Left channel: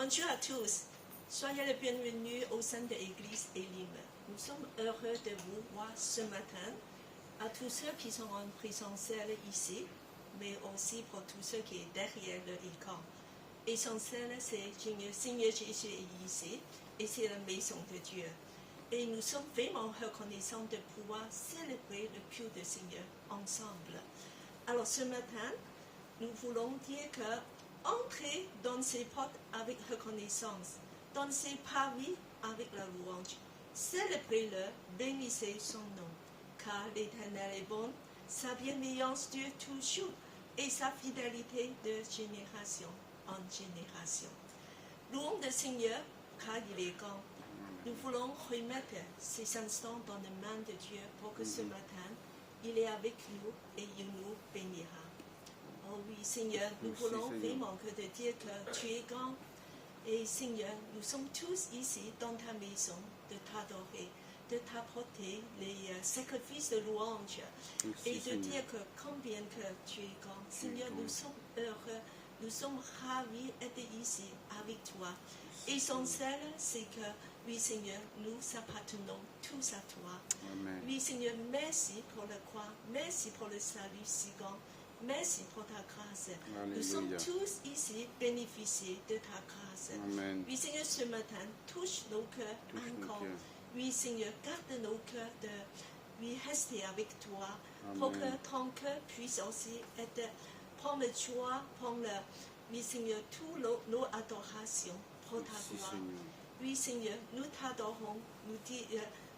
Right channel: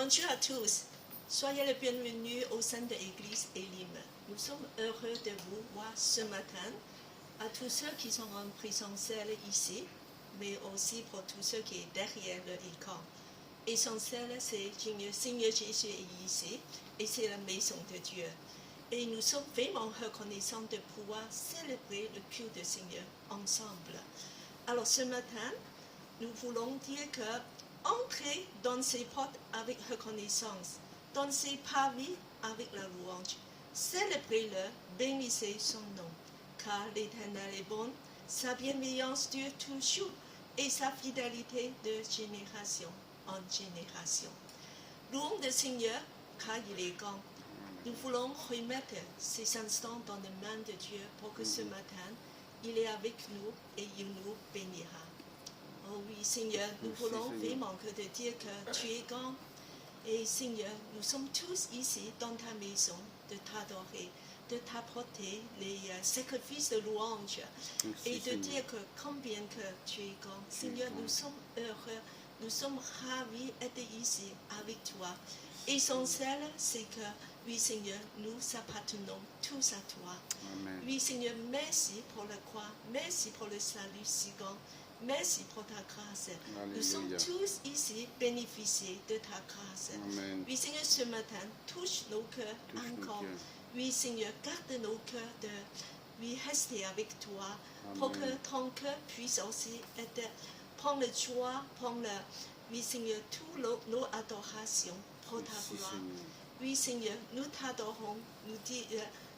Bonjour à tous, soyez les bienvenus au sein de l'église Elim. Nous sommes heureux de vous voir ce matin, à tous ceux qui sont en présentiel ici, mais aussi pour tous ceux qui sont derrière l'écran. Essentiel, c'est que le Seigneur Jésus est ici et c'est la maison de Dieu. Et nous sommes vraiment reconnaissants de pouvoir célébrer le culte du Seigneur ensemble. Alors ce matin, nous voulons dire que entrez dans ses portes avec reconnaissance, dans ses parvis avec la louange. Célébrez-le, bénissez son nom, car l'Éternel est bon, sa bienveillance dure toujours et sa fidélité de génération en génération. Louons le Seigneur, car il est grand. Nous voulons remettre ces instants dans les mains de Dieu pour que ce matin, il est avec nous et il nous bénira. Oh oui, Seigneur, nous voulons vraiment que te dire que tu es grand. Et Seigneur, nous sommes tous ici dans ta maison de t'adorer, de t'apporter les sacrifices de louange et de dire que combien que tu es grand. Seigneur, nous sommes heureux, nous sommes ravis d'être ici avec toi. Essentiel, c'est que, oui Seigneur, nous appartenons tous à toi. Amen. Oui Seigneur, merci pour la croix, merci pour le salut si grand. Merci pour ta grâce. Alléluia. Nous sommes tous ici bénéficiés de ta grâce. Amen. Oui, Seigneur, ce matin, touche nos cœurs encore. Oui, Seigneur, garde nos cœurs de rester avec toi. Amen. Pour que ton cœur puisse aussi prendre le joie, oui, Seigneur, toutes nos adorations pour ta gloire. Seigneur. Oui, Seigneur, nous t'adorons.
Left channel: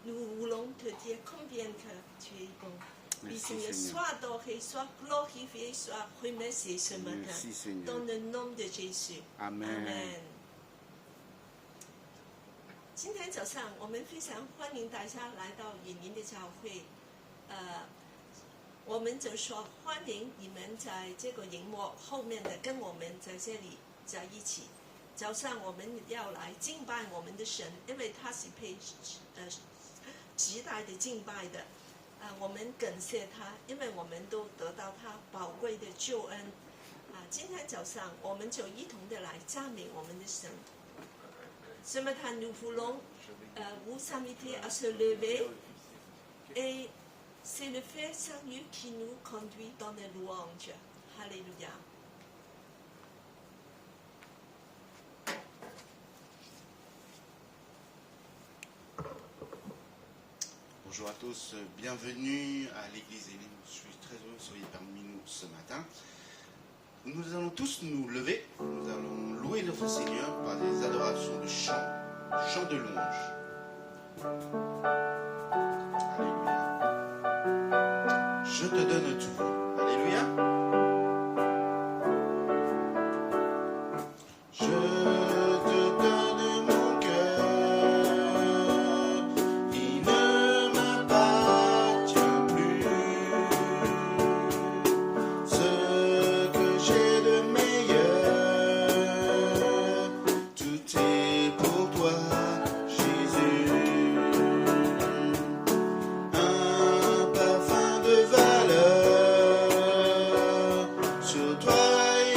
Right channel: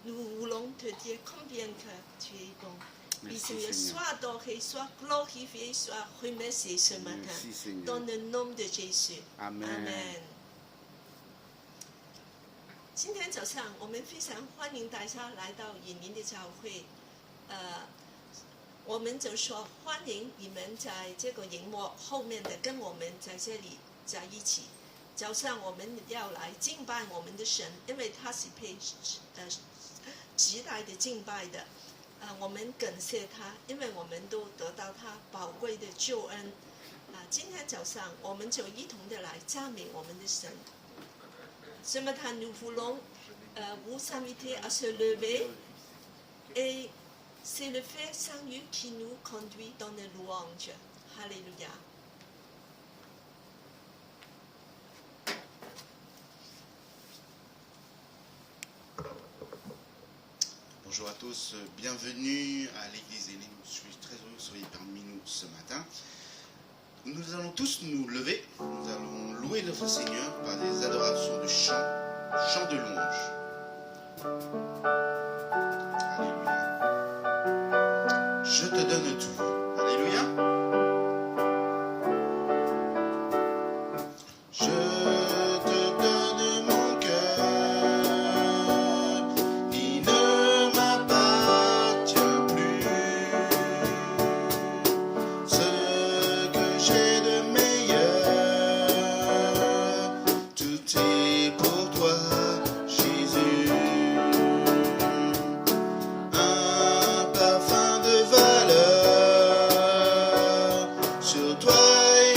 Nous voulons te dire combien que tu es bon. Oui, Seigneur, sois adoré, sois glorifié, sois remercié ce matin. Merci, Seigneur. Dans le nom de Jésus. Amen. Amen。今天早上，我们非常欢迎大家来到引灵的教会。我们就说欢迎你们在这个荧幕后面的跟我们在这里在一起。早上我们要来敬拜我们的神，因为他是配时代的敬拜的。我们感谢他，因为我们都得到他宝贵的救恩。今天早上我们就一同的来赞美我们的神。Ce matin, nous voulons vous inviter à se lever et c'est le Frère Saint-Louis qui nous conduit dans les louanges. Alléluia. Bonjour à tous, bienvenue à l'église Elim. Je suis très heureux que vous soyez parmi nous ce matin. Nous allons tous nous lever, nous allons louer notre Seigneur par des adorations de chants de louange. Alléluia. Je te donne tout. Alléluia. Sur toi est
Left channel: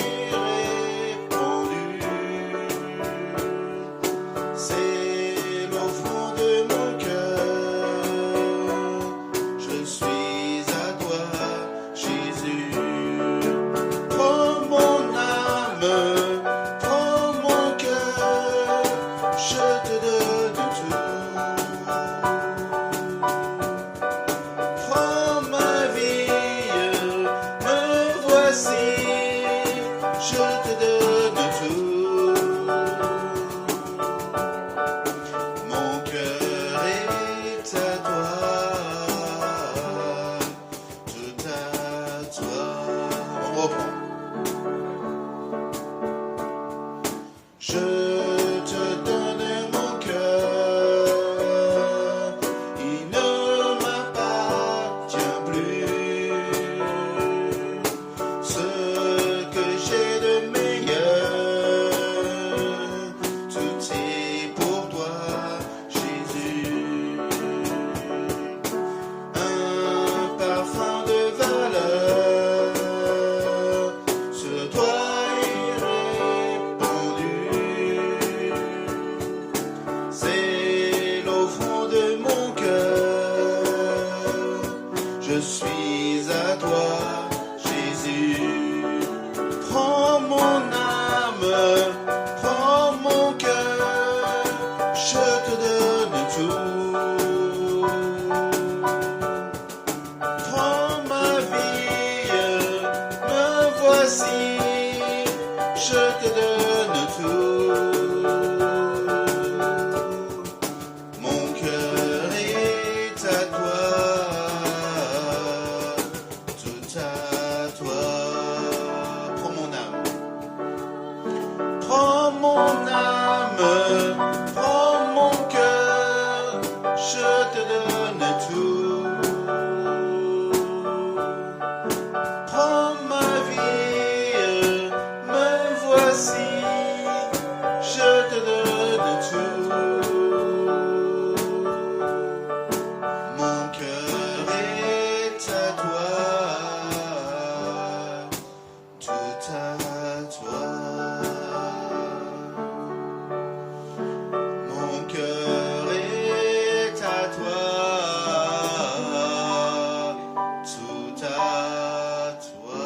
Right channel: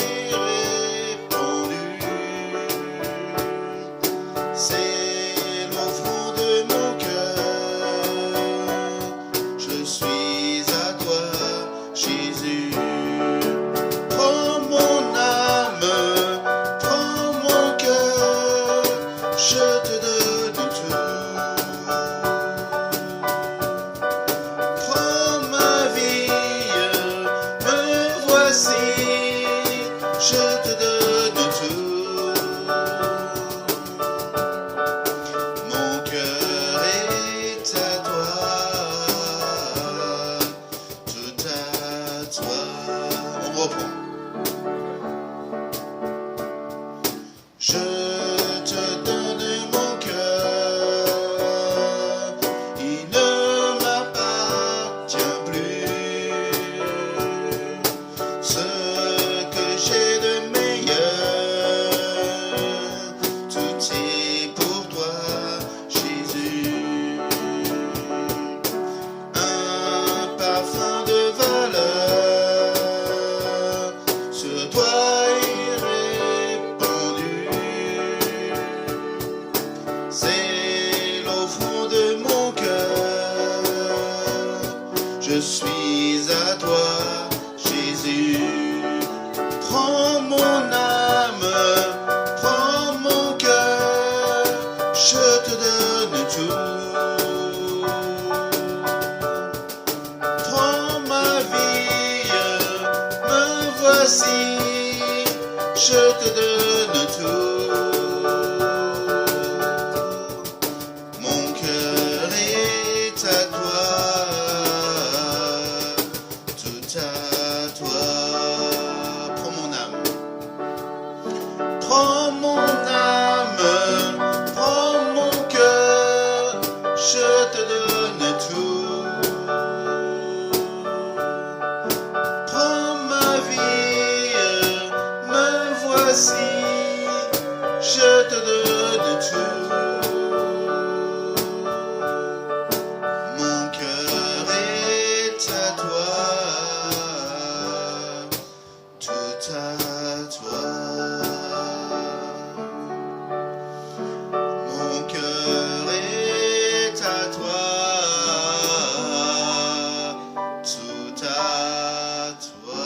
répandu. donne tout. Mon cœur est à toi, tout à toi. Prends mon âme, prends mon âme, prends mon cœur, je te donne tout. Prends ma vie, me voici, je te donne tout. Mon cœur est à toi, tout à toi. Mon cœur est à toi, tout à toi.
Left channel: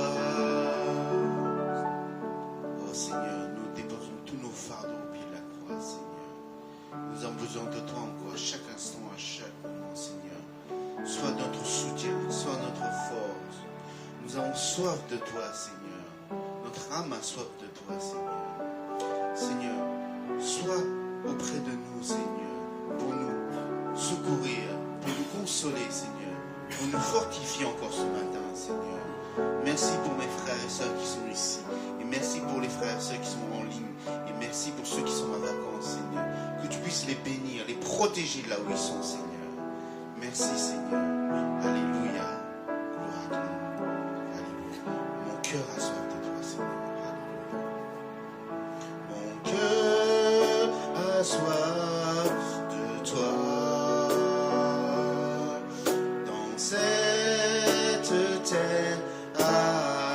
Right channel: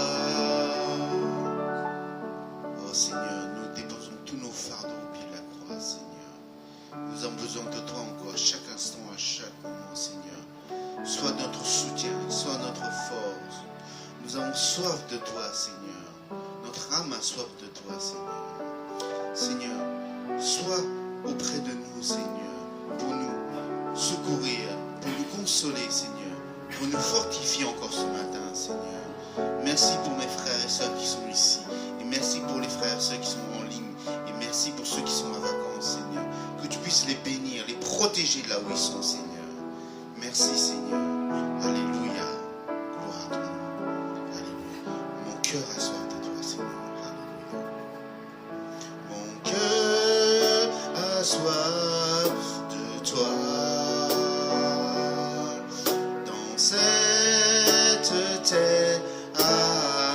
Oh Seigneur, nous déposons tous nos fardeaux au pied de la croix, Seigneur. Nous avons besoin de toi encore à chaque instant, à chaque moment, Seigneur. Sois notre soutien, sois notre force. Nous avons soif de toi, Seigneur. Notre âme a soif de toi, Seigneur. Seigneur, sois auprès de nous, Seigneur, pour nous secourir, pour nous consoler, Seigneur, pour nous fortifier encore ce matin, Seigneur. Merci pour mes frères et sœurs qui sont ici. Et merci pour les frères et sœurs qui sont en ligne. Et merci pour ceux qui sont en vacances, Seigneur. Que tu puisses les bénir, les protéger là où ils sont, Seigneur. Merci, Seigneur. Alléluia. Gloire à ton nom. Alléluia. Mon cœur a soif de toi, Seigneur. Alléluia. Mon cœur a soif de toi. Dans cette terre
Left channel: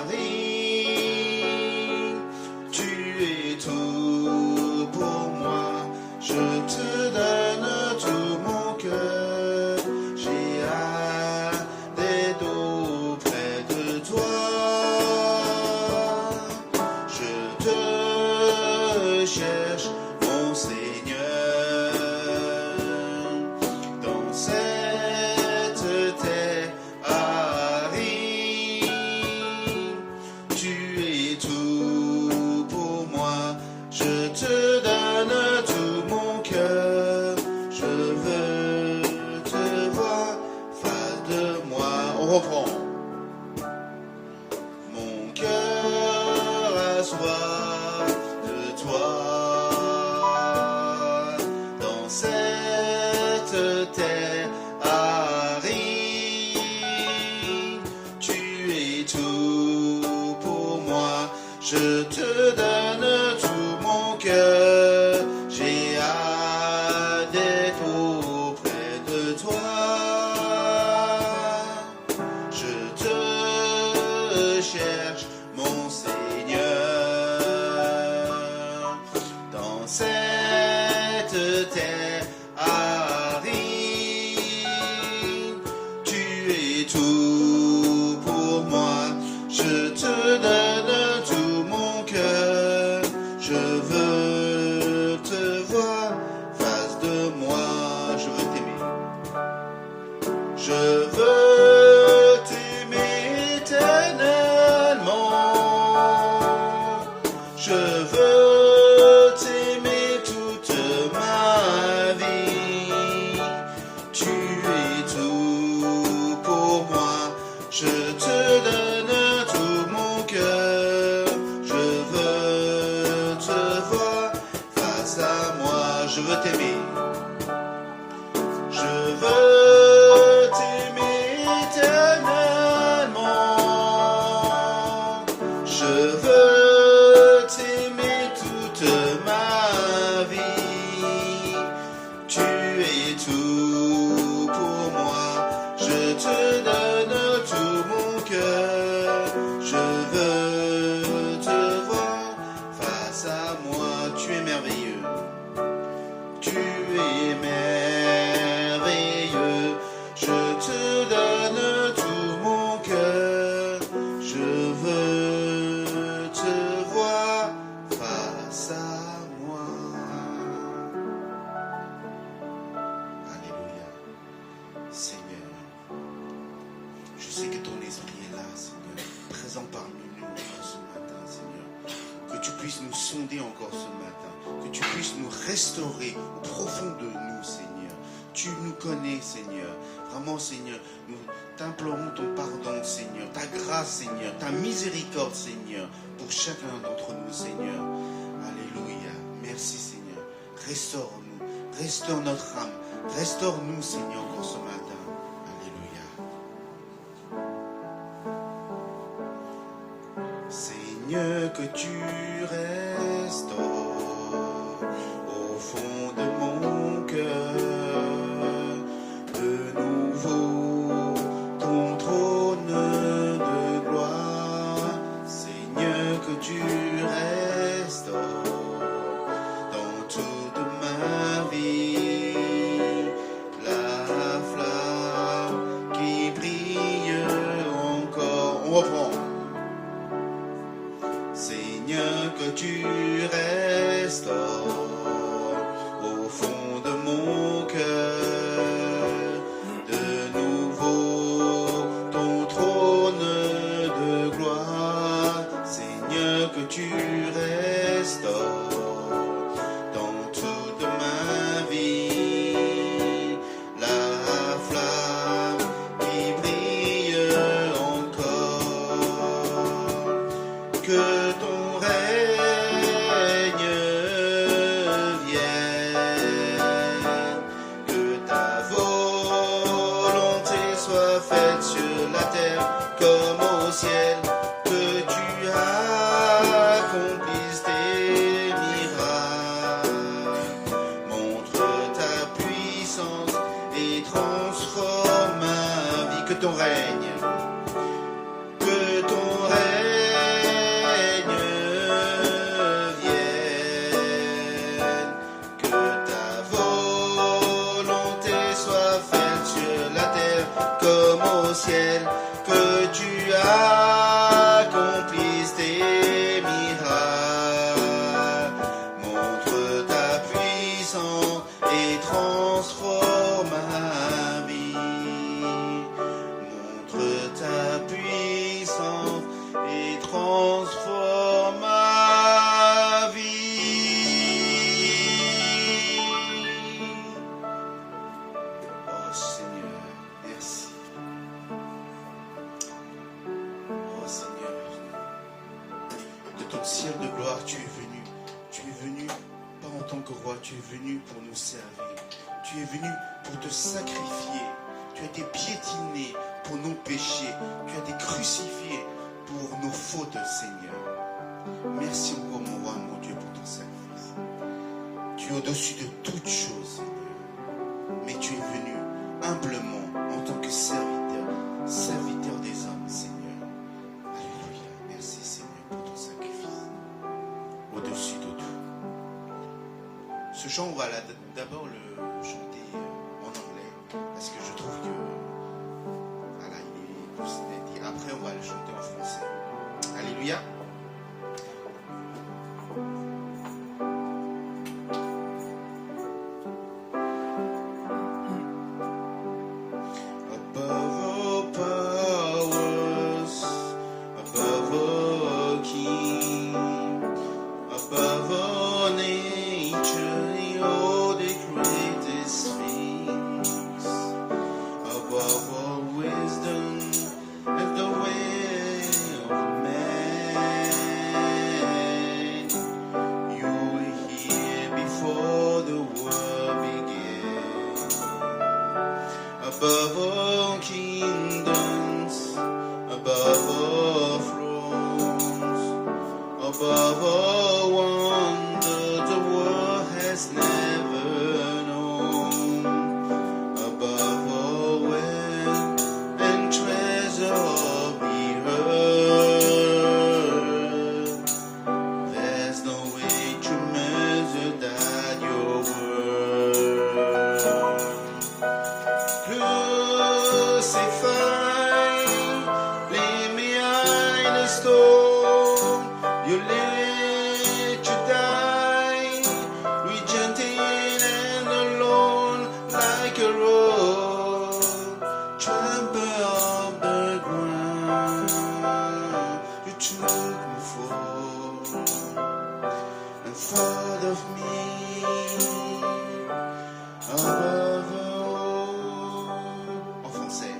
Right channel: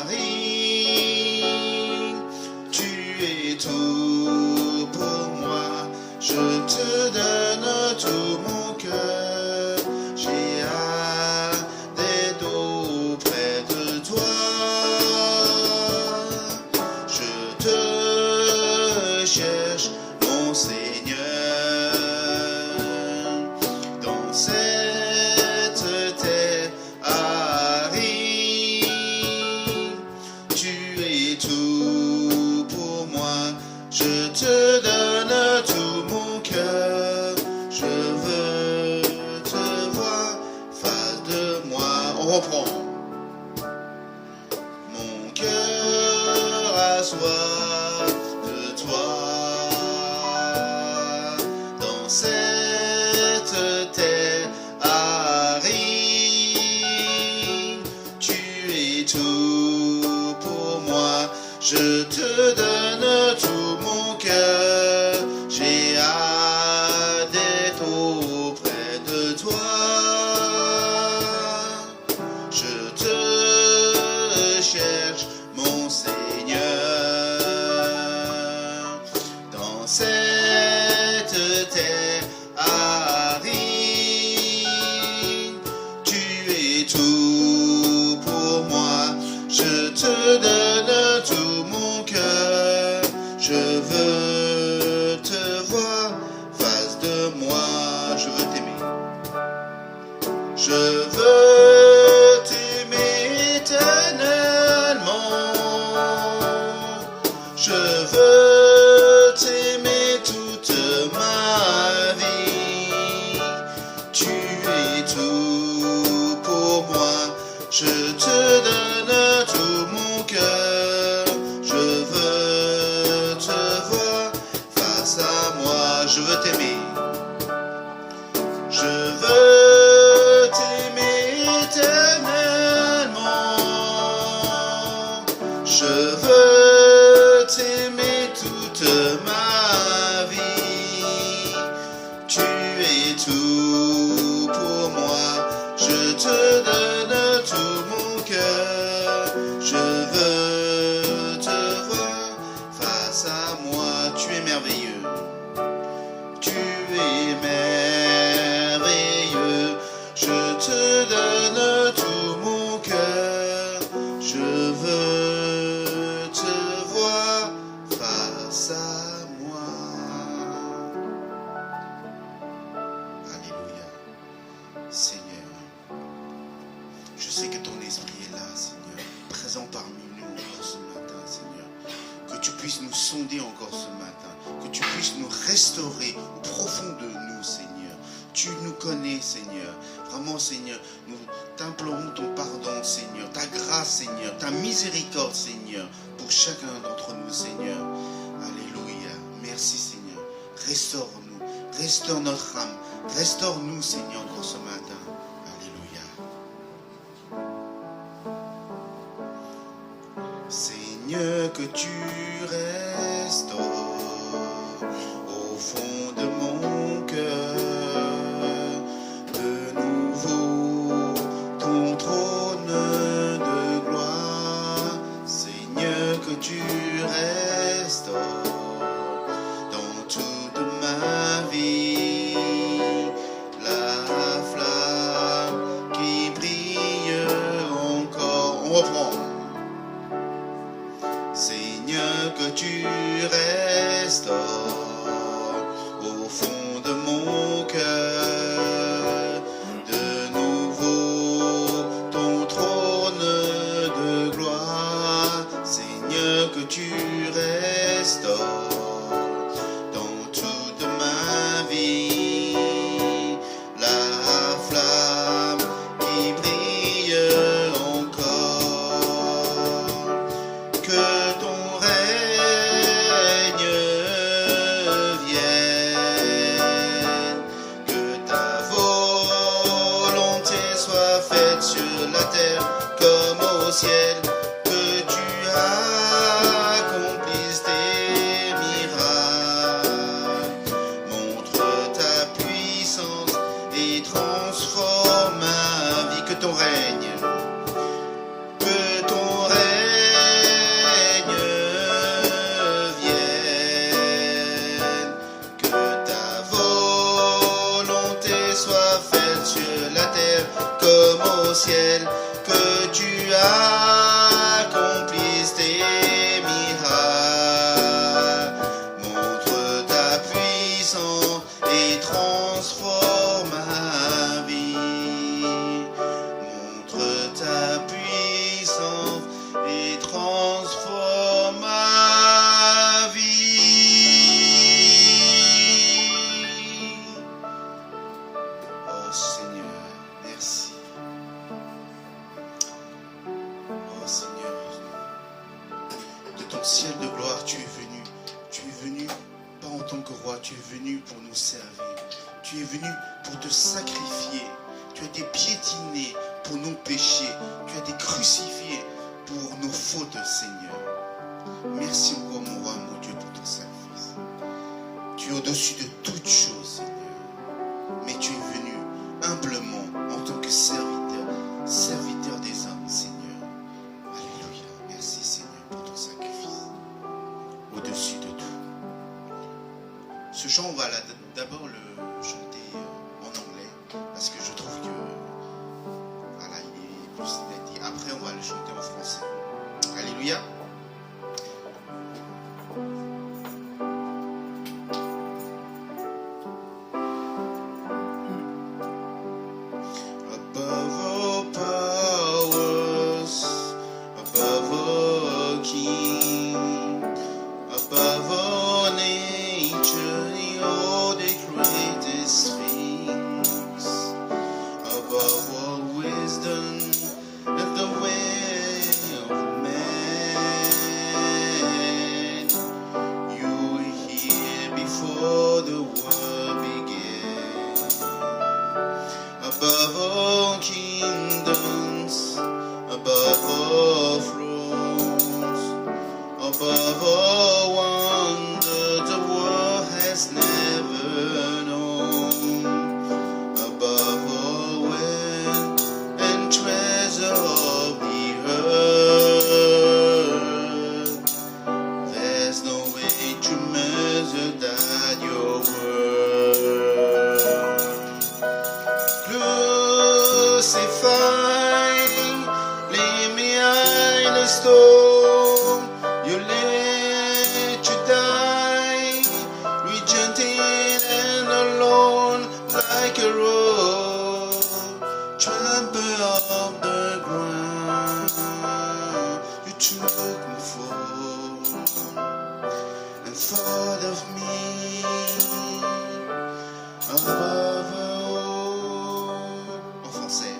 aride, tu es tout pour moi. Je te donne tout mon cœur. J'ai hâte d'être auprès de toi. Je te cherche, mon Seigneur. Dans cette terre aride, tu es tout pour moi. Je te donne tout mon cœur. Je veux te voir face de moi. On reprend. Mon cœur a soif de toi. Dans cette terre aride, tu es tout pour moi. Je te donne tout mon cœur. J'ai hâte d'être auprès de toi. Je te cherche, mon Seigneur. Dans cette terre aride, tu es tout pour moi. Je te donne tout mon cœur. Je veux te voir face de moi. Je veux t'aimer. Je veux t'aimer éternellement. Je veux t'aimer toute ma vie. Tu es tout pour moi. Je te donne tout mon cœur. Je veux te voir face à moi. Je veux t'aimer. Je veux t'aimer éternellement. Je veux t'aimer toute ma vie. Tu es tout pour moi. Je te donne tout mon cœur. Je veux te voir face à moi. Tu es merveilleux. Tu es merveilleux. Je te donne tout mon cœur. Je veux te voir face à moi. Alléluia. Seigneur, je sais que ton esprit est là, Seigneur, présent parmi nous ce matin, Seigneur. Que tu puisses nous sonder encore ce matin, que tu puisses nous restaurer au profond de nous, Seigneur. Tu nous connais, Seigneur. Vraiment, Seigneur, nous t'implorons ton pardon, Seigneur, ta grâce, Seigneur, ta miséricorde, Seigneur, pour chacun d'entre nous, Seigneur. Alléluia. Merci, Seigneur. Restaure-nous, restaure notre âme, restaure-nous, Seigneur, pour ce matin. Alléluia. Seigneur, que tu restaures au fond de mon cœur de nouveau ton trône de gloire. Seigneur, que tu restaures dans toute ma vie la flamme qui brille encore. On reprend. Seigneur, que tu restaures au fond de mon cœur de nouveau ton trône de gloire. Seigneur, que tu restaures dans toute ma vie la flamme qui brille encore. Que ton règne vienne, que ta volonté soit faite sur la terre comme au ciel, que tu accomplisses tes miracles. Montre ta puissance et transforme ma vie. Que ton règne vienne, que ta volonté soit faite sur la terre comme au ciel, que tu accomplisses tes miracles. Montre ta puissance et transforme ma vie. Montre ta puissance et transforme ma vie. Oh Seigneur, merci. Oh Seigneur, de ton ciel de gloire, tu es venu. Tu es venu pas en tant que roi, tu es venu pour nous servir. Tu es venu pour te sacrifier. Tu as été piétiné pour nos péchés. Tu as été crucifié pour nos fautes, Seigneur. Merci encore, mon roi, mon Dieu, pour ton sacrifice. Tu es au-dessus de toutes choses, Seigneur. Mais tu es venu humblement en tant que serviteur, serviteur des hommes, Seigneur. Alléluia. Merci, Seigneur, pour ton sacrifice. Au-dessus de tout. Ce chant, on va d'abord le chanter en anglais, parce que je trouve que voilà, il est plus net. Et après, on va le chanter en français. Alléluia. Above all powers, above all king, above all nature, all the greatest part of me, above all. En français.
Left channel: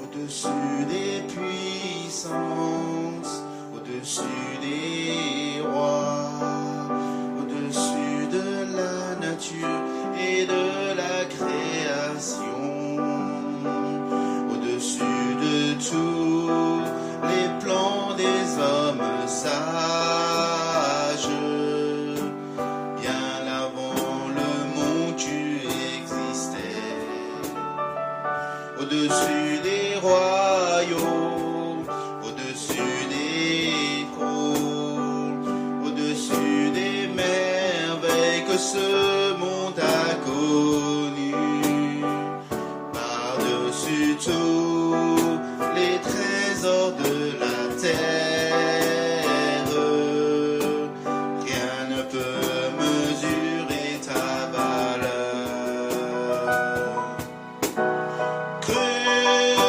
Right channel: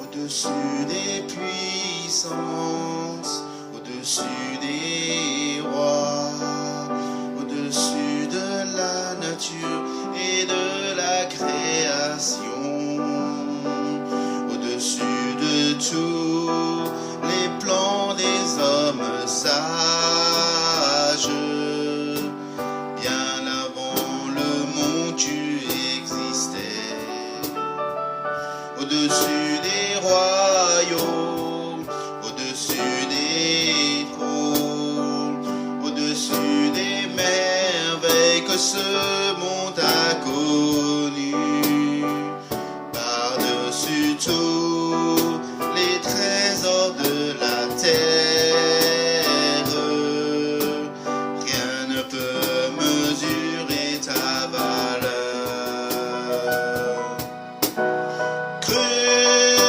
Au-dessus des puissances, au-dessus des rois, au-dessus de la nature et de la création, au-dessus de tous les plans des hommes sages, bien avant le monde tu existais, au-dessus des royaumes, au-dessus des trônes, au-dessus des merveilles que ce monde a connues, par-dessus tous les trésors de la terre, rien ne peut mesurer ta valeur.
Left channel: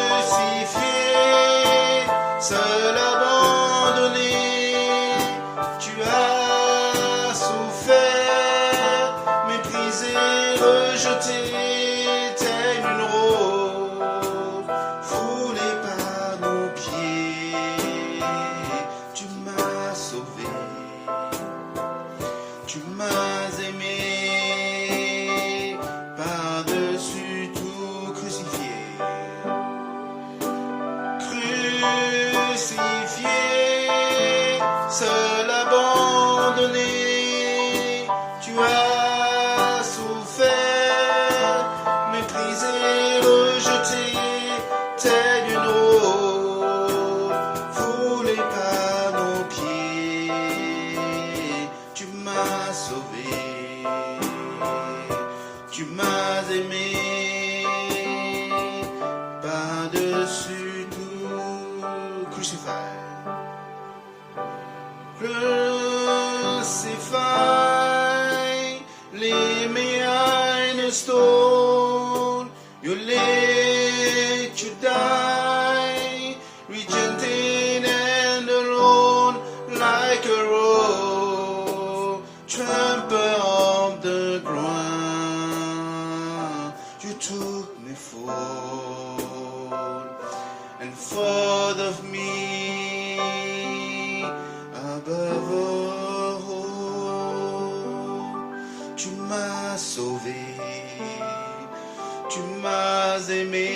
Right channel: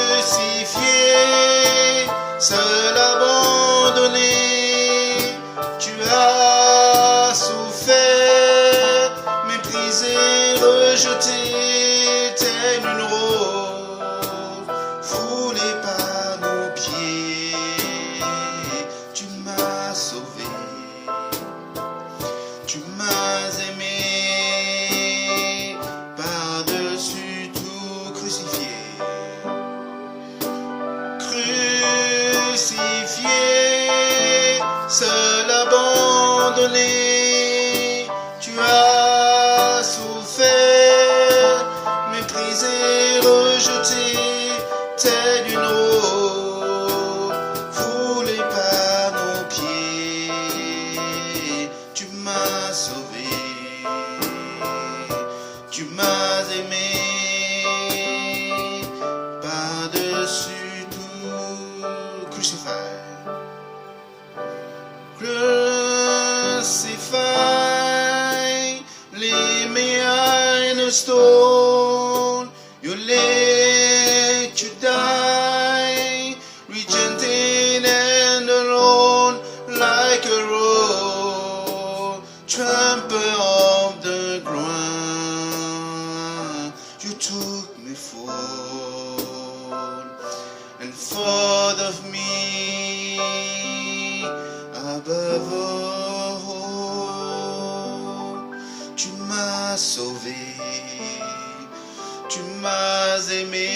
Crucifié, seul abandonné, tu as souffert, méprisé, rejeté, tel une rose, foulé par nos pieds. Tu m'as sauvé, tu m'as aimé, par-dessus tout crucifié. Crucifié, seul abandonné, tu as souffert, méprisé, rejeté, tel une rose, foulé par nos pieds. Tu m'as sauvé, tu m'as aimé, par-dessus tout crucifié. Crucify, lay me in a stone, you let you die, rejected and alone, like a rose, trample on the ground. You took me forth and forth of me, above all. Tu m'as sauvé, tu m'as aimé,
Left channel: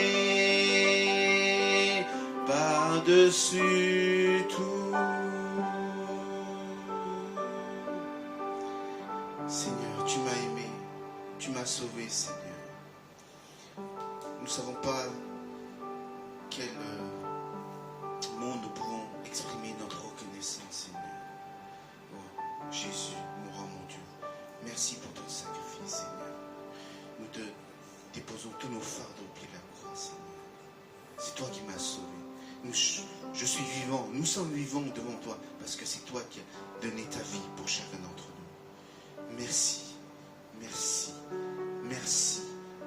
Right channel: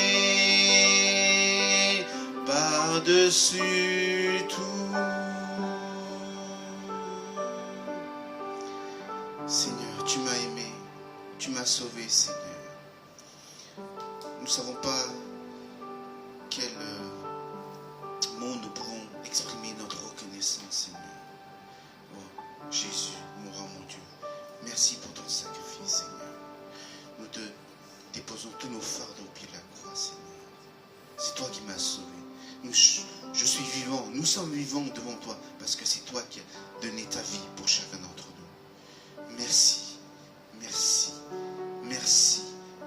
par-dessus tout. Seigneur, tu m'as aimé, tu m'as sauvé, Seigneur. Nous ne savons pas quel mot nous pouvons exprimer notre reconnaissance, Seigneur. Oh, Jésus, mon roi, mon Dieu, merci pour ton sacrifice, Seigneur. Nous te déposons tous nos fardeaux au pied de la croix, Seigneur. C'est toi qui m'as sauvé. Je suis vivant, nous sommes vivants devant toi, parce que c'est toi qui as donné ta vie pour chacun d'entre nous. Merci, merci, merci,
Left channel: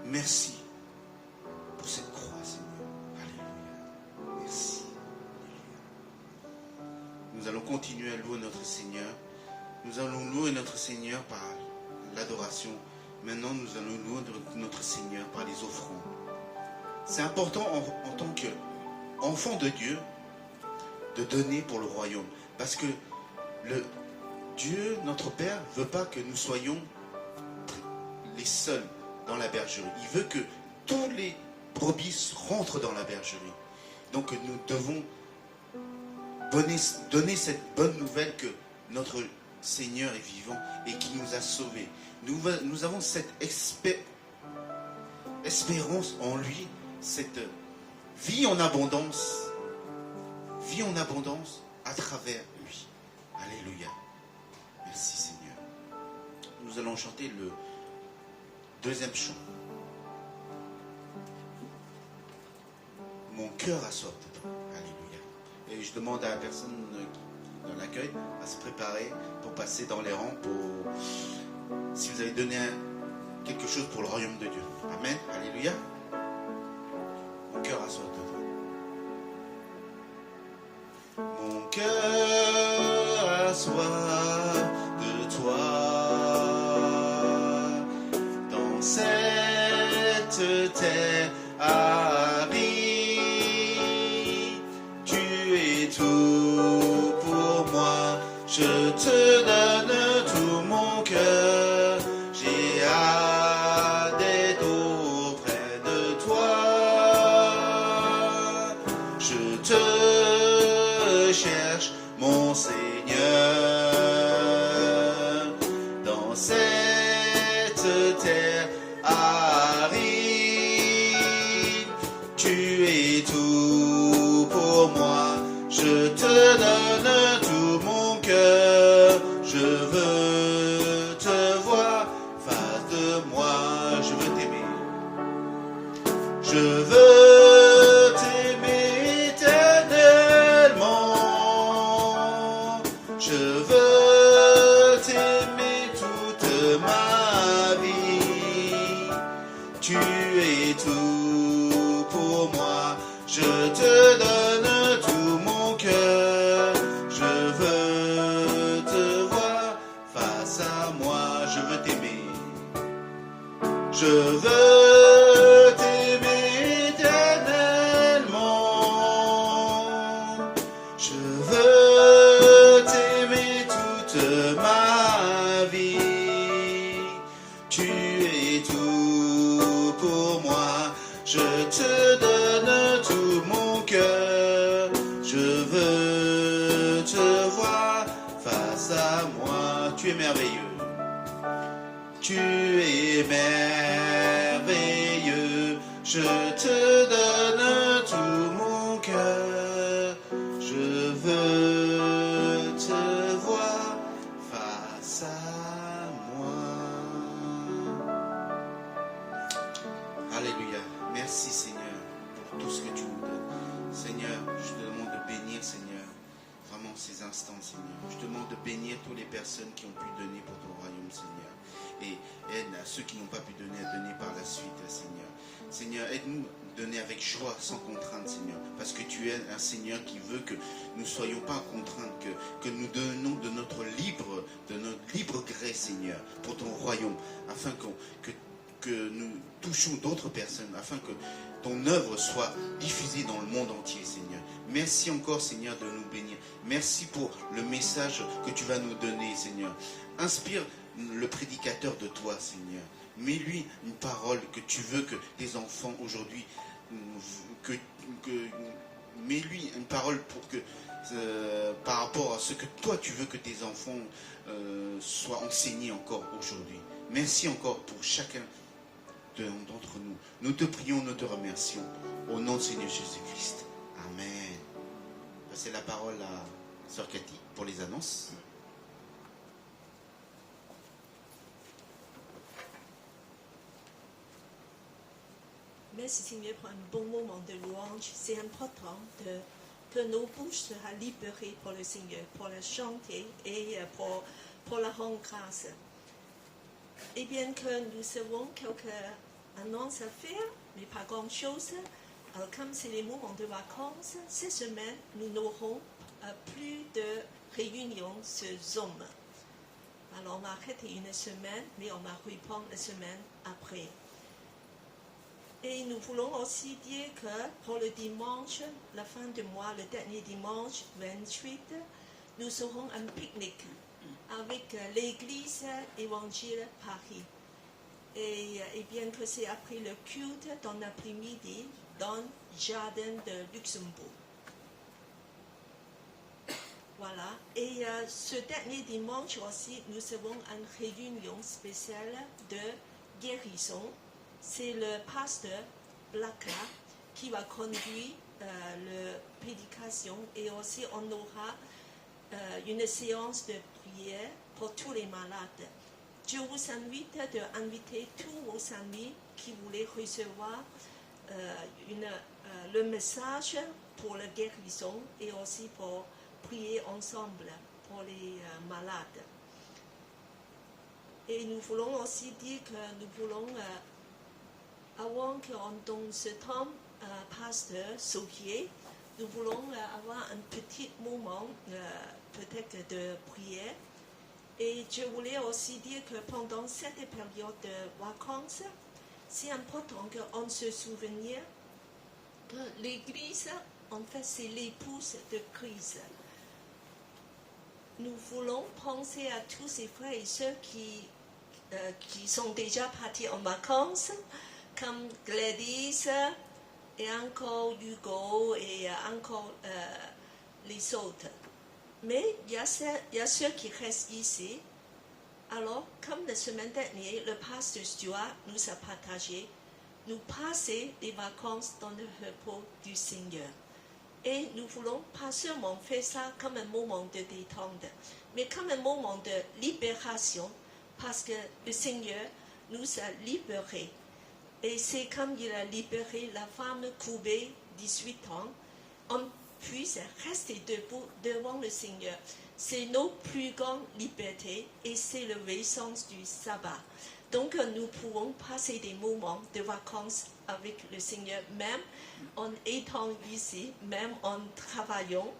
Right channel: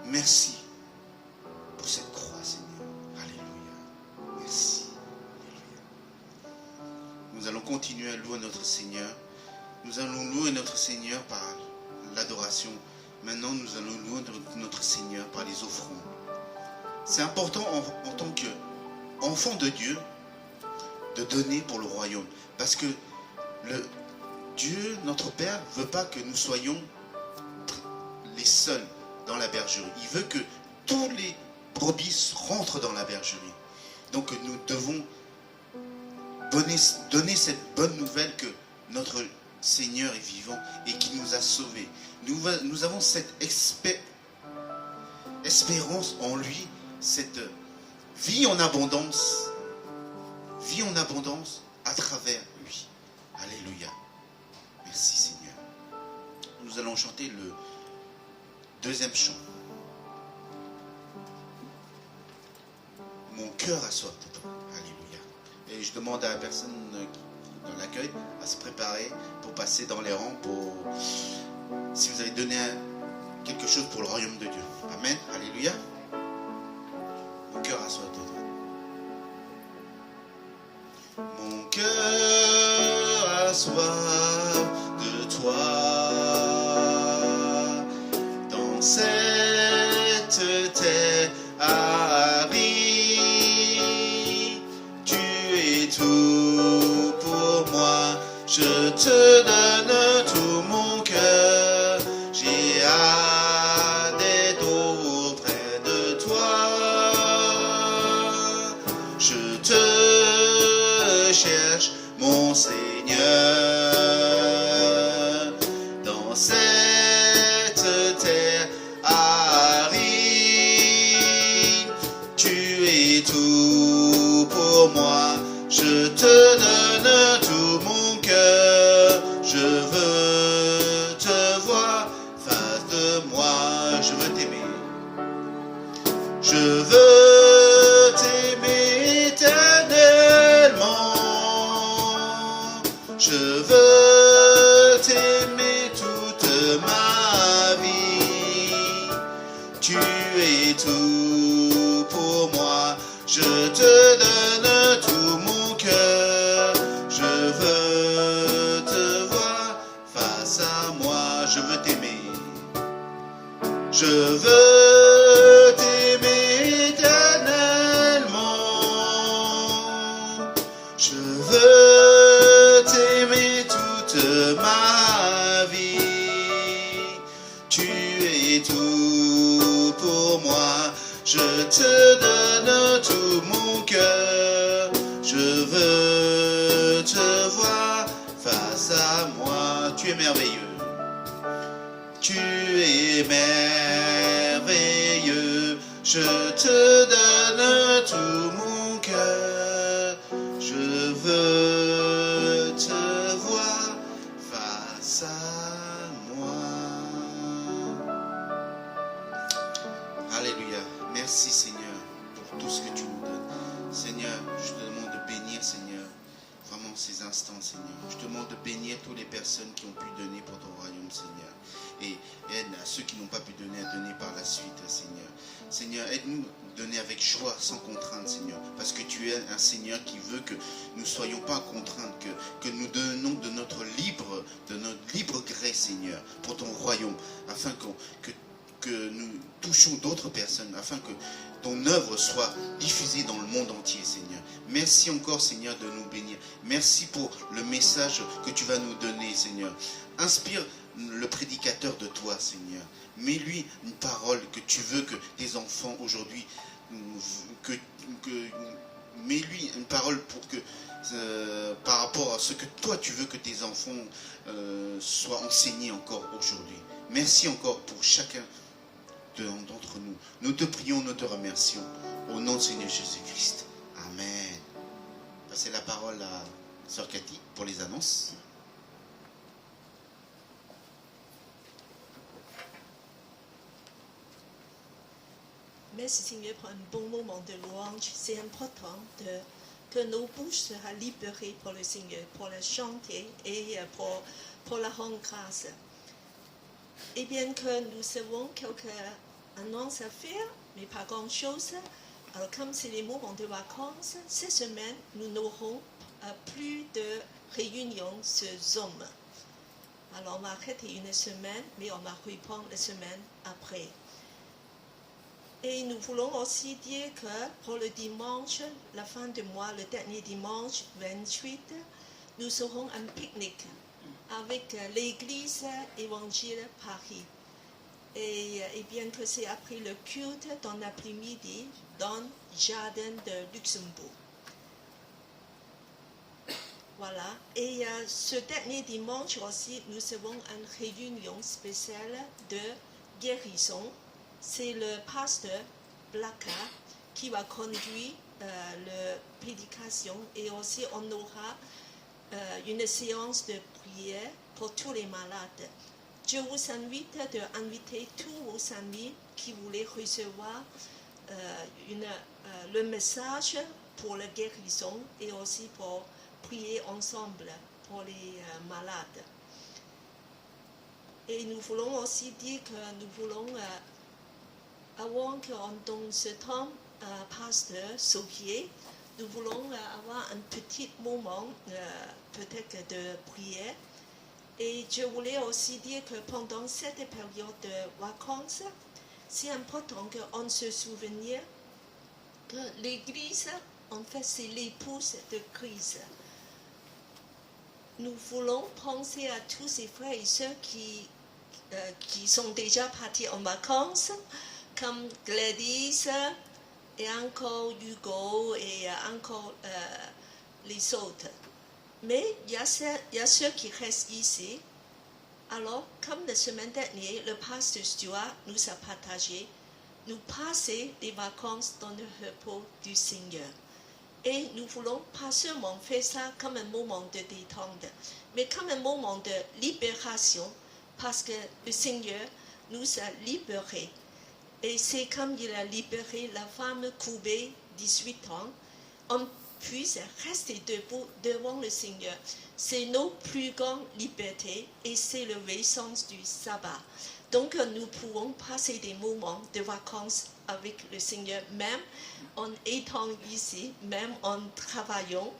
merci pour cette croix, Seigneur. Alléluia. Merci. Alléluia. Nous allons continuer à louer notre Seigneur. Nous allons louer notre Seigneur par l'adoration. Maintenant, nous allons louer notre Seigneur par les offrandes. C'est important en tant qu'enfant de Dieu de donner pour le royaume. Parce que Dieu, notre Père, ne veut pas que nous soyons les seuls dans la bergerie. Il veut que tous les brebis rentrent dans la bergerie. Donc nous devons donner cette bonne nouvelle que notre Seigneur est vivant et qui nous a sauvés. Nous avons cette espérance en lui, cette vie en abondance à travers lui. Alléluia. Merci Seigneur. Nous allons chanter le deuxième chant. Mon cœur a soif de toi. Alléluia. Et je demande à la personne dans l'accueil à se préparer pour passer dans les rangs si vous avez donné quelque chose pour le royaume de Dieu. Amen. Alléluia. Mon cœur a soif de toi. Mon cœur je te donne tout mon cœur. J'ai hâte d'être auprès de toi. Je te cherche, mon Seigneur, dans cette terre aride. Tu es tout pour moi, je te donne tout mon cœur. Je veux te voir face de moi, je veux t'aimer. Je veux t'aimer éternellement. Je veux t'aimer toute ma vie. Tu es tout pour moi. Je te donne tout mon cœur. Je veux te voir face à moi. Je veux t'aimer. Je veux t'aimer éternellement. Je veux t'aimer toute ma vie. Tu es tout pour moi. Je te donne tout mon cœur. Je veux te voir face à moi. Tu es merveilleux. Tu es merveilleux, je te donne tout mon cœur. Je veux te voir face à moi. Alléluia. Merci Seigneur pour tout ce que tu nous donnes. Seigneur, je te demande de bénir Seigneur vraiment ces instants Seigneur. Je te demande de bénir toutes les personnes qui ont pu donner pour ton royaume Seigneur. Et aide à ceux qui n'ont pas pu donner à donner par la suite, Seigneur. Seigneur, aide-nous à donner avec joie, sans contrainte, Seigneur. Parce que tu es un Seigneur qui veut que nous ne soyons pas contraints, que nous donnons de notre libre gré, Seigneur, pour ton royaume, afin que nous touchions d'autres personnes, afin que ton œuvre soit diffusée dans le monde entier, Seigneur. Merci encore, Seigneur, de nous bénir. Merci pour le message que tu vas nous donner, Seigneur. Inspire le prédicateur de toi, Seigneur. Mets-lui une parole que tu veux que tes enfants aujourd'hui, mets-lui une parole pour que, par rapport à ce que toi tu veux que tes enfants soient enseignés encore aujourd'hui. Merci encore pour chacun d'entre nous. Nous te prions, nous te remercions. Au nom de Seigneur Jésus-Christ. Amen. Passez la parole à Sœur Cathy pour les annonces. Merci Seigneur pour un bon moment de louange. C'est important que nos bouches soient libérées pour le Seigneur, pour le chanter et pour la rendre grâce. Et bien que nous avons quelques annonces à faire, mais pas grand-chose, alors comme c'est les moments de vacances, cette semaine, nous n'aurons plus de réunions sur Zoom. Alors on va arrêter une semaine, mais on va reprendre la semaine après. Et nous voulons aussi dire que pour le dimanche, la fin du mois, le dernier dimanche 28, nous aurons un pique-nique avec l'église évangile Paris. Et bien que c'est après le culte dans l'après-midi dans le jardin de Luxembourg. Voilà. Et ce dernier dimanche aussi, nous avons une réunion spéciale de guérison. C'est le pasteur Blaka qui va conduire la prédication et aussi on aura une séance de prière pour tous les malades. Je vous invite d'inviter tous vos amis qui voulaient recevoir le message pour la guérison et aussi pour prier ensemble pour les malades. Et nous voulons aussi dire que nous voulons avant qu'on donne ce temps pasteur Sophie, nous voulons avoir un petit moment peut-être de prière. Et je voulais aussi dire que pendant cette période de vacances, c'est important qu'on se souvienne que l'Église, en fait, c'est l'épouse de Christ. nous voulons penser à tous ces frères et sœurs qui sont déjà partis en vacances, comme Gladys et encore Hugo et encore les autres. Mais il y a ceux qui restent ici. Alors, comme la semaine dernière, le pasteur Stuart nous a partagé, nous passer les vacances dans le repos du Seigneur. Et nous voulons pas seulement faire ça comme un moment de détente, mais comme un moment de libération, parce que le Seigneur nous a libérés. Et c'est comme il a libéré la femme courbée, 18 ans, on puisse rester debout devant le Seigneur. C'est nos plus grandes libertés et c'est le vrai sens du sabbat. Donc nous pouvons passer des moments de vacances avec le Seigneur, même en étant ici, même en travaillant.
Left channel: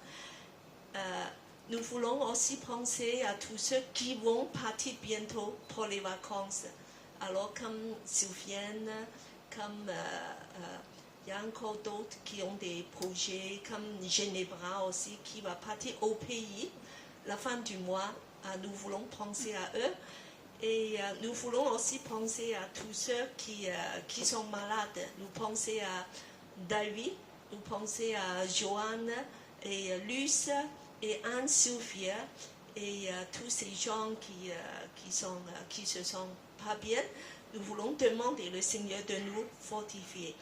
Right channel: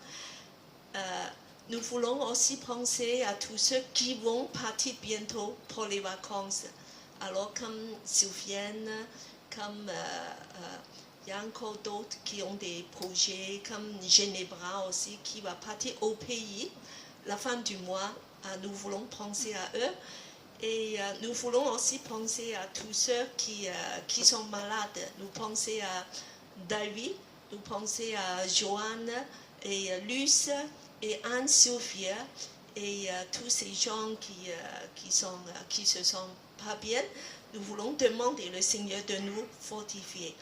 Nous voulons aussi penser à tous ceux qui vont partir bientôt pour les vacances. Alors comme Sylvienne, comme il y a encore d'autres qui ont des projets, comme Ginebra aussi, qui va partir au pays la fin du mois. Nous voulons penser à eux. Et nous voulons aussi penser à tous ceux qui sont malades. Nous pensons à David, nous pensons à Joanne et Luce et Anne-Sophia et tous ces gens qui se sentent pas bien. Nous voulons demander au Seigneur de nous fortifier.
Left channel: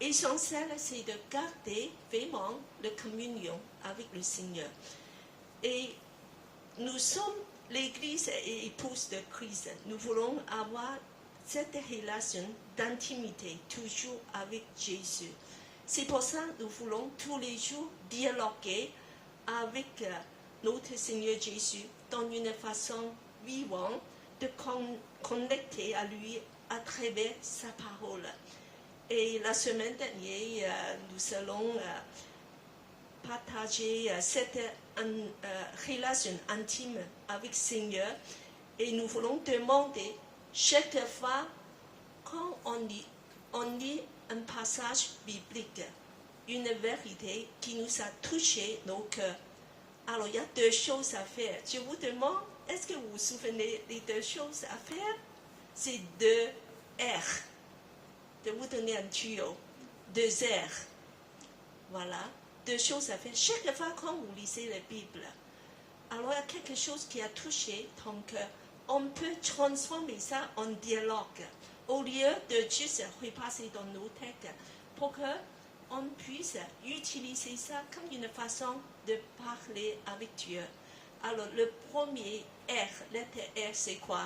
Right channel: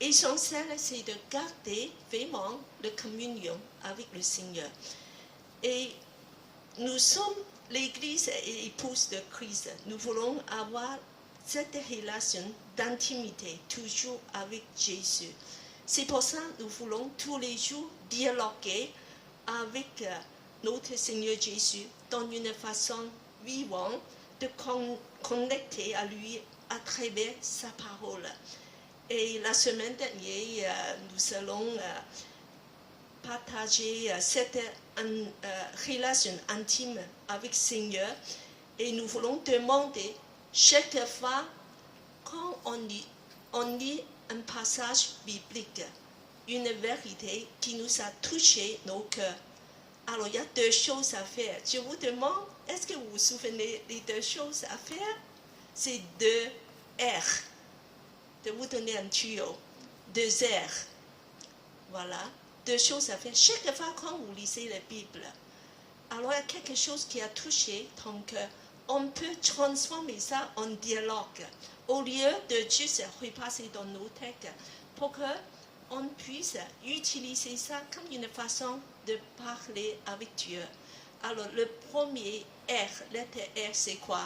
L'essentiel, c'est de garder vraiment la communion avec le Seigneur. Et nous sommes l'Église et épouse de Christ. Nous voulons avoir cette relation d'intimité toujours avec Jésus. C'est pour ça que nous voulons tous les jours dialoguer avec notre Seigneur Jésus dans une façon vivante de connecter à lui à travers sa parole. Et la semaine dernière, nous allons partager cette relation intime avec le Seigneur et nous voulons demander chaque fois quand on lit un passage biblique, une vérité qui nous a touché nos cœurs. Alors il y a deux choses à faire. Je vous demande, est-ce que vous vous souvenez des deux choses à faire? C'est 2 R. De vous donner un tuyau. 2 R. Voilà. 2 choses à faire. Chaque fois quand vous lisez la Bible, alors il y a quelque chose qui a touché ton cœur. On peut transformer ça en dialogue. Au lieu de juste repasser dans nos textes, pour qu'on puisse utiliser ça comme une façon de parler avec Dieu. Alors le premier R, lettre R, c'est quoi?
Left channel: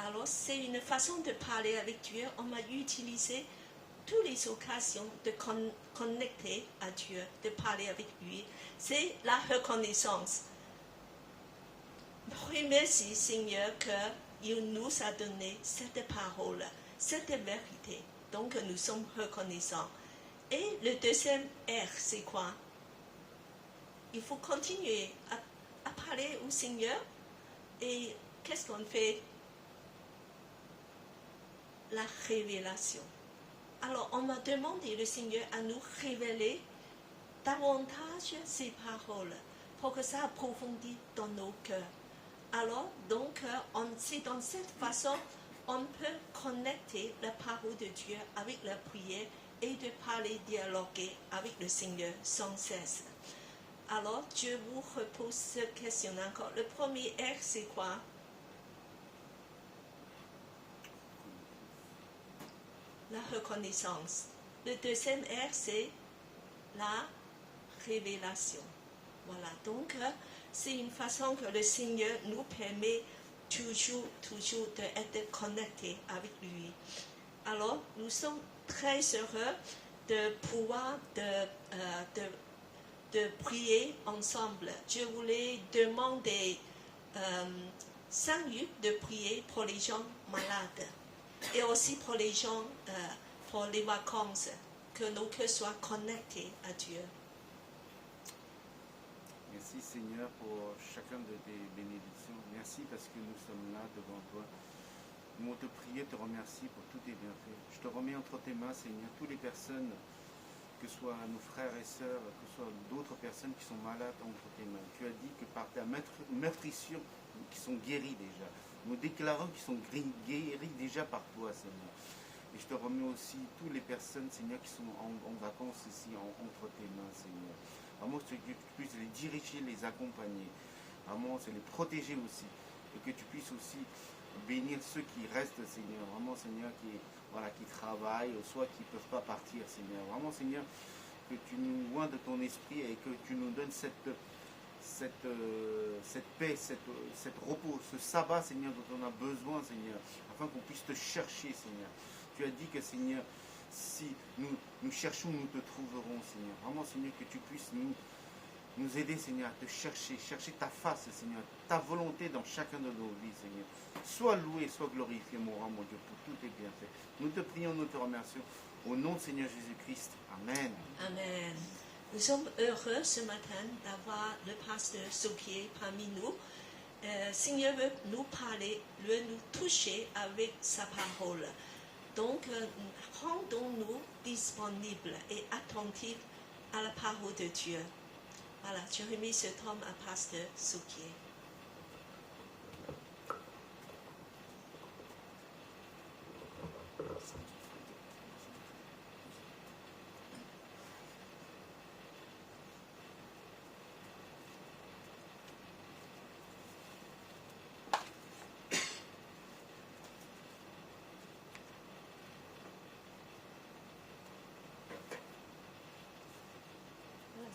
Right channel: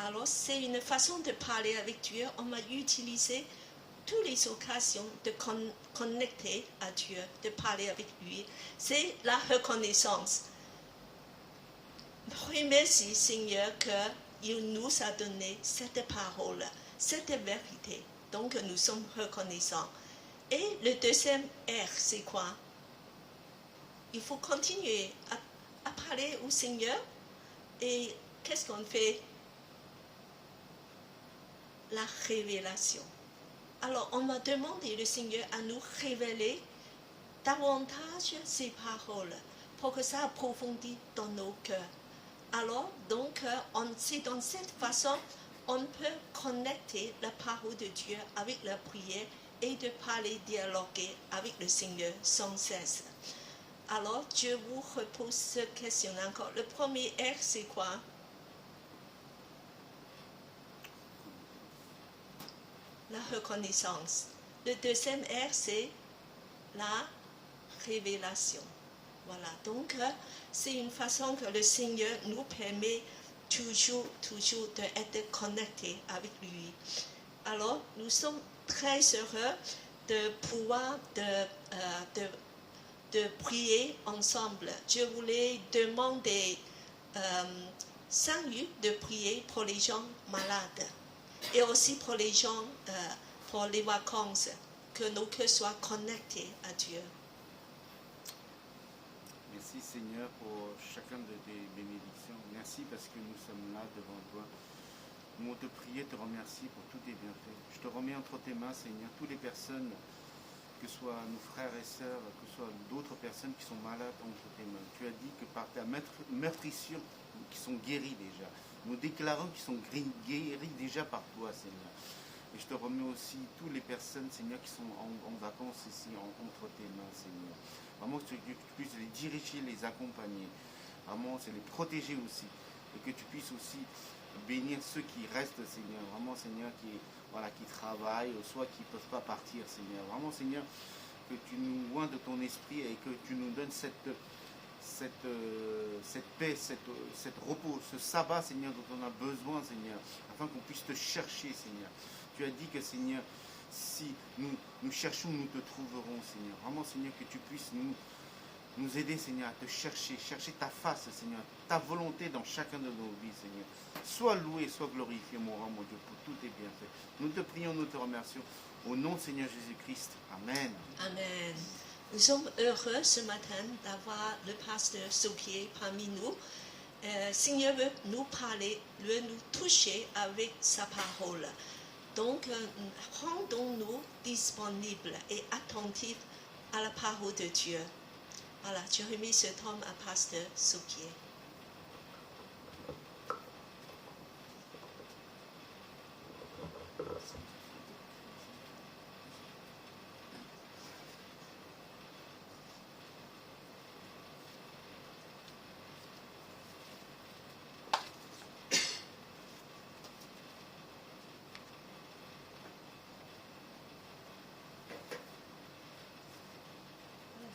Alors c'est une façon de parler avec Dieu. On va utiliser toutes les occasions de connecter à Dieu, de parler avec lui. C'est la reconnaissance. Remercie Seigneur qu'il nous a donné cette parole, cette vérité. Donc nous sommes reconnaissants. Et le deuxième R, c'est quoi? Il faut continuer à parler au Seigneur. Et qu'est-ce qu'on fait? La révélation. Alors, on va demander au Seigneur à nous révéler davantage ses paroles pour que ça approfondisse dans nos cœurs. Alors, donc, c'est dans cette façon on peut connecter la parole de Dieu avec la prière et de parler, dialoguer avec le Seigneur sans cesse. Alors, je vous repose cette question encore. Le premier R, c'est quoi? La reconnaissance. Le deuxième R, c'est la révélation. Voilà, donc c'est une façon que le Seigneur nous permet toujours d'être connectés avec lui. Alors, nous sommes très heureux de pouvoir de prier ensemble. Je voulais demander 5 minutes de prier pour les gens malades et aussi pour les gens, pour les vacances, que nos cœurs soient connectés à Dieu. Merci Seigneur pour chacun de tes bénédictions. Merci parce que nous sommes là devant toi. Nous te prions, te remercie pour tous tes bienfaits. Je te remets entre tes mains, Seigneur, toutes les personnes que ce soit nos frères et sœurs, que ce soit d'autres personnes qui sont malades entre tes mains. Tu as dit que par ta meurtrissure, qui sont guéris déjà. Nous déclarons qu'ils sont guéris déjà par toi, Seigneur. Et je te remets aussi toutes les personnes, Seigneur, qui sont en vacances ici, entre tes mains, Seigneur. Vraiment, que tu puisses les diriger, les accompagner. Vraiment, c'est les protéger aussi. Et que tu puisses aussi bénir ceux qui restent, Seigneur. Vraiment, Seigneur, qui travaillent, soit qui ne peuvent pas partir, Seigneur. Vraiment, Seigneur, que tu nous oins de ton esprit et que tu nous donnes cette paix, cette repos, ce sabbat, Seigneur, dont on a besoin, Seigneur, afin qu'on puisse te chercher, Seigneur. Tu as dit que, Seigneur, si nous cherchons, nous te trouverons, Seigneur. Vraiment, Seigneur, que tu puisses nous aider, Seigneur, à te chercher ta face, Seigneur, ta volonté dans chacun de nos vies, Seigneur. Sois loué, sois glorifié, mon roi, mon Dieu, pour tous tes bienfaits. Nous te prions, nous te remercions. Au nom de Seigneur Jésus-Christ. Amen. Amen. Nous sommes heureux ce matin d'avoir le pasteur Souquier parmi nous. Seigneur veut nous parler, veut nous toucher avec sa parole. Donc, rendons-nous disponibles et attentifs à la parole de Dieu. Voilà, je remis ce temps à pasteur Souquier.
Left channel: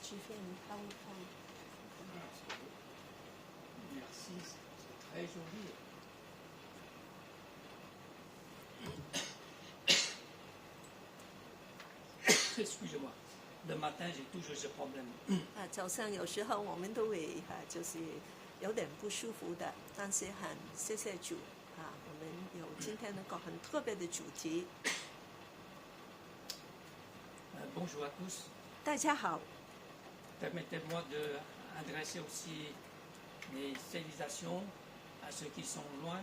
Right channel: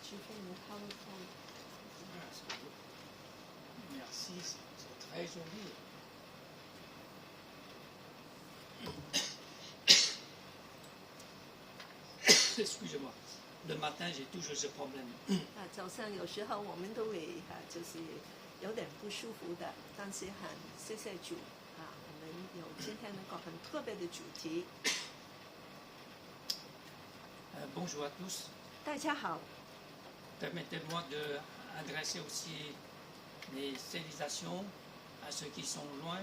Tu fais une PowerPoint. Ah, c'est beau. Merci, c'est très joli. Excusez-moi, le matin j'ai toujours ce problème. 早上有时候我们都会就是有点不舒服的，但是很谢谢主我们有今天那个很特别的主题。Bonjour à tous. 大家好， Permettez-moi d'adresser aussi mes salutations à ceux qui sont loin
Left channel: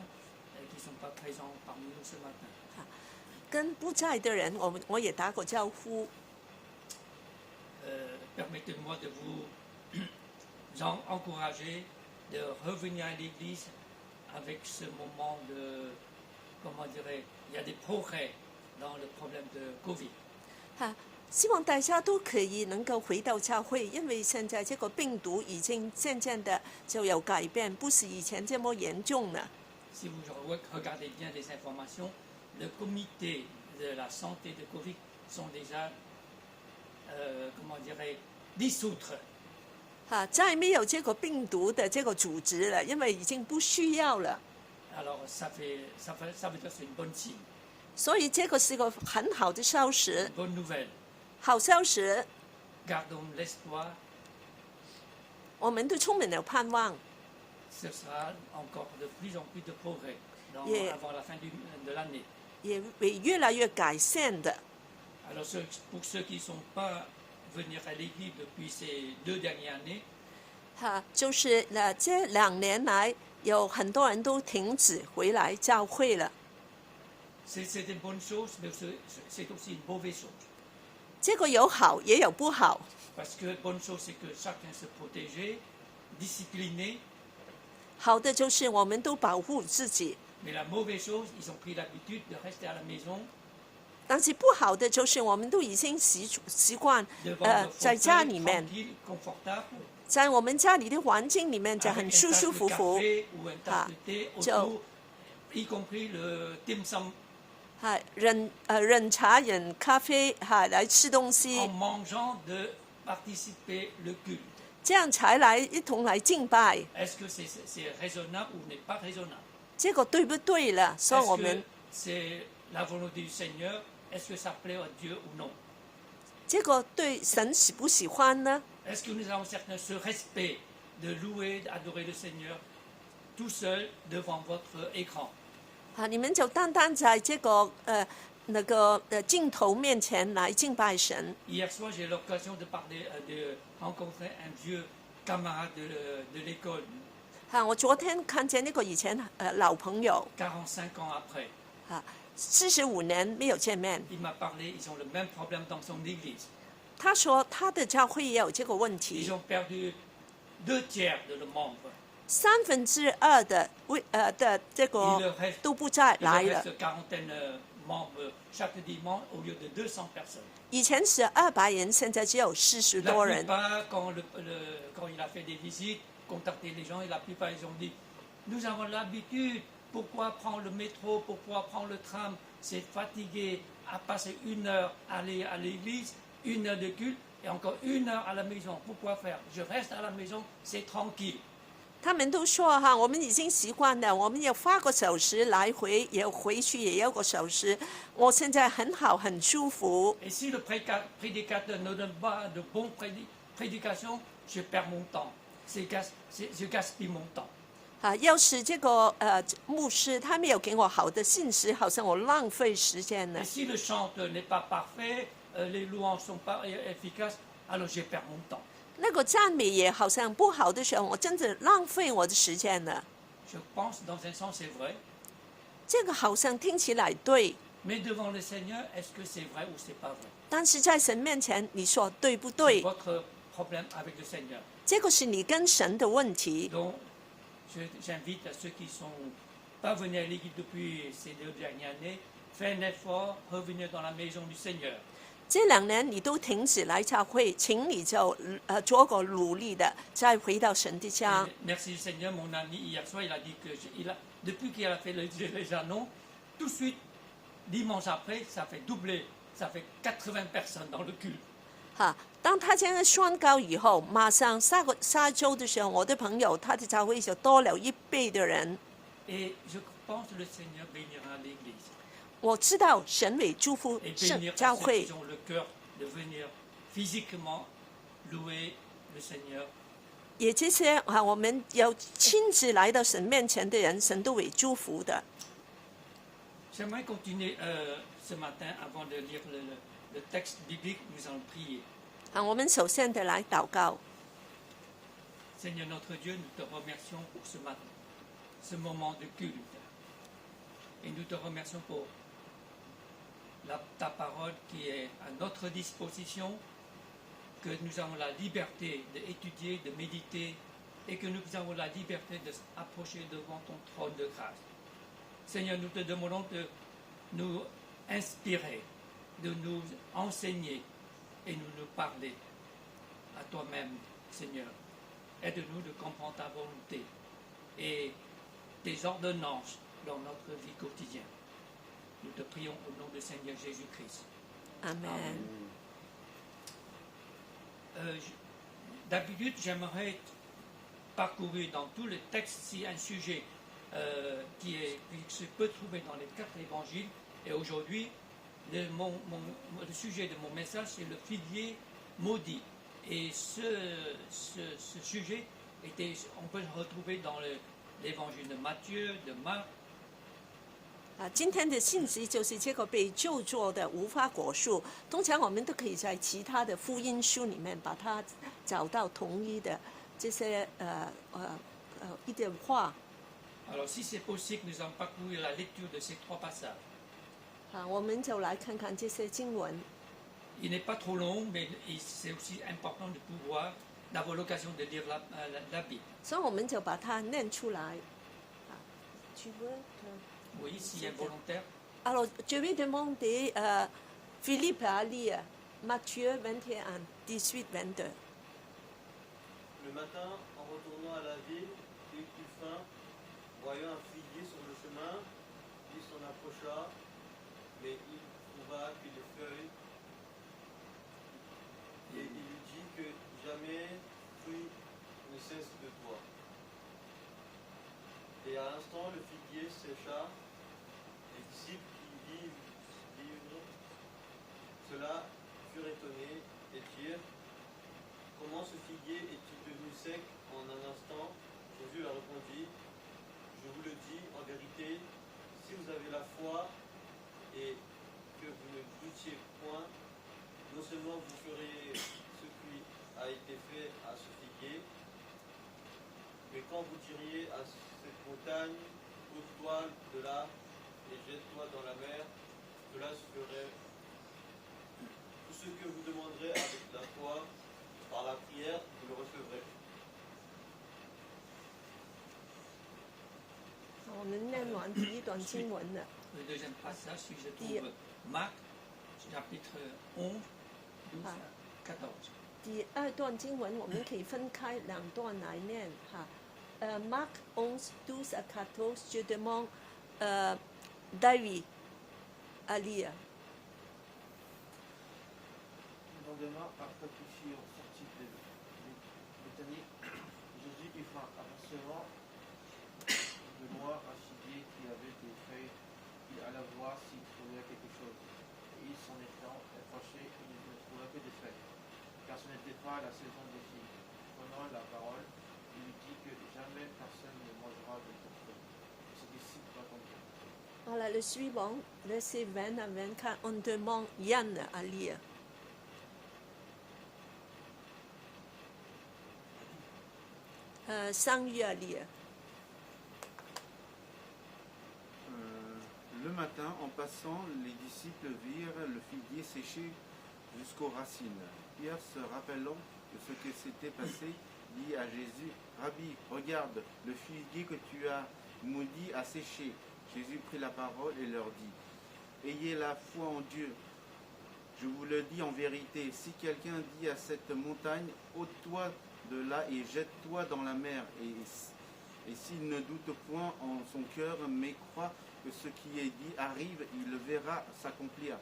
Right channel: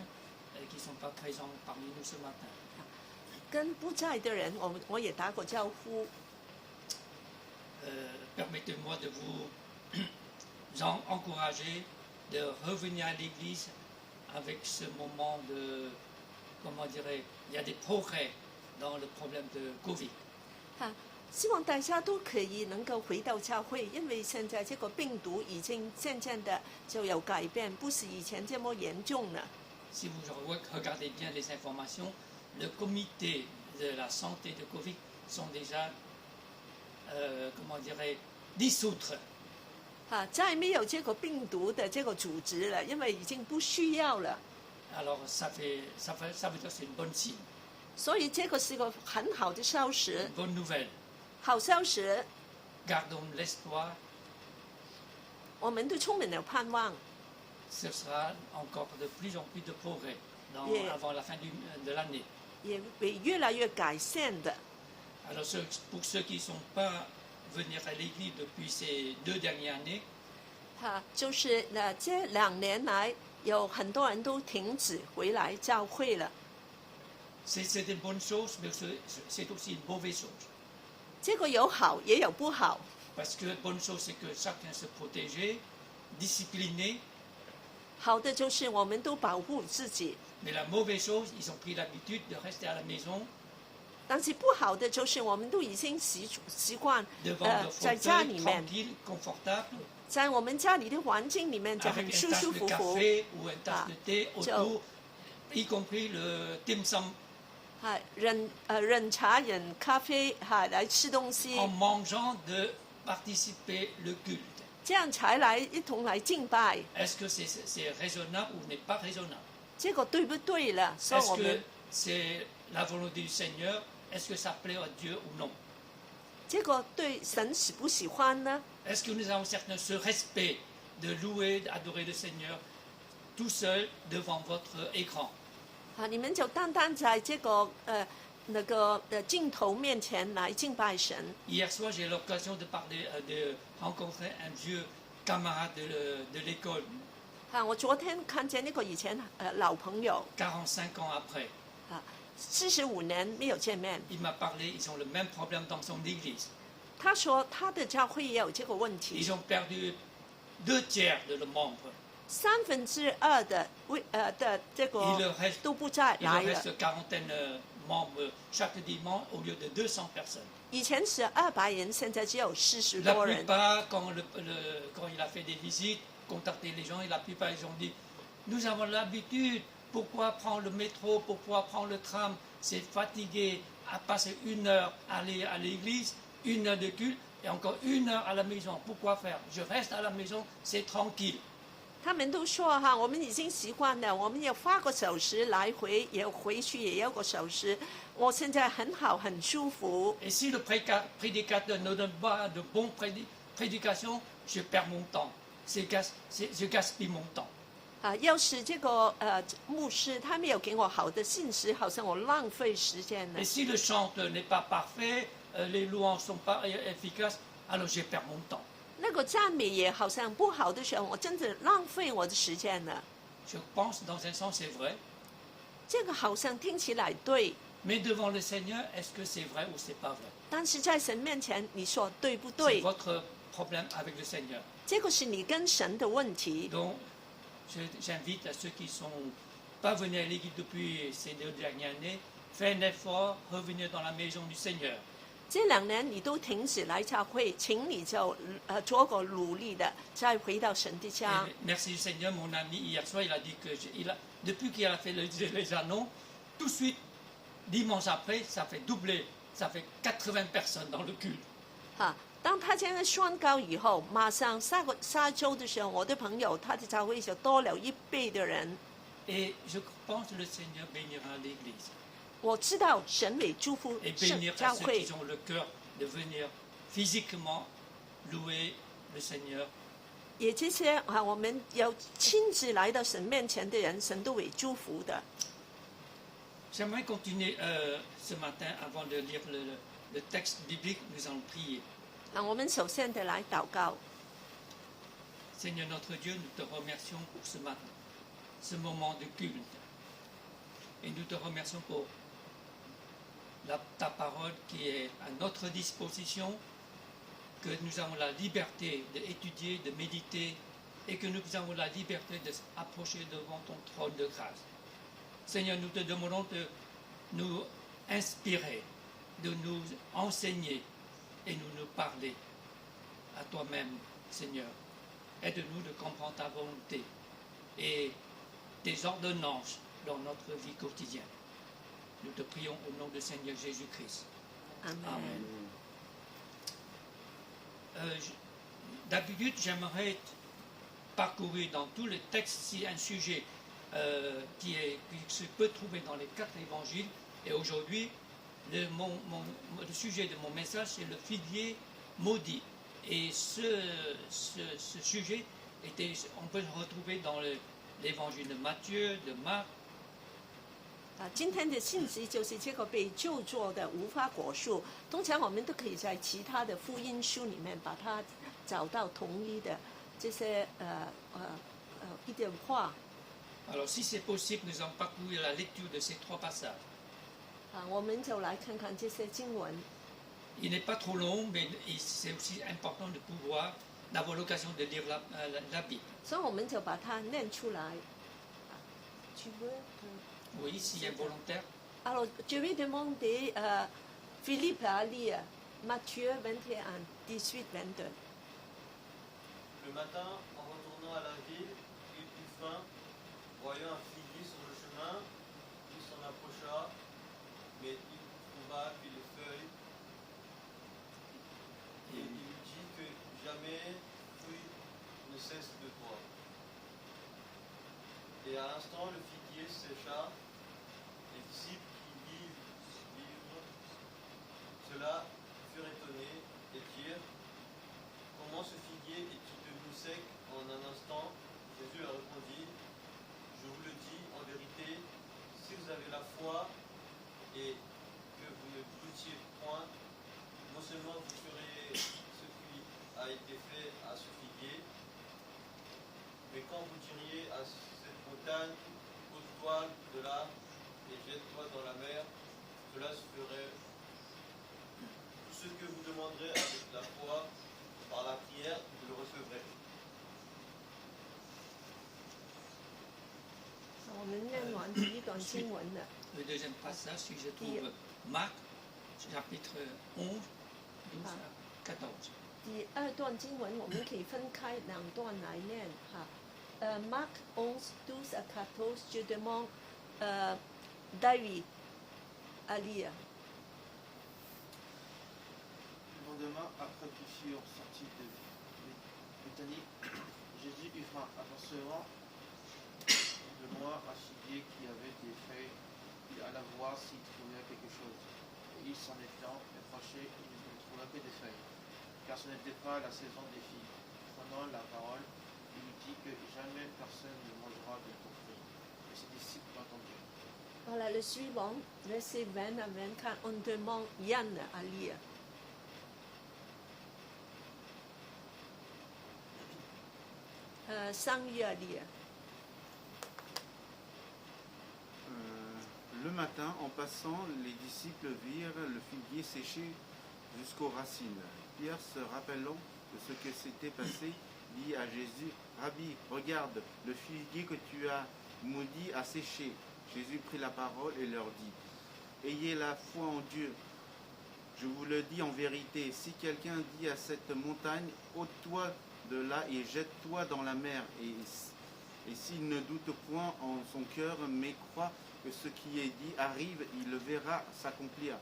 et qui ne sont pas présents parmi nous ce matin. 跟不在的人，我也打过招呼。Permettez-moi de vous encourager de revenir à l'église avec ce moment de, comment dirais, il y a des progrès dans le problème de Covid. 希望大家都可以能够回到教会，因为现在这个病毒已经渐渐的就有改变，不是以前这么严重了。 Si vous regardez bien les informations, le comité de la santé de Covid sont déjà, comment dirais, dissoutes. 再没有这个病毒的这个组织了，因为已经不需要了。 Alors ça veut dire que c'est une bonne signe, 所以这个是个很好的消息， une bonne nouvelle. 好消息， Gardons l'espoir, 我们都充满了盼望。 ce sera encore de plus en plus de progrès avant la fin de l'année. 也会越来越改善的。 Alors pour ceux qui ne sont pas venus à l'église depuis ces 2 dernières années, 就是这2年来有很多人都停止回来教会了。 c'est une bonne chose, mais c'est aussi une mauvaise chose. 这个有好也有不好。 Parce que bonne chose, c'est que chacun se protégeait, discipliné. 好的就是我们都保护自己， Mais la mauvaise chose, ils ont pris l'habitude de rester à la maison, 但是不好的就是我们都已经习惯 devant leur 在家 fauteuil, 里面， tranquille, confortable, 在我们家里的环境里面就 avec 很 une 舒 tasse 舒 de 服服， café ou une tasse de thé Ciao. autour, y compris le dim sum, 饮茶饮咖啡来吃东西， en mangeant de participer le culte. 这样才来一同来敬拜。 Est-ce que c'est raisonnable ou n'est pas raisonnable? 这个对不对了？所以 Est-ce 我 que 们 c'est la volonté du Seigneur? Est-ce que ça plaît à Dieu ou non? 这个对神喜不喜欢呢？ Est-ce que nous avons certains ce respect de louer, d'adorer le Seigneur tout seul devant votre écran? 你们就单单在这个那个镜头面前来敬拜神。 Hier soir, j'ai eu l'occasion de parler, de rencontrer un vieux camarade de l'école, 我昨天看见那个以前老朋友45 ans après. 45年没有见面， Il m'a parlé, ils ont le même problème dans son église. 他说他的教会也有这个问题 Ils ont perdu 2 tiers de leurs membres. ，2/3的这 Il 个 leur reste, 都不再 il leur 来了。 reste quarantaine membres chaque dimanche au lieu de 200 personnes. 以前是200人，现在只有40 La 多人。 plupart, quand il a fait des visites, contacté les gens, et la plupart ils ont dit nous avons l'habitude, pourquoi prendre le métro, pourquoi prendre le tram, c'est fatigué à passer 1 heure aller à l'église, 1 heure de culte et encore 1 heure à la maison. Pourquoi faire? Je reste à la maison, c'est tranquille. 他们都说哈，我们已经习惯了，我们有8个小时来回，也有回去也有个小时，我现在很好，很舒服。 Et si le prédicateur ne donne pas de bonnes prédications, je perds mon temps. Je gaspille mon temps. 要是这个牧师他没有给我好的信息，好像我浪费时间了 Et。si le chanteur n'est pas parfait, les louanges ne sont pas efficaces, alors je perds mon temps. 那个赞美也好像不好的时候，我真的浪费我的时间了。 Je pense, dans un sens, c'est vrai. 这个好像听起来对， Mais devant le Seigneur, est-ce que c'est vrai ou c'est pas vrai? 但是在神面前，你说对不 C'est 对？ votre problème avec le Seigneur. 这个是你跟神的问题。 Donc, j'invite à ceux qui ne sont pas venus à l'église depuis ces 2 dernières années, faites un effort, revenez dans la maison du Seigneur. 这2年你都停止来教会，请你就做个努力的，再回到神的家。 Et merci Seigneur, mon ami, hier soir, il a dit que depuis qu'il a fait les annonces, tout de suite, dimanche après, ça fait doubler, ça fait 80 personnes dans le culte. 哈，当他这样宣告以后，马上下周的时候，我的朋友他的教会就多了1倍的人。 Et je pense que le Seigneur bénira l'église. 我知道神会祝福 Et 圣 bénir 教 ceux 会 qui，ont le cœur de venir physiquement louer le Seigneur. 也这些我们有亲自来到神面前的人，神都会祝福的。 J'aimerais continuer ce matin avant de lire le texte biblique, nous allons prier. 我们首先的来祷告。 Seigneur notre Dieu, nous te remercions pour ce matin, ce moment de culte. Et nous te remercions pour ta parole qui est à notre disposition, que nous avons la liberté d'étudier, de méditer, et que nous avons la liberté de s'approcher devant ton trône de grâce. Seigneur, nous te demandons de nous inspirer, de nous enseigner et nous parler à toi-même, Seigneur. Aide-nous de comprendre ta volonté et tes ordonnances dans notre vie quotidienne. Nous te prions au nom du Seigneur Jésus-Christ. Amen. D'habitude, j'aimerais parcourir dans tous les textes si un sujet qui se peut trouver dans les 4 évangiles. Et aujourd'hui, le sujet de mon message, c'est le figuier maudit. Et ce sujet, on peut le retrouver dans l'évangile de Matthieu, de Marc. 今天的信息就是这个被救作的无花果树。通常我们都可以在其他的福音书里面把它找到同一的这些一点话。 Alors, si c'est possible, nous allons parcourir la lecture de ces 3 passages. 我们就来看看这些经文。 Il n'est pas trop long, mais c'est aussi important de pouvoir d'avoir l'occasion de lire la Bible. 所以我们就把它念出来。Tu veux? Oui, s'il y a un volontaire. Alors, je vais demander Philippe à lire Matthieu 21, 18, 22. Le matin, en retournant à la ville, il eut faim. Voyant un figuier sur le chemin, il s'en approcha, mais il trouva que les feuilles. Et il lui dit que jamais fruit ne cesse de toi. Et à l'instant, le figuier sécha. Les disciples qui vivent cela furent étonnés et dirent: comment ce figuier est-il devenu sec en un instant? Jésus leur répondit: je vous le dis en vérité, si vous avez la foi et que vous ne doutiez point, non seulement vous ferez ce qui a été fait à ce figuier, mais quand vous diriez à cette montagne, ôte-toi de là et jette-toi dans la mer, cela se ferait. Tout ce que vous demanderez avec la foi, par la prière, vous le recevrez. 我们念完第一段经文了。 Le deuxième passage, si je trouve Marc, chapitre 11, 12 à 14. 第二段经文我们可以分开两段来念哈。Marc 11, 12 à 14, je demande David à lire. Le lendemain, après qu'ils furent sortis de Béthanie, Jésus eut faim. Apercevant de loin un figuier qui avait des feuilles, il alla voir s'il trouvait quelque chose. Et il s'en étant approché, il ne trouva que des feuilles, car ce n'était pas la saison des figues. Prenant la parole, il lui dit que jamais personne ne mangera de ton fruit. Et ses disciples répondirent. Voilà le suivant, verset 20 à 24, on demande Yann à lire. Sang-Yu à lire. Le matin, en passant, les disciples virent le figuier séché jusqu'aux racines. Pierre, se rappelant de ce que s'était passé, dit à Jésus, « Rabbi, regarde, le figuier que tu as maudit a séché. » Jésus prit la parole et leur dit, « Ayez la foi en Dieu. Je vous le dis en vérité, si quelqu'un dit à cette montagne, ôte-toi de là et jette-toi dans la mer, et s'il ne doute point en son cœur, mais croit que ce qui est dit arrive, il le verra s'accomplir.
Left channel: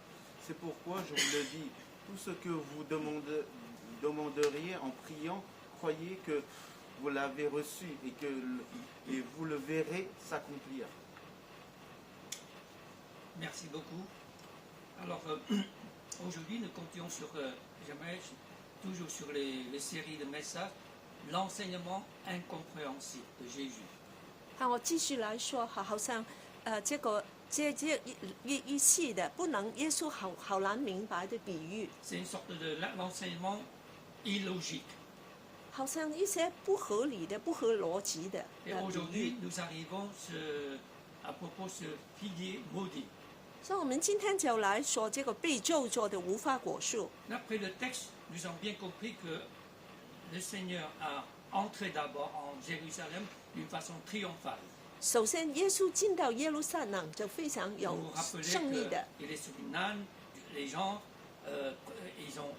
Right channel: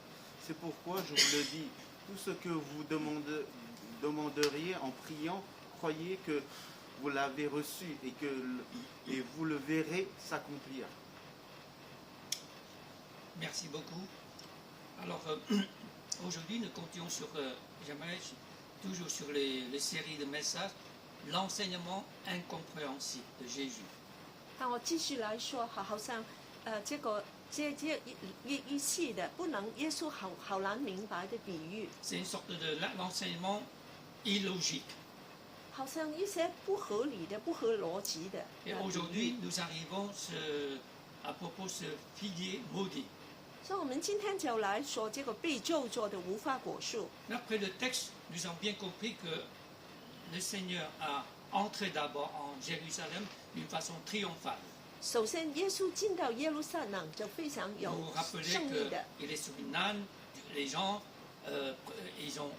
C'est pourquoi je vous le dis, tout ce que vous demanderiez en priant, croyez que vous l'avez reçu et vous le verrez s'accomplir. » Merci beaucoup. Alors, aujourd'hui, nous continuons sur, j'aimerais toujours sur les séries de messages, l'enseignement incompréhensible de Jésus. 但我继续来说，好像这一系的不能耶稣好难明白的比喻， C'est une sorte de l'enseignement illogique. 好像一些不合理的、不合逻辑的。 Et aujourd'hui, nous arrivons à propos de ce figuier maudit. 所以我们今天就来说这个被咒詛的无花果树。 D'après le texte, nous avons bien compris que le Seigneur a entré d'abord en Jérusalem d'une façon triomphale. 首先，耶稣进到耶路撒冷就非常 Vous 有 vous rappelez 胜利的。 qu'il est sur une âne, les gens, ils ont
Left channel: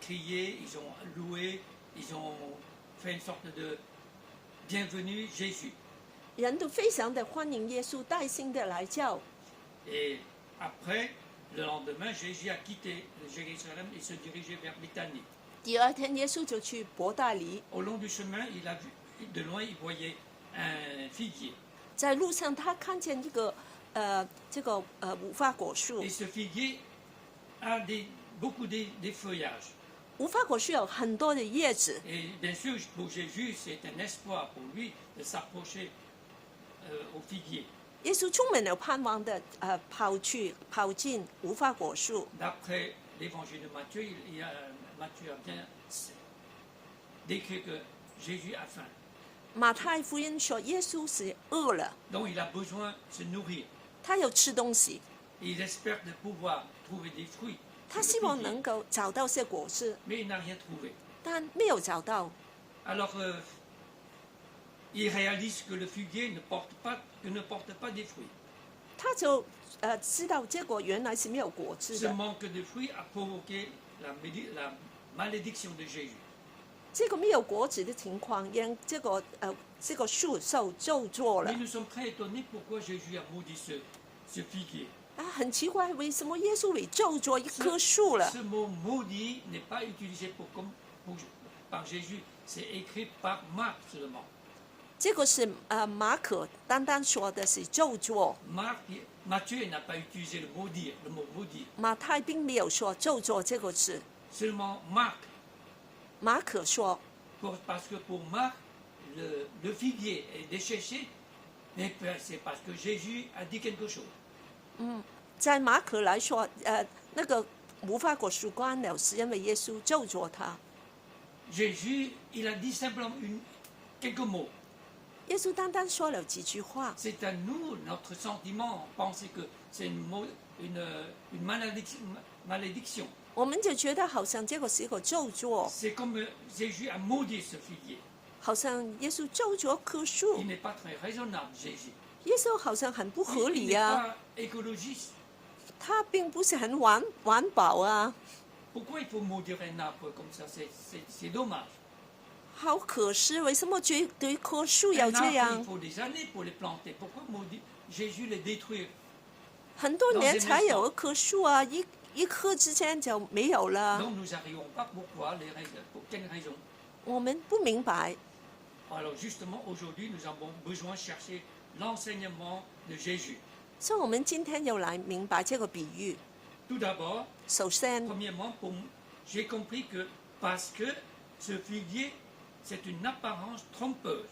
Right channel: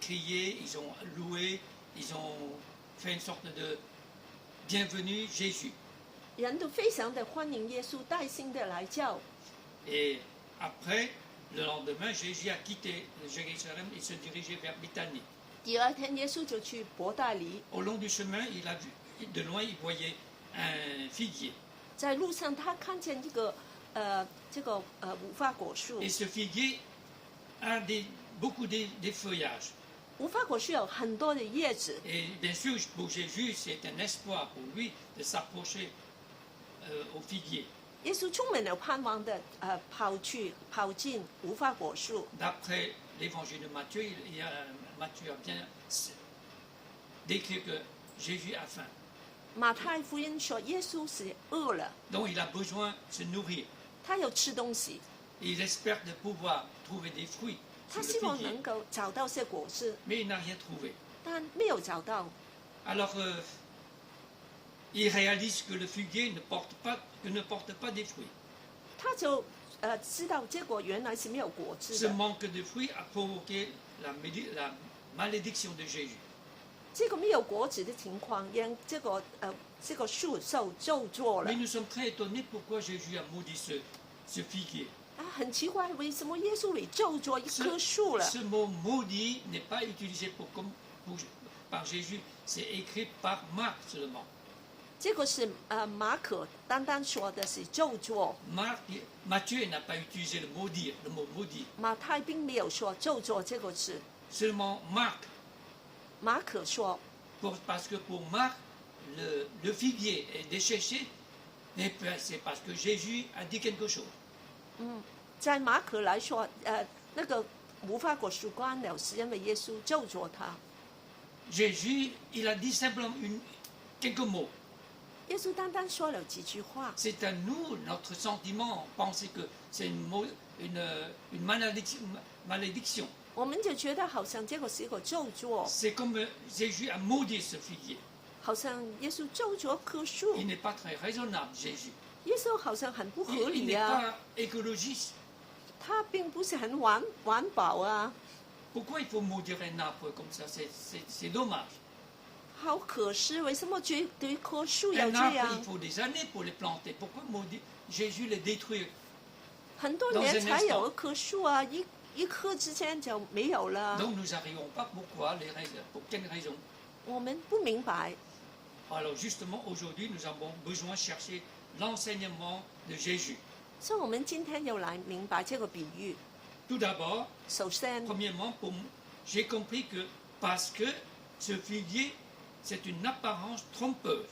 crié, ils ont loué, ils ont fait une sorte de bienvenue Jésus. 人都非常的欢迎耶稣，带薪的来叫。 Et après, le lendemain, Jésus a quitté Jérusalem et se dirigeait vers Béthanie. 第二天，耶稣就去伯大尼， Au long du chemin, il a vu, de loin, il voyait un figuier. 在路上他看见一个无花果树。 Et ce figuier a beaucoup de feuillages. 无花果树有很多的叶子， Et bien sûr, pour Jésus, c'est un espoir pour lui de s'approcher au figuier. 耶稣充满了盼望的跑进无花果树。 D'après l'évangile de Matthieu, Matthieu a bien décrit que Jésus a faim. 马太福音说耶稣是饿了， Donc il a besoin de se nourrir. 他有吃东西， Et il espère de pouvoir trouver des fruits 他 sur 希 le 望 figuier. 能够找到些果子， Mais il n'a rien trouvé. 但没有找到。 Alors, il réalise que le figuier ne porte pas des fruits. 他就知道结果原来是没有果子 Ce 的。 manque de fruits a provoqué la malédiction de Jésus. 这个没有果子的情况，让这个树受咒诅了 Mais。nous sommes très étonnés pourquoi Jésus a maudit ce figuier. 很奇怪，为什么耶稣会咒诅一棵树了？ Ce mot maudit n'est pas utilisé par Jésus, c'est écrit par Marc seulement. 这个是马可单单说的是咒诅， Matthieu n'a pas utilisé le mot maudit. 马太并没有说咒诅这个词， Seulement Marc, 马可说， parce que pour Marc, le figuier est desséché, mais c'est parce que Jésus a dit quelque chose. 在马可来说，那个无花果树干了，是因为耶稣咒诅他。 Jésus, il a dit simplement quelques mots. 耶稣单单说了几句话， C'est à nous, notre sentiment, penser que c'est une malédiction. 我们就觉得好像这个是一个咒诅， C'est comme Jésus a maudit ce figuier. 好像耶稣咒诅棵树 Il，n'est pas très raisonnable, Jésus. 耶稣好像很不合 Il 理 n'est 啊， pas écologiste. 他并不是很环保啊， Pourquoi il faut maudire un arbre comme ça? C'est dommage. 好可惜，为什么对一棵树要 Un 这 arbre, 样 il？faut des années pour les planter. Pourquoi maudire Jésus les détruire? 很多年才有一棵树啊，一棵之间就没有了。 Donc nous n'arrivons pas. Pourquoi? Pour quelle raison? 我们不明白， Alors justement, aujourd'hui, nous avons besoin de chercher l'enseignement de Jésus. 所以我们今天又来明白这个比喻。 Tout d'abord, 首先， premièrement, j'ai compris que parce que ce figuier, c'est une apparence trompeuse.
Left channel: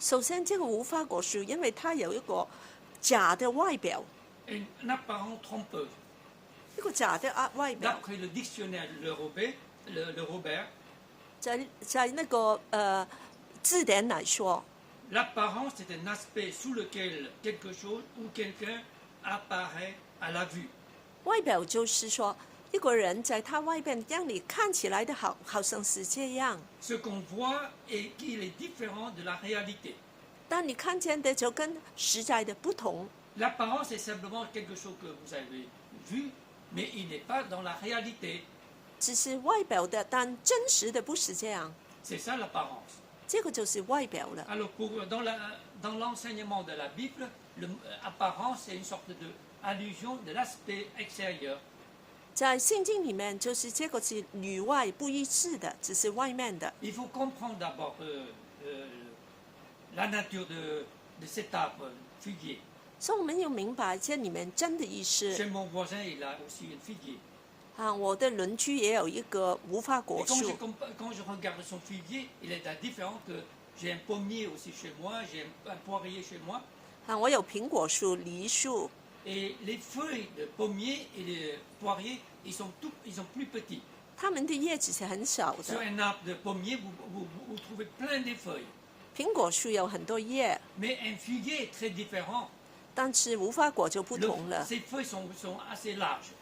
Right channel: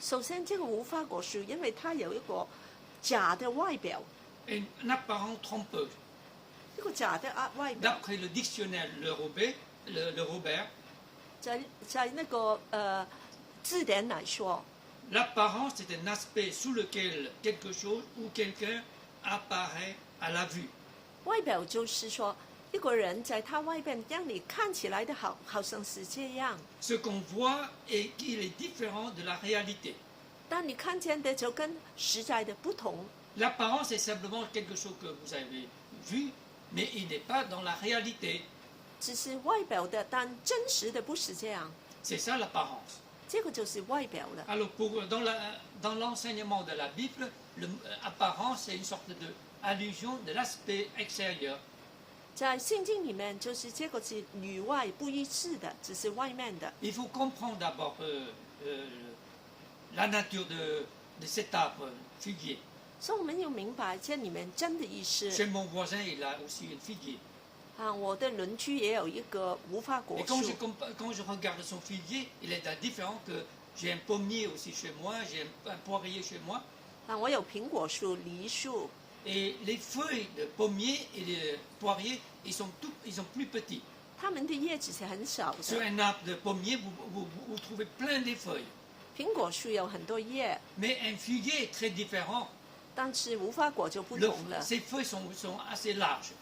首先这个无花果树，因为它有一个假的外表， Une apparence trompeuse. 一个假的外表， D'après le dictionnaire le Robert, 在那个字典来说， l'apparence est un aspect sous lequel quelque chose ou quelqu'un apparaît à la vue. 外表就是说一个人在他外边让你看起来的好像是这样， Ce qu'on voit est qu'il est différent de la réalité. 但你看见的就跟实在的不同。 L'apparence est simplement quelque chose que vous avez vu, mais il n'est pas dans la réalité. 只是外表的，但真实的不是这样。 C'est ça l'apparence. 这个就是外表了。 Alors dans l'enseignement de la Bible, l'apparence c'est une sorte d'allusion de l'aspect extérieur. 在圣经里面，就是这个是里外不一致的，只是外面的。 Il faut comprendre d'abord la nature de cet arbre figuier. 所以我们要明白这里面真的意思。 Chez mon voisin, il a aussi un figuier. 啊，我的邻居也有一个无花果 Et 树。 quand je regarde son figuier, il est différent que j'ai un pommier aussi chez moi, j'ai un poirier chez moi. 啊，我有苹果树、梨树， Et les feuilles de pommier et de poirier, ils sont plus petits. 它们的叶子是很小 Sur 的。 un arbre de pommier, vous trouvez plein de feuilles. 苹果树有很多叶， Mais un figuier est très différent. 但是无花果就不同了， Ses feuilles sont assez larges.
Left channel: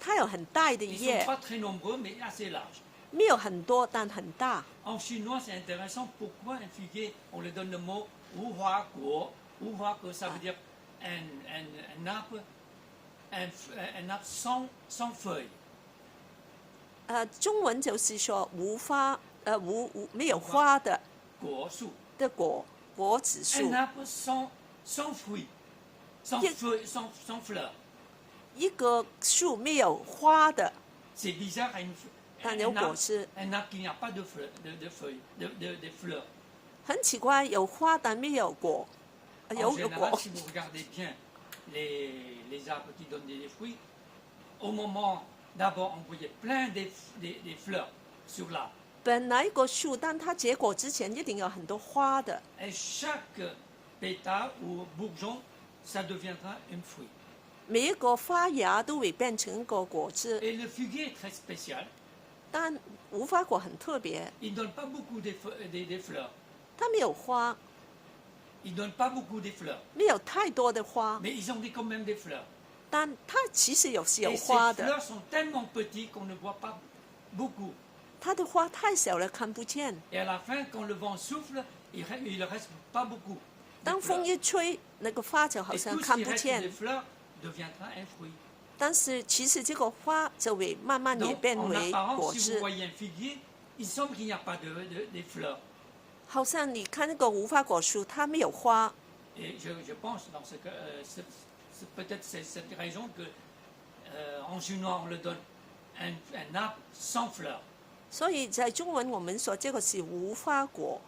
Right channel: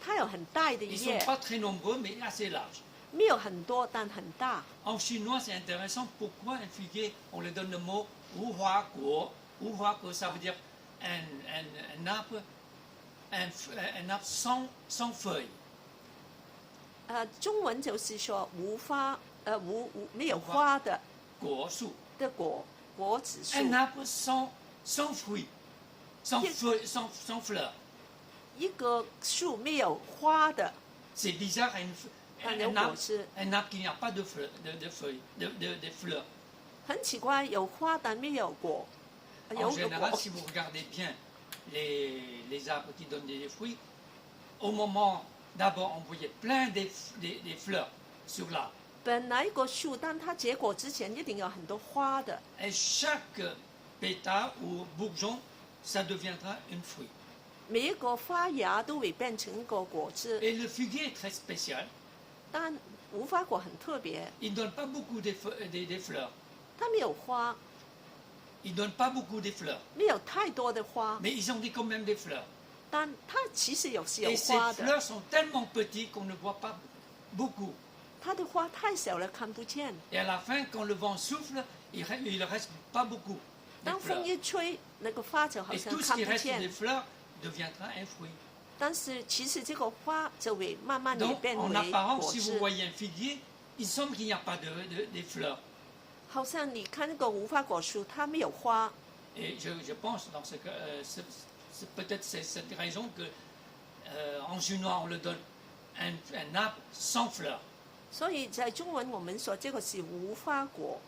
它有很大的 Ils ne 叶 sont，pas très nombreux, mais assez larges. 没有很多，但很大。 En chinois, c'est intéressant. Pourquoi un figuier, on lui donne le mot wu hua guo. Wu hua guo, ça veut dire un arbre, un arbre sans feuilles. 中文就是说无花，没有花的 Guo su. 果子树， Un arbre sans fruits, sans feuilles, sans fleurs. 一个树没有花的， C'est bizarre, Ah, non, c'est- un arbre qui n'a pas de feuilles, de fleurs. 很奇怪，有花但没有果， En 有 général, 果。 si vous regardez bien les arbres qui donnent des fruits, au moment d'abord, on voyait plein des fleurs sur l'arbre. 本来一个树，但它结果之前一定有很多花的， Et chaque pétale ou bourgeon, ça deviendra un fruit. 每一个发芽都会变成一个果子。 Et le figuier est très spécial. 但无花果很特别， Il ne donne pas beaucoup des fleurs. 它没有花， Il ne donne pas beaucoup des fleurs. 没有太多的花， Mais ils ont quand même des fleurs. 但它其实是有 Et ces 花的。 fleurs sont tellement petites qu'on ne voit pas beaucoup. 它的花太小了，看不见。 Et à la fin, quand le vent souffle, il ne reste pas beaucoup de 当 fleurs. 风一吹，那个花就好 Et 像 tout ce 看 qui 不 reste 见 des。fleurs deviendra un fruit. 但是其实这个花就会慢慢的 Donc, 变 en 为 apparence, 果 si vous 子。 voyez un figuier, il semble qu'il n'y a pas des fleurs. 好像你看那个无花果树，它没有花， Et je pense, dans ce cas, peut-être c'est cette raison que en chinois, on le donne un arbre sans fleurs. 所以在中文我们说这个是无花果。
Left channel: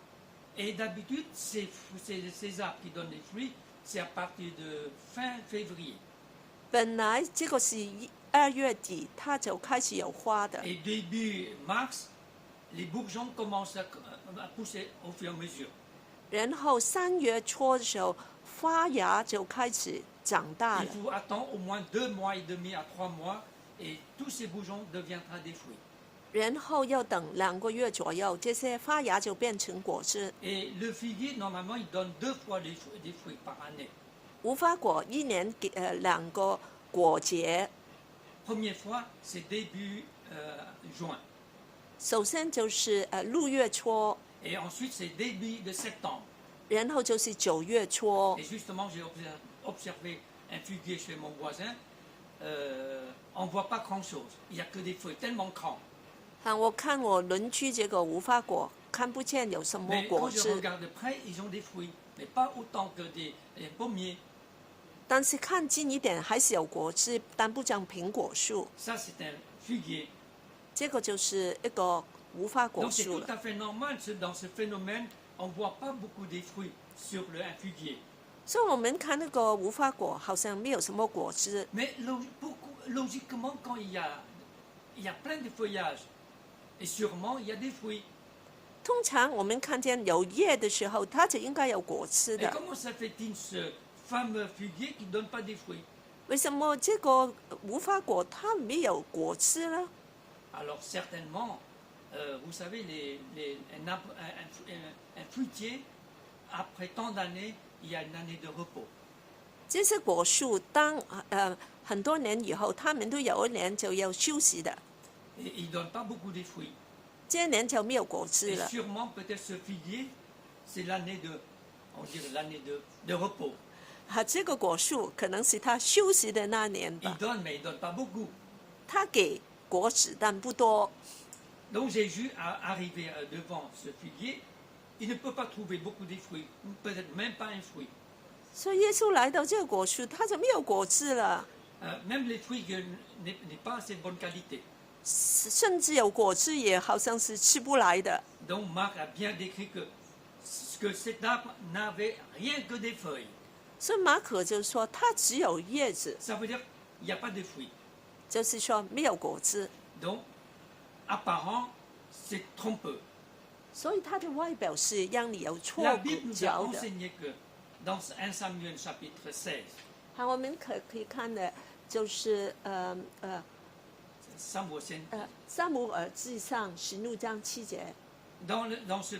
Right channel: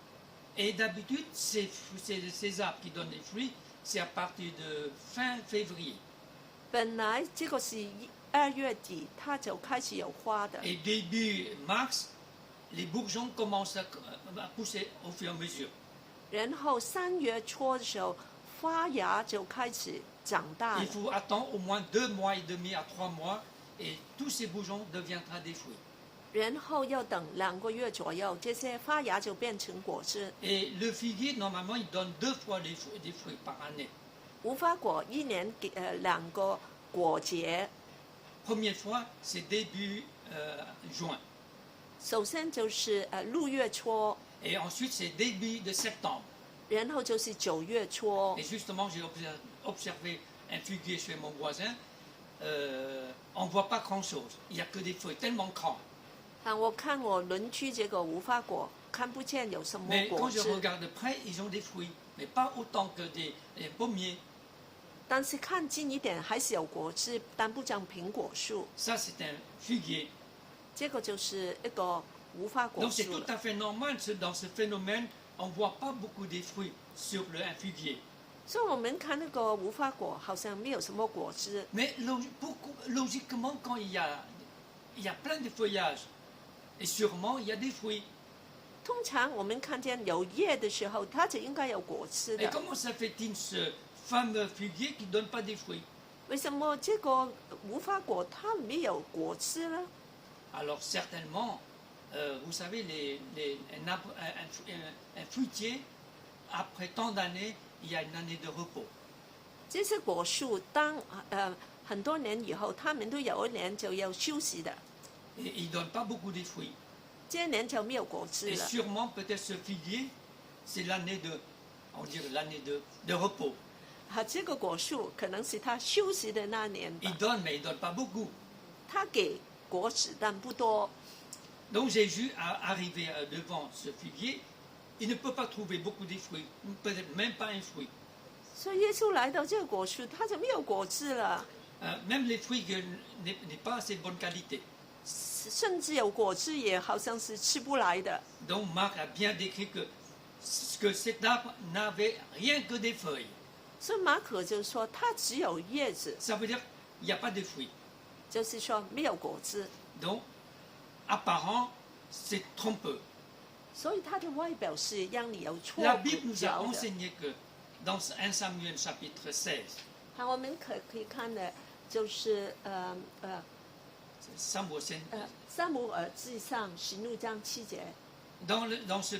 Et d'habitude, ces arbres qui donnent des fruits, c'est à partir de fin février. 本来这个是2月底，它就开始有花的， Et début mars, les bourgeons commencent à pousser au fur et à mesure. 然后3月初的时候，发芽就开始长大了 Il。faut attendre au moins 2 mois et demi à 3 mois et tous ces bourgeons deviendront des fruits. 然后要等2个月左右，这些发芽就变成果子。 Et le figuier, normalement, il donne 2 fois des fruits par année. 无花果1年给2个果节， Première fois, c'est début juin. 首先就是6月初， Et ensuite, c'est début de septembre. 然后就是9月初 Et。justement, j'ai observé un figuier chez mon voisin. On ne voit pas grand-chose. Il n'y a que des feuilles tellement grands. 我看我邻居这个无花果，看不见有什么 Mais 果 quand je 子， regarde de près, ils ont des fruits. Mais pas autant que des pommiers. 但是看近一点还是有果子，但不像苹果树。 Ça, c'est un figuier. 这个就是一个无花果 Donc c'est 树 tout 了。 à fait normal. Dans ce phénomène, on ne voit pas beaucoup des fruits sur un figuier. 所以我们看那个无花果，好像没有什么果子。 Mais logiquement, quand il y a plein de feuillages, et sûrement il y a des fruits. 通常我们看见有叶的时候，它就应该有果子 Et 的。 comment ça fait-il ce fameux figuier qui ne donne pas des fruits? 为什么这个无花果它没有果子呢？ Alors certainement, vous savez, un fruitier, après tant d'années, il y a une année de repos. 这些果树当很多年以后，他们都有一年就要休息的， Et il ne donne pas beaucoup de fruits. 这一年就没有果子 Et 了。 sûrement, peut-être ce figuier, c'est l'année on dirait l'année de repos. 这个果树可能是他休息的那年吧 Il。donne, mais il ne donne pas beaucoup. 他给果子，但不多。 Donc Jésus arrivé devant ce figuier, il ne peut pas trouver beaucoup de fruits, peut-être même pas un fruit. 所以耶稣来到这个果树，他就没有果子了， Même les fruits n'est pas assez de bonne qualité. 甚至有果子也好像是吃不来的。 Donc Marc a bien décrit que cet arbre n'avait rien que des feuilles. 所以马可就说他只有叶子， Ça veut dire qu'il n'y a pas de fruits. 就是说没有果子， Donc, apparent, c'est trompeux. 所以他的外表是让你有错 La Bible nous a 觉的。 enseigné que dans 1 Samuel chapitre 16, 好，我们可以看的就是撒母耳撒母耳记上16章7节， dans ce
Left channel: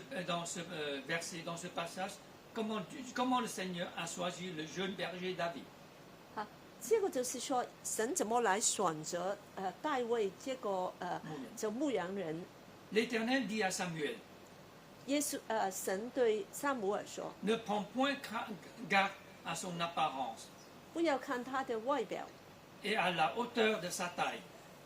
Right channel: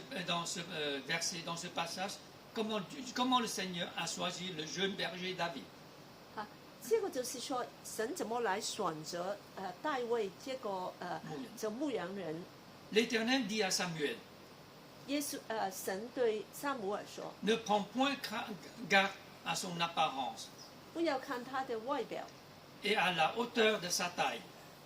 verset, dans ce passage, comment le Seigneur a choisi le jeune berger David. 这个就是说神怎么来选择大卫这个牧人就牧羊人。 L'Éternel dit à Samuel, 耶稣神对撒母耳说， ne prends point garde à son apparence 不要看他的外表 et à la hauteur de sa taille,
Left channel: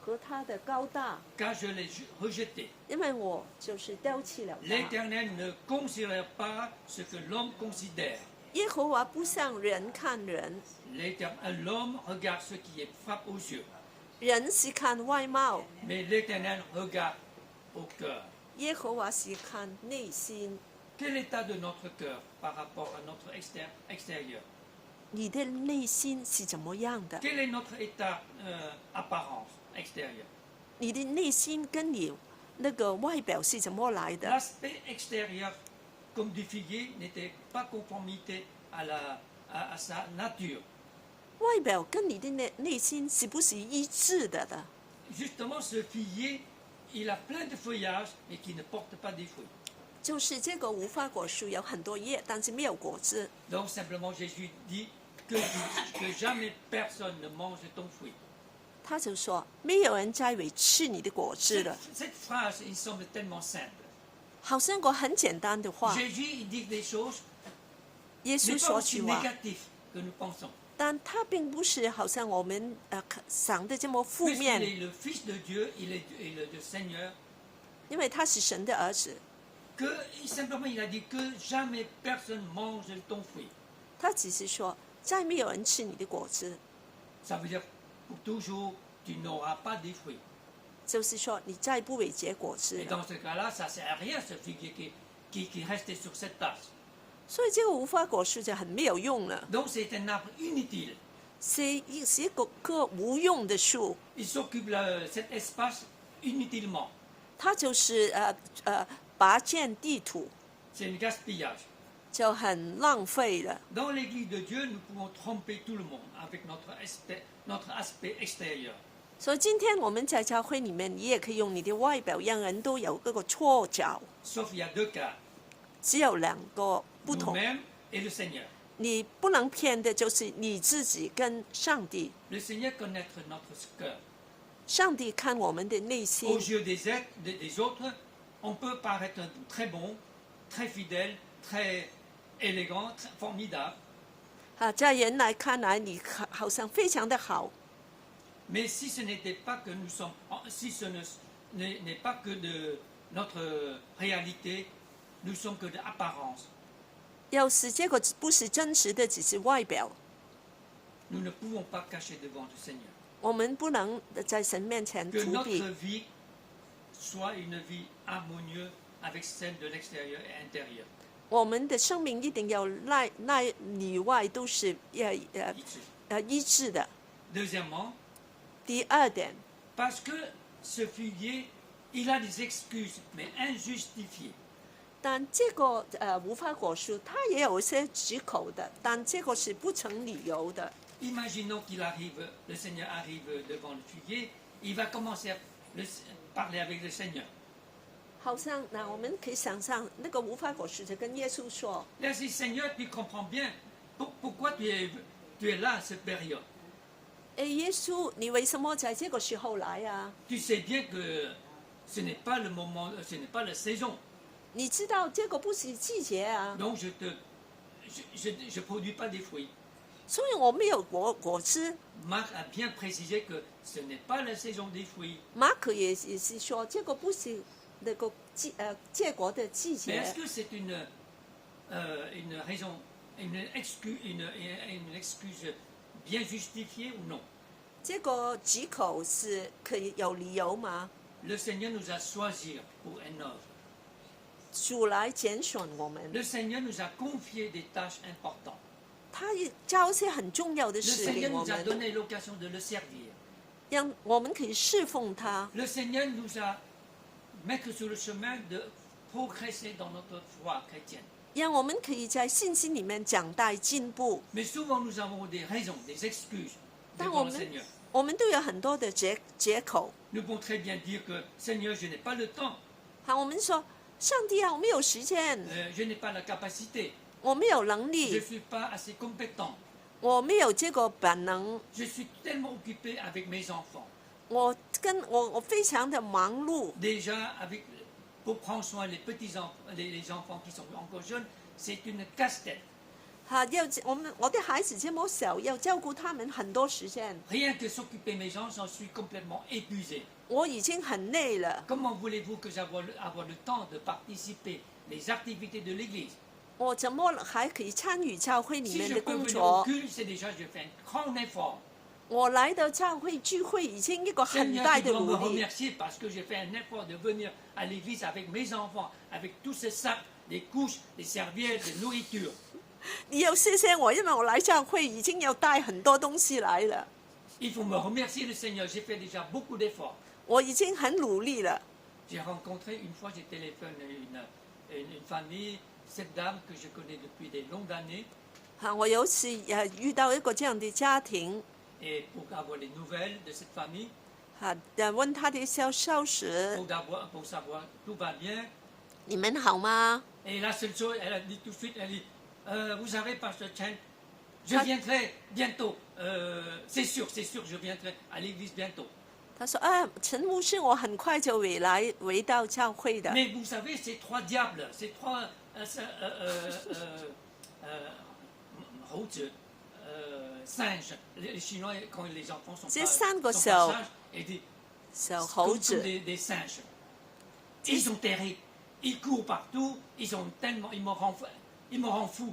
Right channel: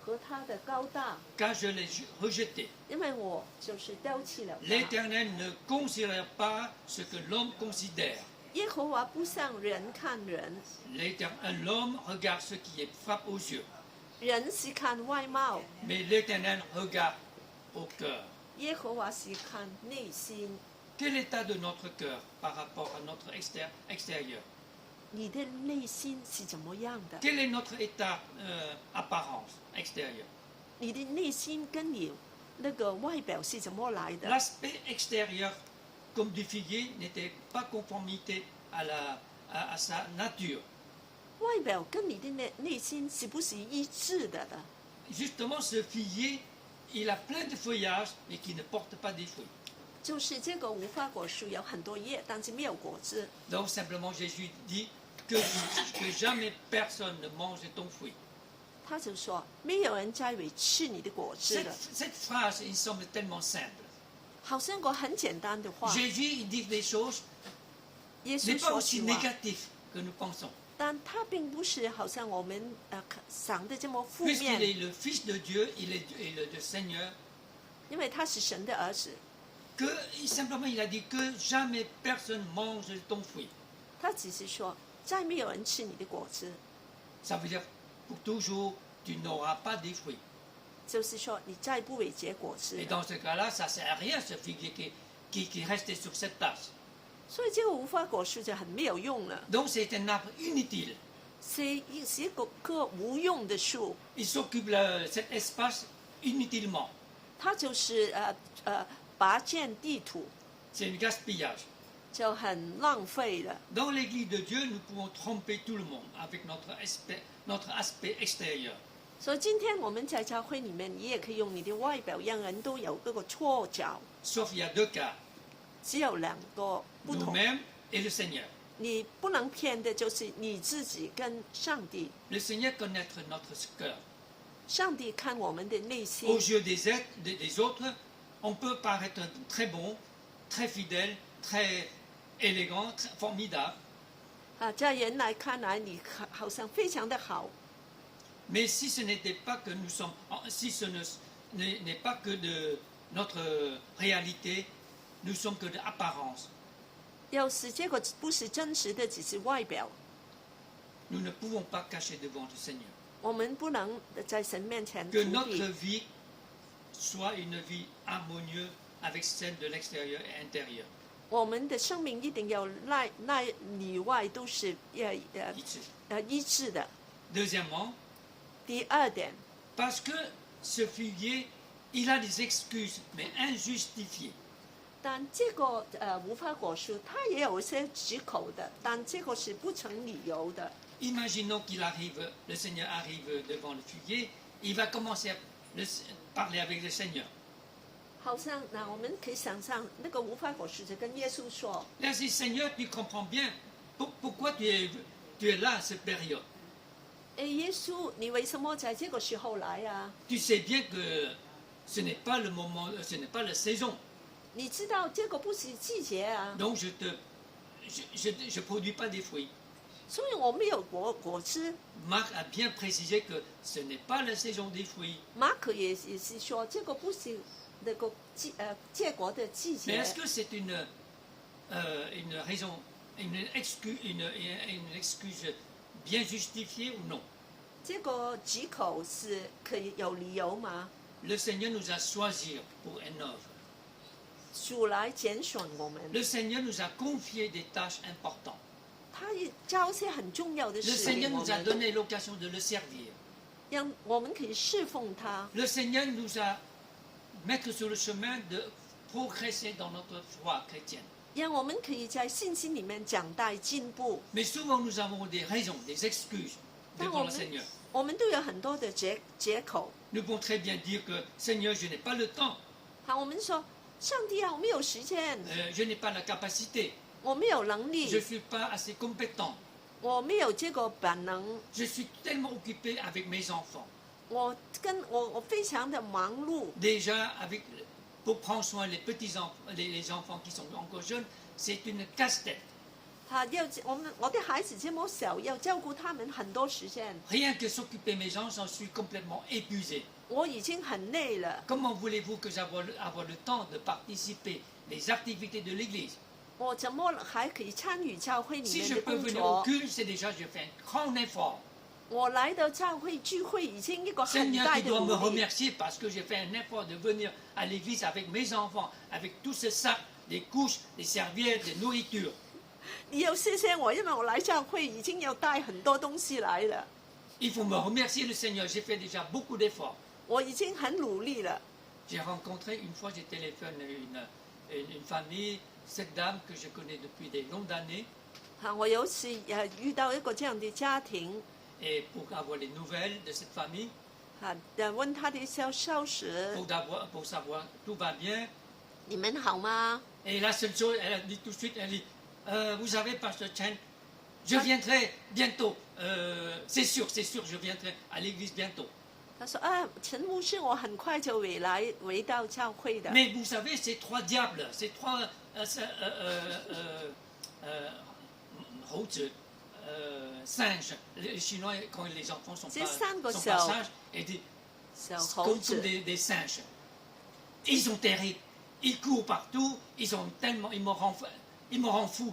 和他的高大， car je l'ai rejeté. 因为我就是丢弃了他。 L'Éternel ne considère pas ce que l'homme considère. 耶和华不像人看人， L'homme regarde ce qui est frappe aux yeux, 人是看外貌， mais l'Éternel regarde au cœur. 耶和华是看内心。 Quel est l'état de notre cœur par rapport à notre extérieur? 你的内心是怎么样的？ Quel est notre état apparence extérieur? 你的内心跟你那个外表是怎么来的？ L'aspect extérieur, comme du figuier, n'était pas conformité à sa nature. 外表跟你的内心是不是一致的呢？ Justement, ce figuier, il a plein de feuillages, mais qui ne porte pas des fruits. 就是这个无花果树有很多叶，但是没有果子。 Donc simplement, Jésus dit que jamais personne ne mange ton fruit. 他就说，没有人再会吃你的果子了。 Cette phrase, il semble tellement simple. 好像个很简单的话， Jésus, il dit des choses 耶 n'est 稣 pas 说 aussi 起话， négatif que nous pensons. 但他并不是好像我们想的这么负 Puisqu'il 面， est le Fils de Dieu, il est le Seigneur, 因为他是神的儿子。 que simplement il a dit que jamais personne mange ton fruit. 他只是说，再没有人吃你的果子， Ça veut dire pour toujours, tu n'auras pas des fruits. 就是说你再不会结果子 Et 了。 dans ce cas-là, ça ne sert à rien ce figuier qui restait sur cette place. 所以这个无花果树就很没有用了， Donc c'est un arbre inutile. 是一个无用的树， Il s'occupe cet espace inutilement. 它就是拔建地土， C'est un gaspillage. 就很浪费了。 Dans l'Église de Dieu, nous pouvons tromper tout le monde avec notre aspect extérieur. 所以今天我们在教会里面，你也可以用你的外表让人都有这个错觉， Sauf il y a deux cas, 只有两个不同。 nous-mêmes et le Seigneur. 你不能骗的就是你自己跟上帝。 Le Seigneur connaît notre cœur. 上帝看我们的内心 Aux yeux des autres, on peut paraître très bon, très fidèle, très élégant, très formidable. 在人来看来，你好像非常的好。 Mais si ce n'était pas que nous sommes, si ce n'est pas que de notre réalité, nous sommes que d'apparence. 要是结果不是真实的，只是外表， Nous ne pouvons pas cacher devant le Seigneur. 我们不能在神面前 Que 逃 notre 避。 vie soit une vie harmonieuse avec celle de l'extérieur et intérieur. 我们的生命一定要内里外都是一致的。 Deuxièmement, 第二点， parce que ce figuier, il a des excuses, mais injustifiées. 但这个无花果树它也有一些藉口的，但这个是不成理由的。 Imaginons le Seigneur arrive devant le figuier, il va commencer à parler avec le Seigneur. 好像我们可以想象，那个无花果树就跟耶稣说 Là, c'est Seigneur, tu comprends bien pourquoi tu es là à cette période.：“ 哎，耶稣，你为什么在这个时候来啊？ Tu sais bien que ce n'est pas le moment, ce n'est pas la saison. 你知道这个不是季节啊， Donc je produis pas des fruits. 所以我没有果子。 Marc a bien précisé que ce n'est pas la saison des fruits. 马可也是说，这个不是那个结果的季 Mais 节。 est-ce que c'est une raison, une excuse bien justifiée ou non? 这个藉口是可以有理由吗？ Le Seigneur nous a choisis pour une œuvre. 主来拣选我们， Le Seigneur nous a confié des tâches importantes. 他交一些很重要的 Le 事给 Seigneur 我 nous a 们， donné l'occasion de le servir. 让我们可以侍奉他。 Le Seigneur nous a mis sur le chemin de progresser dans notre foi chrétienne. 让我们可以在信心里面长大进步。 Mais souvent nous avons des raisons, des excuses 但 devant 我 le 们 Seigneur. 我们都有很多的借口。 Nous pouvons très bien dire que Seigneur, je n'ai pas le temps, 我们说，上帝啊，我没有时间， je n'ai pas la capacité, 我没有能 je ne 力， suis pas assez compétent, 我没有这个本能， je suis tellement occupé avec mes enfants. 我非常的忙碌。 Déjà, pour prendre soin des petits enfants, les enfants qui sont encore jeunes, c'est une casse-tête. 我的孩子这么小，要照顾他们很多时间， Rien que s'occuper de mes enfants, j'en suis complètement épuisé. 我已经很累了。 Comment voulez-vous que j'avoir le temps de participer les activités de l'Église? 我怎么还可以参与教会里 Si 面 je 的 peux 工 venir au 作？ culte, c'est déjà, je fais un grand effort. 我来到教会聚会已经一个很 Seigneur, 大 tu 的 dois me 努力。 remercier parce que j'ai fait un effort de venir à l'église avec mes enfants, avec tous ces sacs, des couches, des serviettes, des nourritures. 你要谢谢我，因为我来教会已经要带很多东西来了， Il faut me remercier le Seigneur, j'ai fait déjà beaucoup d'efforts. 我已经很努力了。 J'ai rencontré, une fois j'ai téléphoné une famille, cette dame que je connais depuis des longues années, 我有次遇到一个这样的家庭， et pour avoir les nouvelles de cette famille, 问他的消息， pour savoir tout va bien. 你们好吗？ Et la seule chose, elle a dit tout de suite, elle dit, vous savez, Pasteur Chen, je viendrai bientôt. C'est sûr, je viendrai à l'église bientôt. 他说：“陈牧师，我很快就回到教会的。 Mais vous savez, ces trois diables, ces trois singes, les Chinois, quand les enfants sont C'est pas, cinq sont aussi. pas sages, et des, 小猴 comme 子， des singes. Ils sont terribles. Ils courent partout. Ils sont tellement, ils me rendent fou.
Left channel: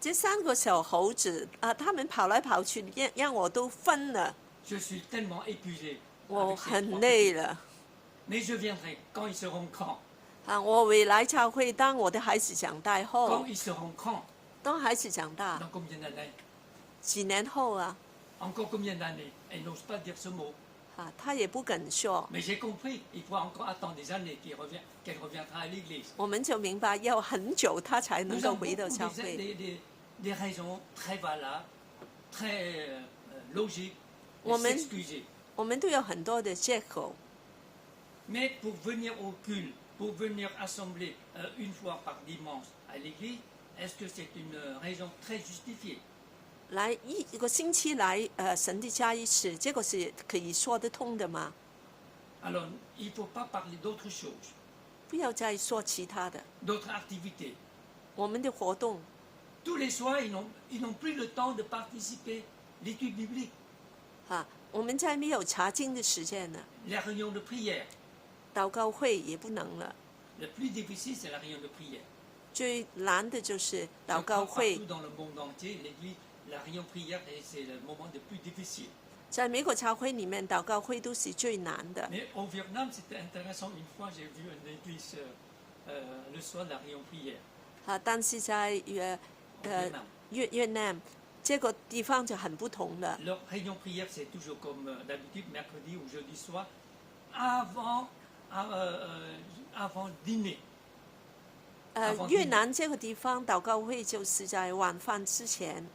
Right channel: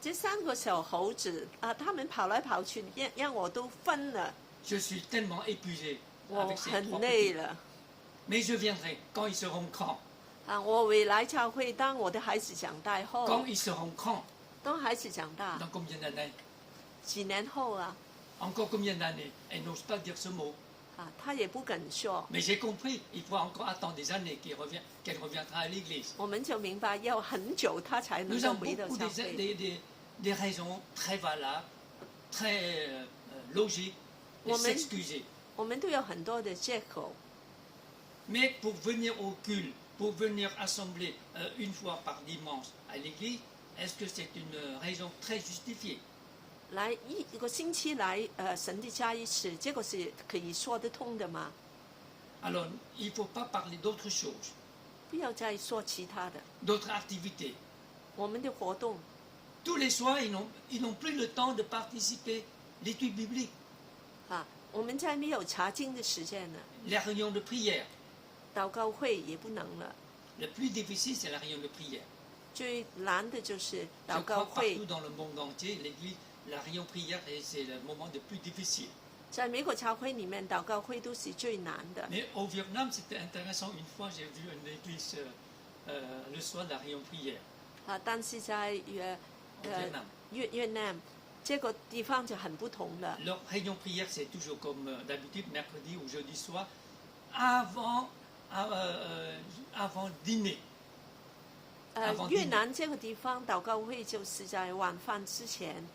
这3个小猴子他们跑来跑去，让我都疯了， Je suis tellement épuisé 我 avec ces 很 trois 累 petits. 了。 Mais je viendrai quand ils seront grands. 我回来教会，当我的孩子长大 Quand 后， ils seront grands, 当孩子长大 dans combien d'années? 几年后Encore combien d'années? Elle n'ose pas dire ce mot. 他也不肯说， Mais j'ai compris, il faut encore attendre des années qu'elle reviendra à l'église. 我们就明白要很久他才能 Nous 够 avons 回到 beaucoup 教会。 des raisons très valables, très logiques de Moi-même. s'excuser. 我们都有很多的借口， Mais pour venir au culte, pour venir assembler une fois par dimanche à l'église, est-ce que c'est une raison très justifiée? 来一个星期来神的家一次，这个是可以说得通的吗？ Alors, il ne faut pas parler d'autre chose, 不要再说其他的， d'autres activités. 我们的活动 Tous les soirs, ils n'ont plus le temps de participer à l'étude biblique, 啊，我们再没有查经的时间了， les réunions de prière. 祷告会也不能了。 Le plus difficile, c'est la réunion de prière. 最难的就是 Je 祷告 crois 会 partout，dans le monde entier, l'église, la réunion prière, c'est le moment le plus difficile. 在美国教会里面，祷告会都是最难的。 Mais au Vietnam, c'était intéressant. Une fois, j'ai vu une église le soir de la réunion prière. 啊，但是在 Au Vietnam. 越南这个地方就很不同了。 Leur réunion prière, c'est toujours comme d'habitude, mercredi ou jeudi soir, avant dîner. 越南这个地方祷告会就是在晚饭之前，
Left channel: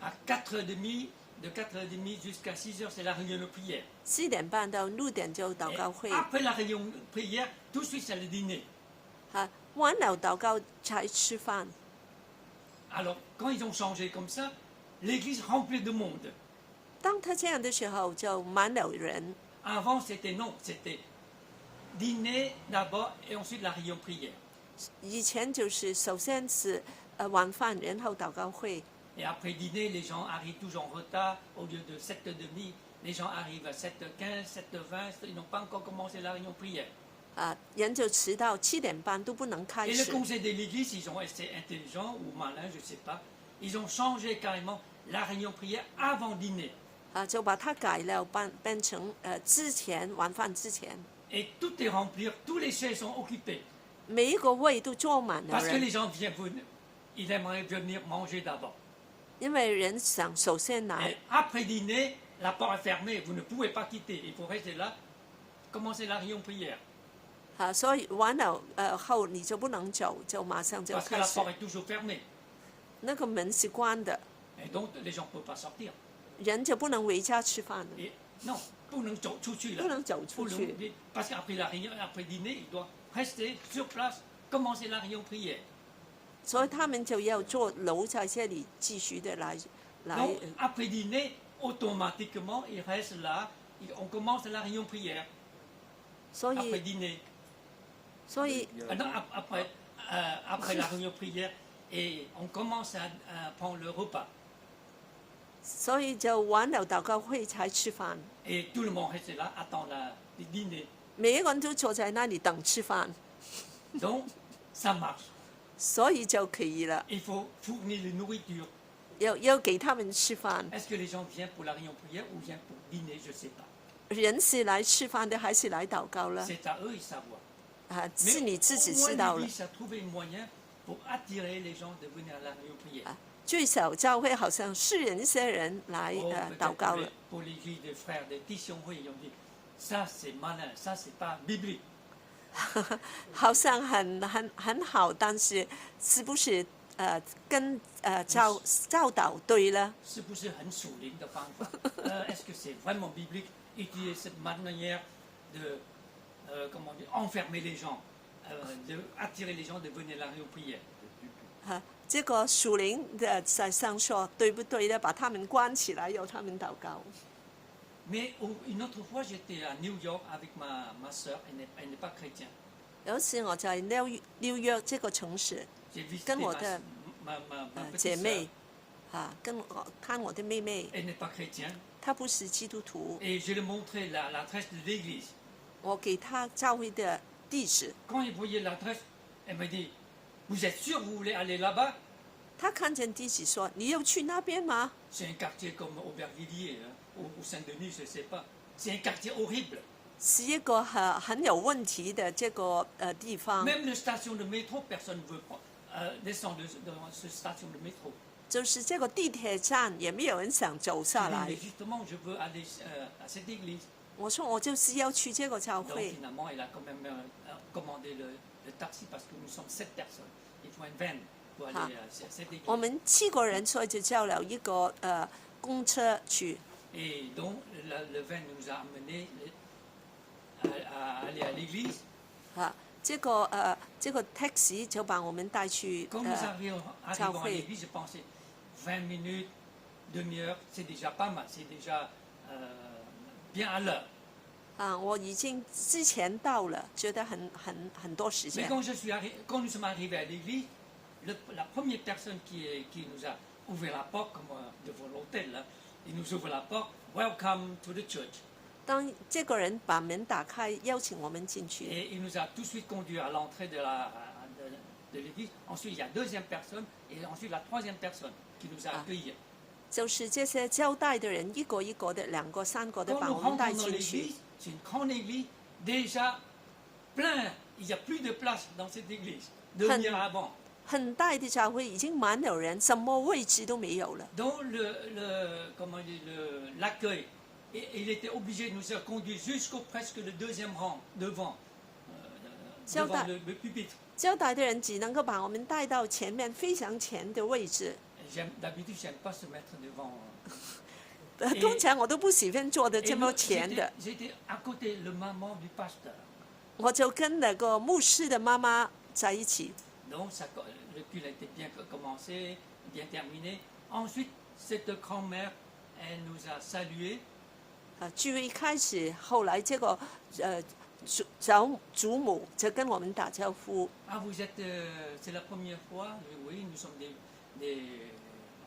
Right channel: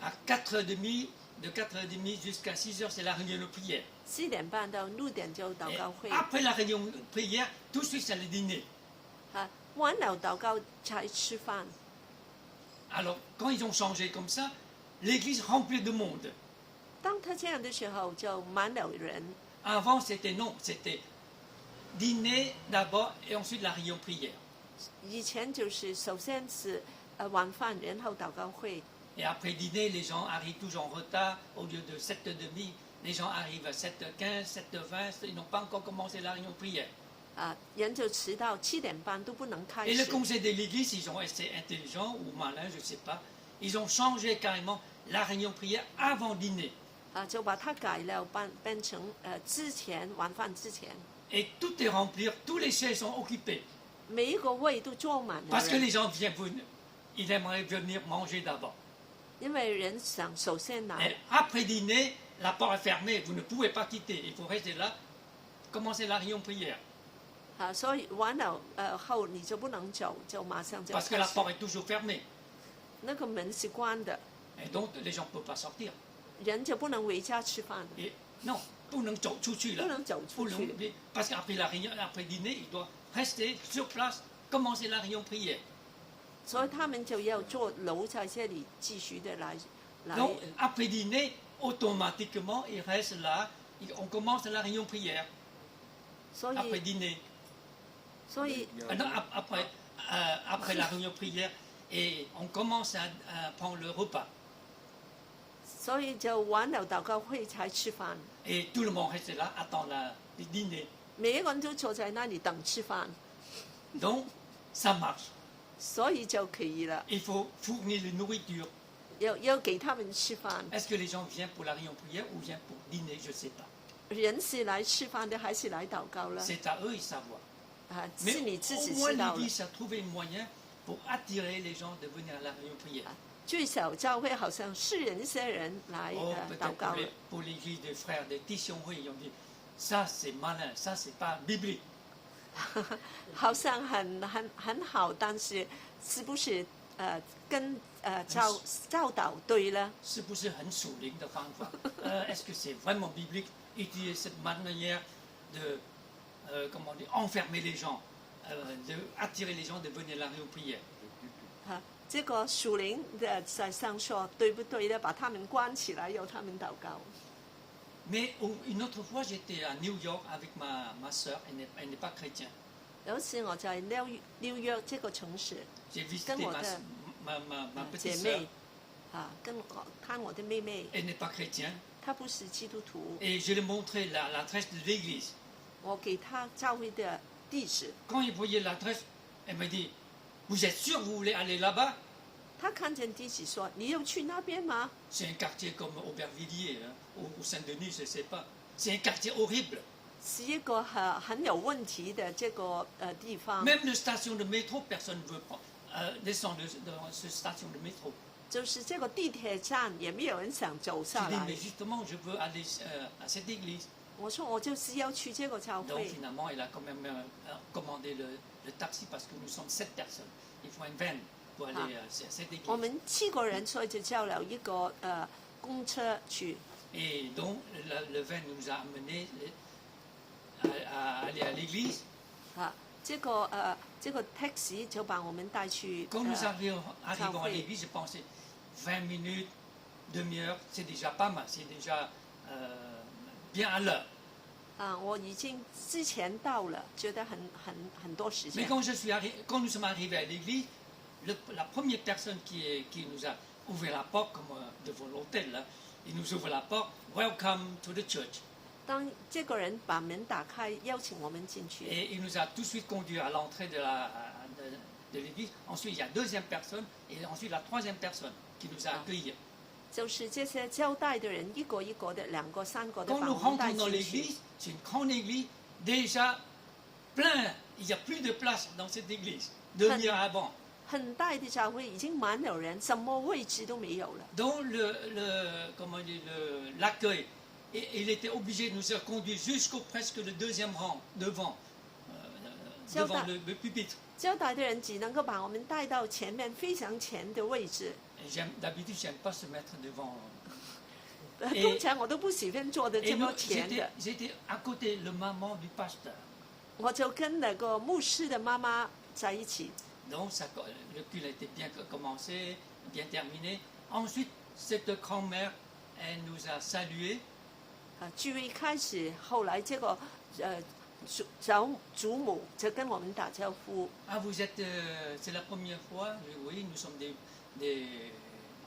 À 4h30, de 4h30 jusqu'à 6h, c'est la réunion de prière. 4点半到6点就祷 Et 告会。 après la réunion de prière, tout de suite, c'est le dîner. 啊，完了祷告才吃饭。 Alors, quand ils ont changé comme ça, l'église remplie de monde. 当他这样的时候，就满了人。 Avant, c'était non, c'était dîner d'abord et ensuite la réunion prière. 以前就是首先是晚饭，然后祷告会。 Et après dîner, les gens arrivent toujours en retard. Au lieu de 7h30, les gens arrivent à 7h15, 7h20. Ils n'ont pas encore commencé la réunion prière. 啊，人就迟到7点半都不能开 Et le 始。 conseil de l'église, ils ont été intelligents ou malins, je ne sais pas. Ils ont changé carrément la réunion prière avant dîner. 啊，就把它改了，变成之前晚饭之前， Et tout est rempli, tous les chaises sont occupées. 每一个位都坐满了 Parce que 人， les gens viennent, ils aimeraient venir manger d'abord. 因为人想首先 Et 来。 après dîner, la porte est fermée, vous ne pouvez pas quitter. Il faut rester là, commencer la réunion prière. 啊，所以完了后你就不能走，就马上就 Parce que 开 la 始 porte est toujours fermée. 那个门是关的， Et donc, les gens ne peuvent pas sortir. 人就不能回家吃饭了， Et non, pour nous tout de suite là. 不能走出 Pour nous- 去。 parce qu'après la réunion, après dîner, il doit rester sur place, commencer la réunion prière. 所以他们就要坐楼在这里继续的来 Donc, après dîner, automatiquement, il reste là. On commence la réunion prière 所 après 以 dîner. 所以 Il y a- Non, après la réunion prière, et on commence à prendre le repas. 所以就完了祷告会才吃饭， Et tout le monde reste là, attend le dîner. 每一个人都坐在那里等吃饭， Donc, ça marche. 所以就可以了。 Il faut fournir la nourriture. 要给他们吃饭， Est-ce que les gens viennent pour la réunion prière ou viennent pour dîner? Je ne sais pas. 人是来吃饭的还是来祷告了？ C'est à eux de savoir. 啊， Mais 是你自己 au moins 知道了。 l'Église a trouvé un moyen pour attirer les gens de venir à la réunion prière. 最少教会好像是人一些人来 Oh, 祷 peut-être 告了。 pour l'église des frères des Tissionhui, ils ont dit ça c'est malin, ça c'est pas biblique. 好像很好，但是是不是跟教导对了？ C'est pour ça un souligne de fanfare. Est-ce que c'est vraiment biblique utiliser cette manière de comment dire, enfermer les gens, de attirer les gens de venir à la réunion prière? 啊，这个属灵的在上说对不对的？把他们关起来，由他们祷告。 Mais une autre fois, j'étais à New York avec ma soeur, elle n'est pas chrétienne. 有一次我在纽约这个城市， J'ai visité 跟我的 ma 姐 petite 妹 sœur, 跟我看我的妹妹， elle n'est pas chrétienne, 她不是基督徒， et je lui ai montré l'adresse de l'église. 我给她教会的地址， Quand il voyait l'adresse, elle m'a dit, vous êtes sûr que vous voulez aller là-bas? 她看见地址说：“你要去那边吗 C'est un quartier comme Aubervilliers, hein, ou Saint-Denis, je ne sais pas. C'est un quartier horrible. 是一个很有问题的这个地方， Même la station de métro, personne ne veut descendre dans cette station de métro. 就是这个地铁站也没有人想走 Je 下 dis, 来 mais。justement, je veux aller à cette église. 我说我就是要去这个教 Donc 会， finalement, elle a quand même commandé le taxi parce que nous sommes 7 personnes. Il faut une van pour aller à cette 我 église. 们7个人，所以就叫了一个公车去。 Et donc, le van nous a amenés à aller à l'église. 啊，这个 taxi 就把我们带去 Quand nous arrivons à 教会。 l'église, je pensais 20 minutes, demi-heure, c'est déjà pas mal, c'est déjà bien à l'heure. 我已经之前到了，觉得很多时 Mais 间。 quand nous sommes arrivés à l'église, la première personne qui nous a ouvert la porte, comme devant l'hôtel, là, il nous ouvre la porte, Welcome to the church. 当这个人把门打开，邀请我们进去， Et il nous a tout de suite conduits à l'entrée de l'église. Ensuite, il y a deuxième personne, et ensuite la troisième personne qui nous a accueillis. 就是这些招待的人一个一个的，2个3个的 Quand 把 nous 我们带 rentrons dans 进去。 l'église, c'est une grande église, déjà plein. Il n'y a plus de place dans cette église. Demi-heure avant. 很大的教会已经满了人，什么位置都没有了。 Donc l'accueil, il était obligé de nous conduire jusqu'au presque le deuxième rang, devant le pupitre. 招待的人只能够把我们带到前面非常前的位置。 D'habitude, je n'aime pas se mettre devant. 通常我都不喜欢坐的 Et 这么前的， j'étais à côté le maman du pasteur. 我就跟那个牧师的妈妈在一起。 Donc le culte a été bien commencé, bien terminé. Ensuite, cette grand-mère, elle nous a salués. 聚会一开始，后来这个祖母就跟我们打招呼。 Ah, vous êtes, c'est la première fois? Oui, nous sommes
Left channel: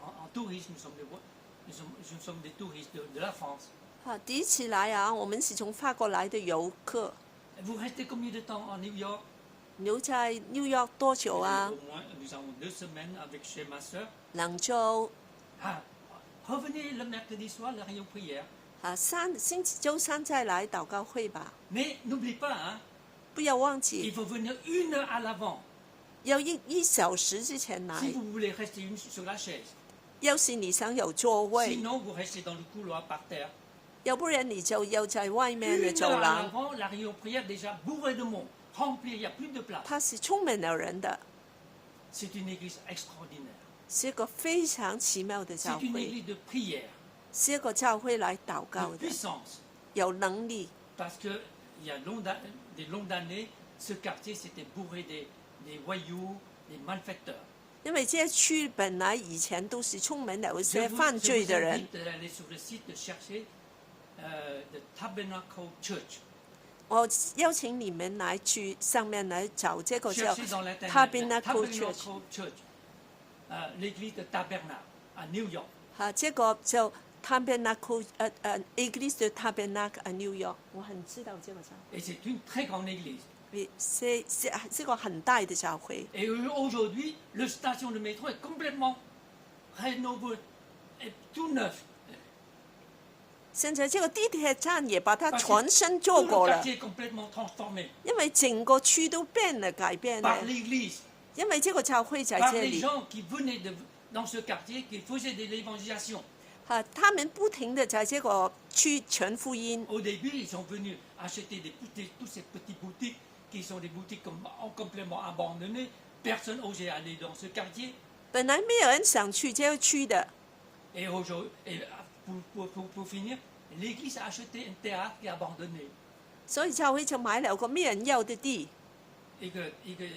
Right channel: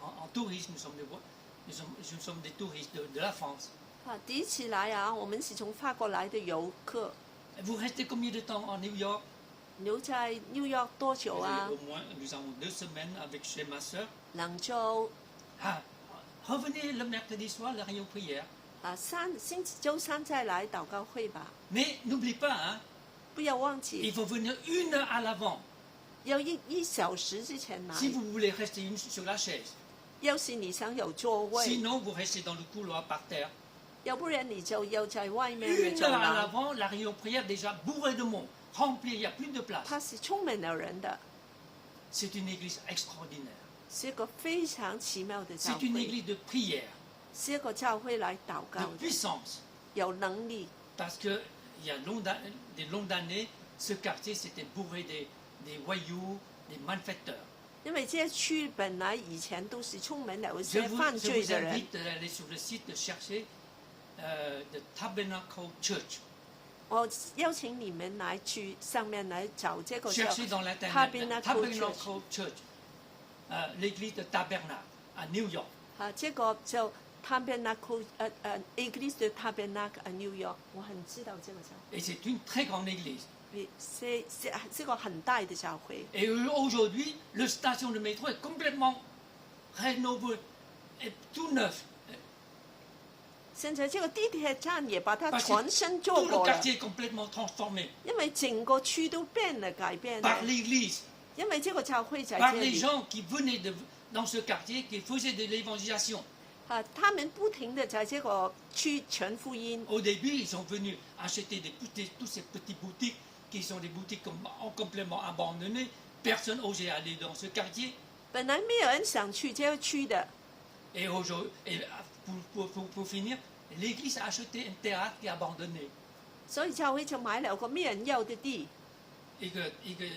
en touristes, nous sommes des touristes de la France. 第一次来啊，我们是从法国来的游客。 Vous restez combien de temps en New York? 留在纽约多久啊？ Au moins, nous avons 2 semaines avec chez ma soeur. 2周。 Ah, revenez le mercredi soir, la réunion prière. 周三再来祷告会吧。 Mais n'oublie pas, hein, 不要忘 il 记， faut venir 1 heure à l'avant 要1小时之前来。 si vous voulez rester sur la chaise. 要是你想有座位， Sinon, vous restez dans le couloir par terre. 要不然你就要在外面的 1 走 heure à 廊。 l'avant, la réunion prière déjà bourrée de monde, remplie, il n'y a plus de place. 它是充满了人的， C'est une église extraordinaire. 是一个非常奇妙的教 C'est une 会， église de prière, 是一个教会来祷告 de 的， puissance. 有能力。 Parce qu'il y a des longues années, ce quartier s'était bourré des voyous, des malfaiteurs. 因为这些区本来以前都是充满了一 Je 些 vous, 犯 je 罪 vous 的人。 invite d'aller sur le site de chercher the Tabernacle Church. 我邀请你们来去上面来找这个叫 Cherchez dans l'internet Tabernacle Church。 Tabernacle Church, l'église de Tabernacle à New York. 这个叫 Tabernacle Église de Tabernacle à New York，我很知道这个教会， Et c'est une très grande église. 是个很大的教会。 Et aujourd'hui, la station de métro est complètement rénovée, et tout neuf. 现在这个地铁站也把它 Parce 全 que 身做 tout le 过了， quartier est complètement transformé 因为整个区都变了、改变 par 了， l'église, 因为这个教会在 par 这 les 里， gens qui venaient dans ce quartier, qui faisaient de l'évangélisation. 他们不停的在这个区传福音。 Au début, ils sont venus acheter tous ces petites boutiques qui sont des boutiques complètement abandonnées. Personne n'osait aller dans ce quartier. 本来没有人想去这个区的， Et aujourd'hui, pour finir, l'église a acheté un théâtre qui est abandonné. 所以教会就买了个没人要的地， Et que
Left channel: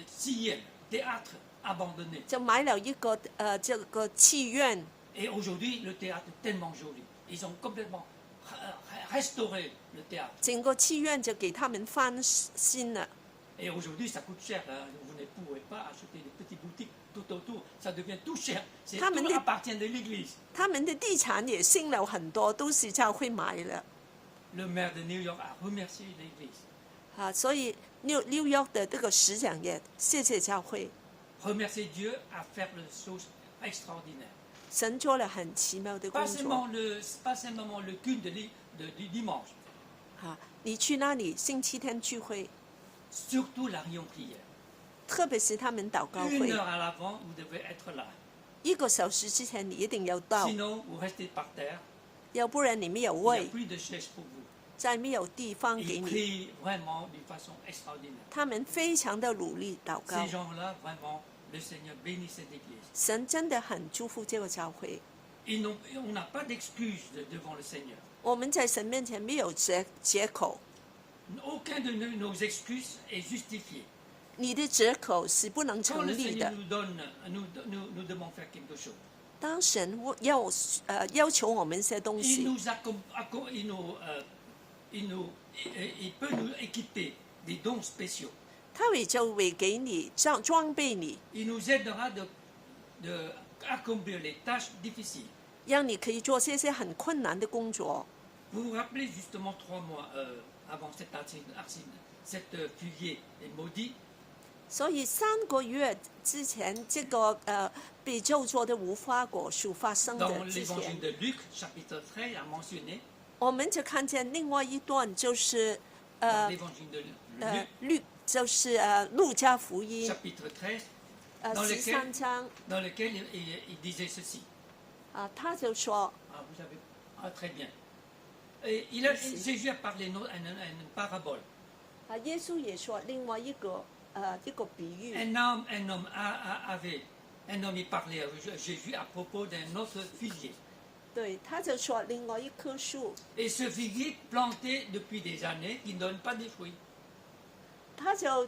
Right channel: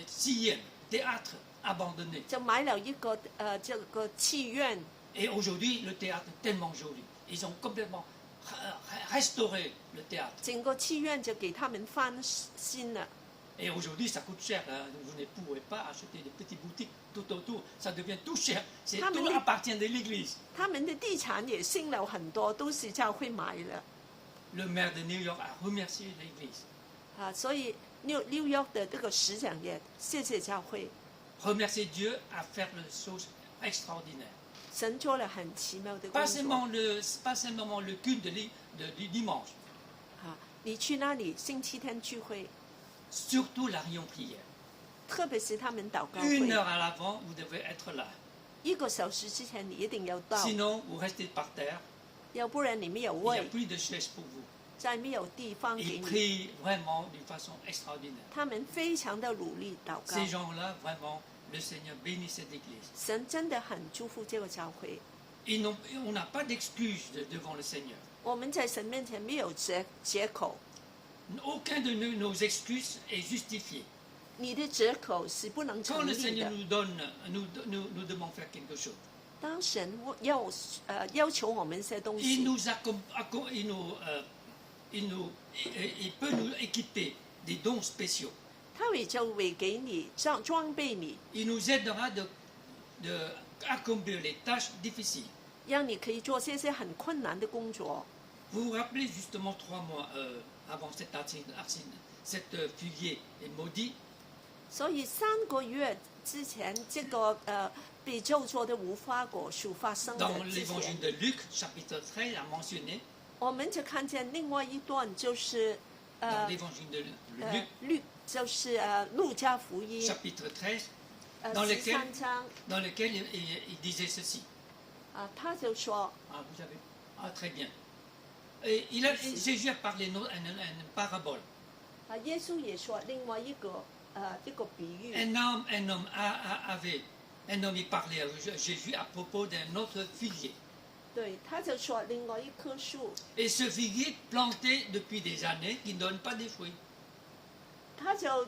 Sienne, théâtre abandonné. 就买了一个这个戏院。 Et aujourd'hui, le théâtre est tellement joli. Ils ont complètement restauré le théâtre. 整个戏院就给他们翻新了。 Et aujourd'hui, ça coûte cher. Hein. Vous ne pouvez pas acheter des petites boutiques tout autour. Ça devient tout cher. Ah, Tout mais- appartient de l'église. 他们的地产也新了很多，都是教会买了 Le maire de New York a remercié l'église. 所以纽约的这个市长也谢谢教会， Remercier Dieu à faire les choses extraordinaires. 神做了很奇妙的 Pas 工作。 seulement le culte du dimanche, 你去那里星期天聚会， surtout la réunion prière. 特别是他们祷告 1 heure 会， à l'avant, vous devez être là. 1个小时之前你一定要到， Sinon, vous restez par terre. 要不然你没有 Il n'y a 位， plus de chaise pour vous. 再没有地方给 Ils 你。 prient vraiment d'une façon extraordinaire. 他们非常的努力祷告， Ces gens-là, vraiment, le Seigneur bénit cette église. 神真的很祝福这个教会。 On n'a pas d'excuse devant le Seigneur. 我们在神面前没有借口， Aucun de nos excuses est justifié. 你的借口是不能 Quand 成 le 立 Seigneur 的。 nous demande de faire quelque chose, 当神要求我们一些东 il 西， il peut nous équiper des dons spéciaux. 他会给你装备你， Il nous aidera de accomplir les tâches difficiles. 让你可以做这些很困难的工作。 Vous vous rappelez justement 3 mois avant cet figuier est maudit. 所以3个月之前，这个被咒作的无花果树发生 Dans 的之 l'évangile 前， de Luc, chapitre 13, a mentionné, 我们就看见另外一段，就是 dans l'évangile de Luc, 就是路加福音 chapitre 13, dans lequel, 13章 dans lequel il disait ceci. 他就说 Ah, vous avez... Ah, très bien. Et Jésus a parlé une parabole. 耶稣也说另外一个比喻， Un homme y parlait à Jésus à propos d'un autre figuier. 对，他就说另外一棵树， Et ce figuier planté depuis des années qui ne donne pas de fruits. 他就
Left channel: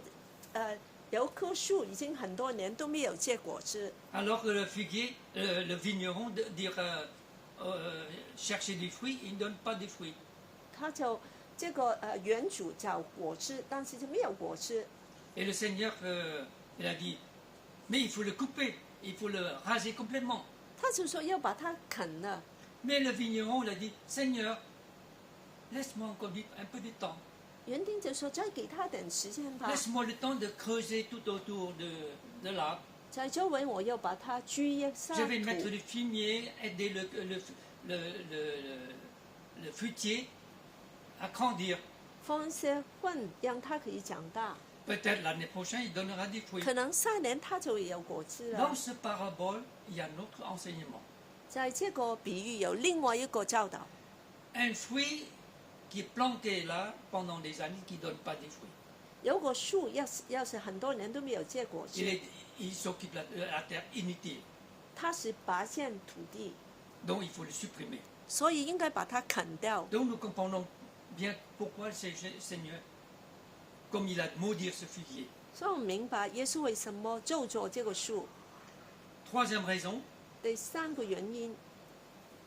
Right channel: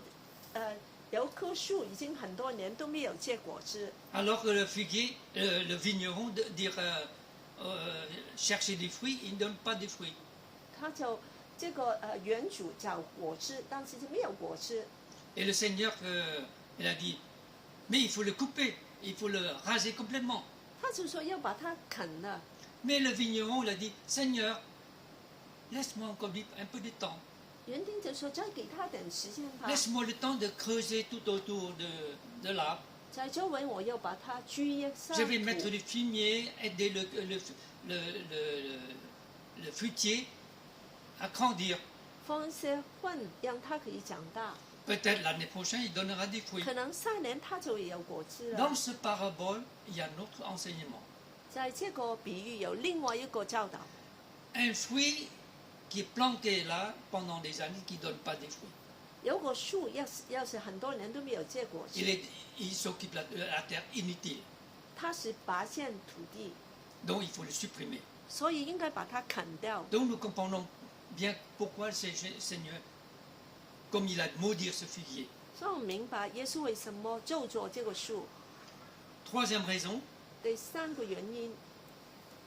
有棵树已经很多年都没有结果子， Alors que le figuier, le vigneron dire chercher des fruits, il ne donne pas de fruits. 他就这个园主找果子，但是就没有果子。 Et le Seigneur, il a dit, mais il faut le couper, il faut le raser complètement. 他就说要把它啃了， Mais le vigneron, il a dit, Seigneur, laisse-moi encore un peu de temps. 园丁就说再给他点时间吧， Laisse-moi le temps de creuser tout autour de l'arbre. 在周围我要把它锯上 Je vais mettre 土， du fumier, aider le fruitier à grandir. 放些粪，让它可以长大。 Peut-être l'année prochaine, il donnera des fruits. 可能3年它就有果子了。 Dans ce parabole, il y a un autre enseignement. 在这个比喻有另外一个教导， Un fruit qui est planté là pendant des années qui ne donne pas des fruits. 有个树要是很多年都没有结果子， Il s'occupe de la terre inutile. 它是拔线土地， Donc il faut le supprimer. 所以应该把它啃掉。 Donc nous comprenons bien pourquoi le Seigneur, comme il a maudit ce figuier. 所以我明白耶稣为什么咒作这个树。 Troisième raison, 第3个原因，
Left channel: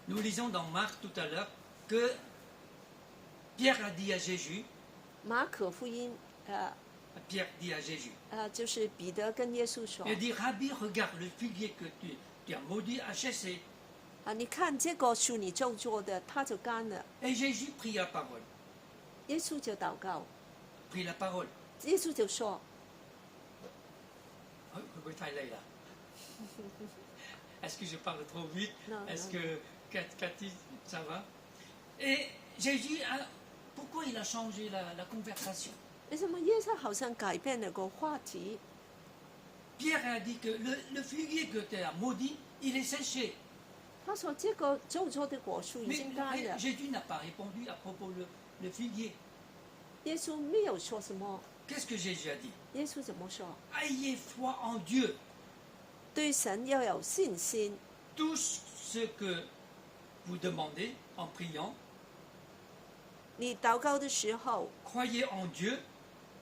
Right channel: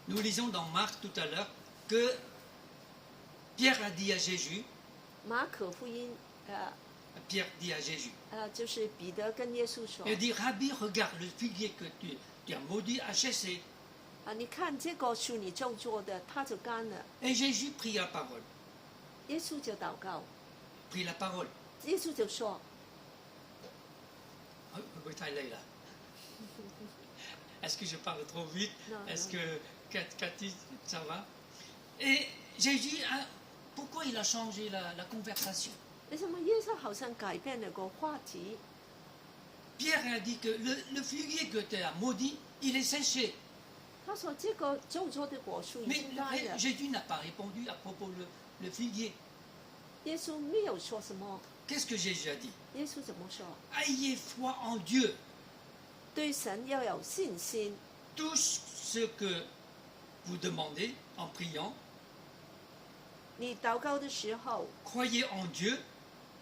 nous lisons dans Marc tout à l'heure que Pierre a dit à Jésus, 马可福音Pierre dit à Jésus, 就是彼得跟耶稣说 il dit, Rabbi, regarde le figuier que tu as maudit a cessé. 你看这个树你咒作的，它就干了。 Et Jésus prit la parole, 耶稣就祷告， prit la parole. 耶稣就说 Ah, vous pouvez aller là. Est-ce que je parle trop vite? Non, Est-ce non. que Cathy, ça va? Et Jésus, pourquoi il a changé la conversation? 为什么耶稣好像改变了个话题？ Pierre a dit que le figuier que tu as maudit, il est séché. 他说这个咒作的果树已 Mais 经干了。 Jésus n'a pas répondu à propos le figuier. 耶稣没有说什么， Qu'est-ce que Jésus a dit? 耶稣怎么说？ Ayez foi en Dieu. 对神要有信心， Tout ce que vous demandez en priant, 你祷告的时候， croyez en Dieu,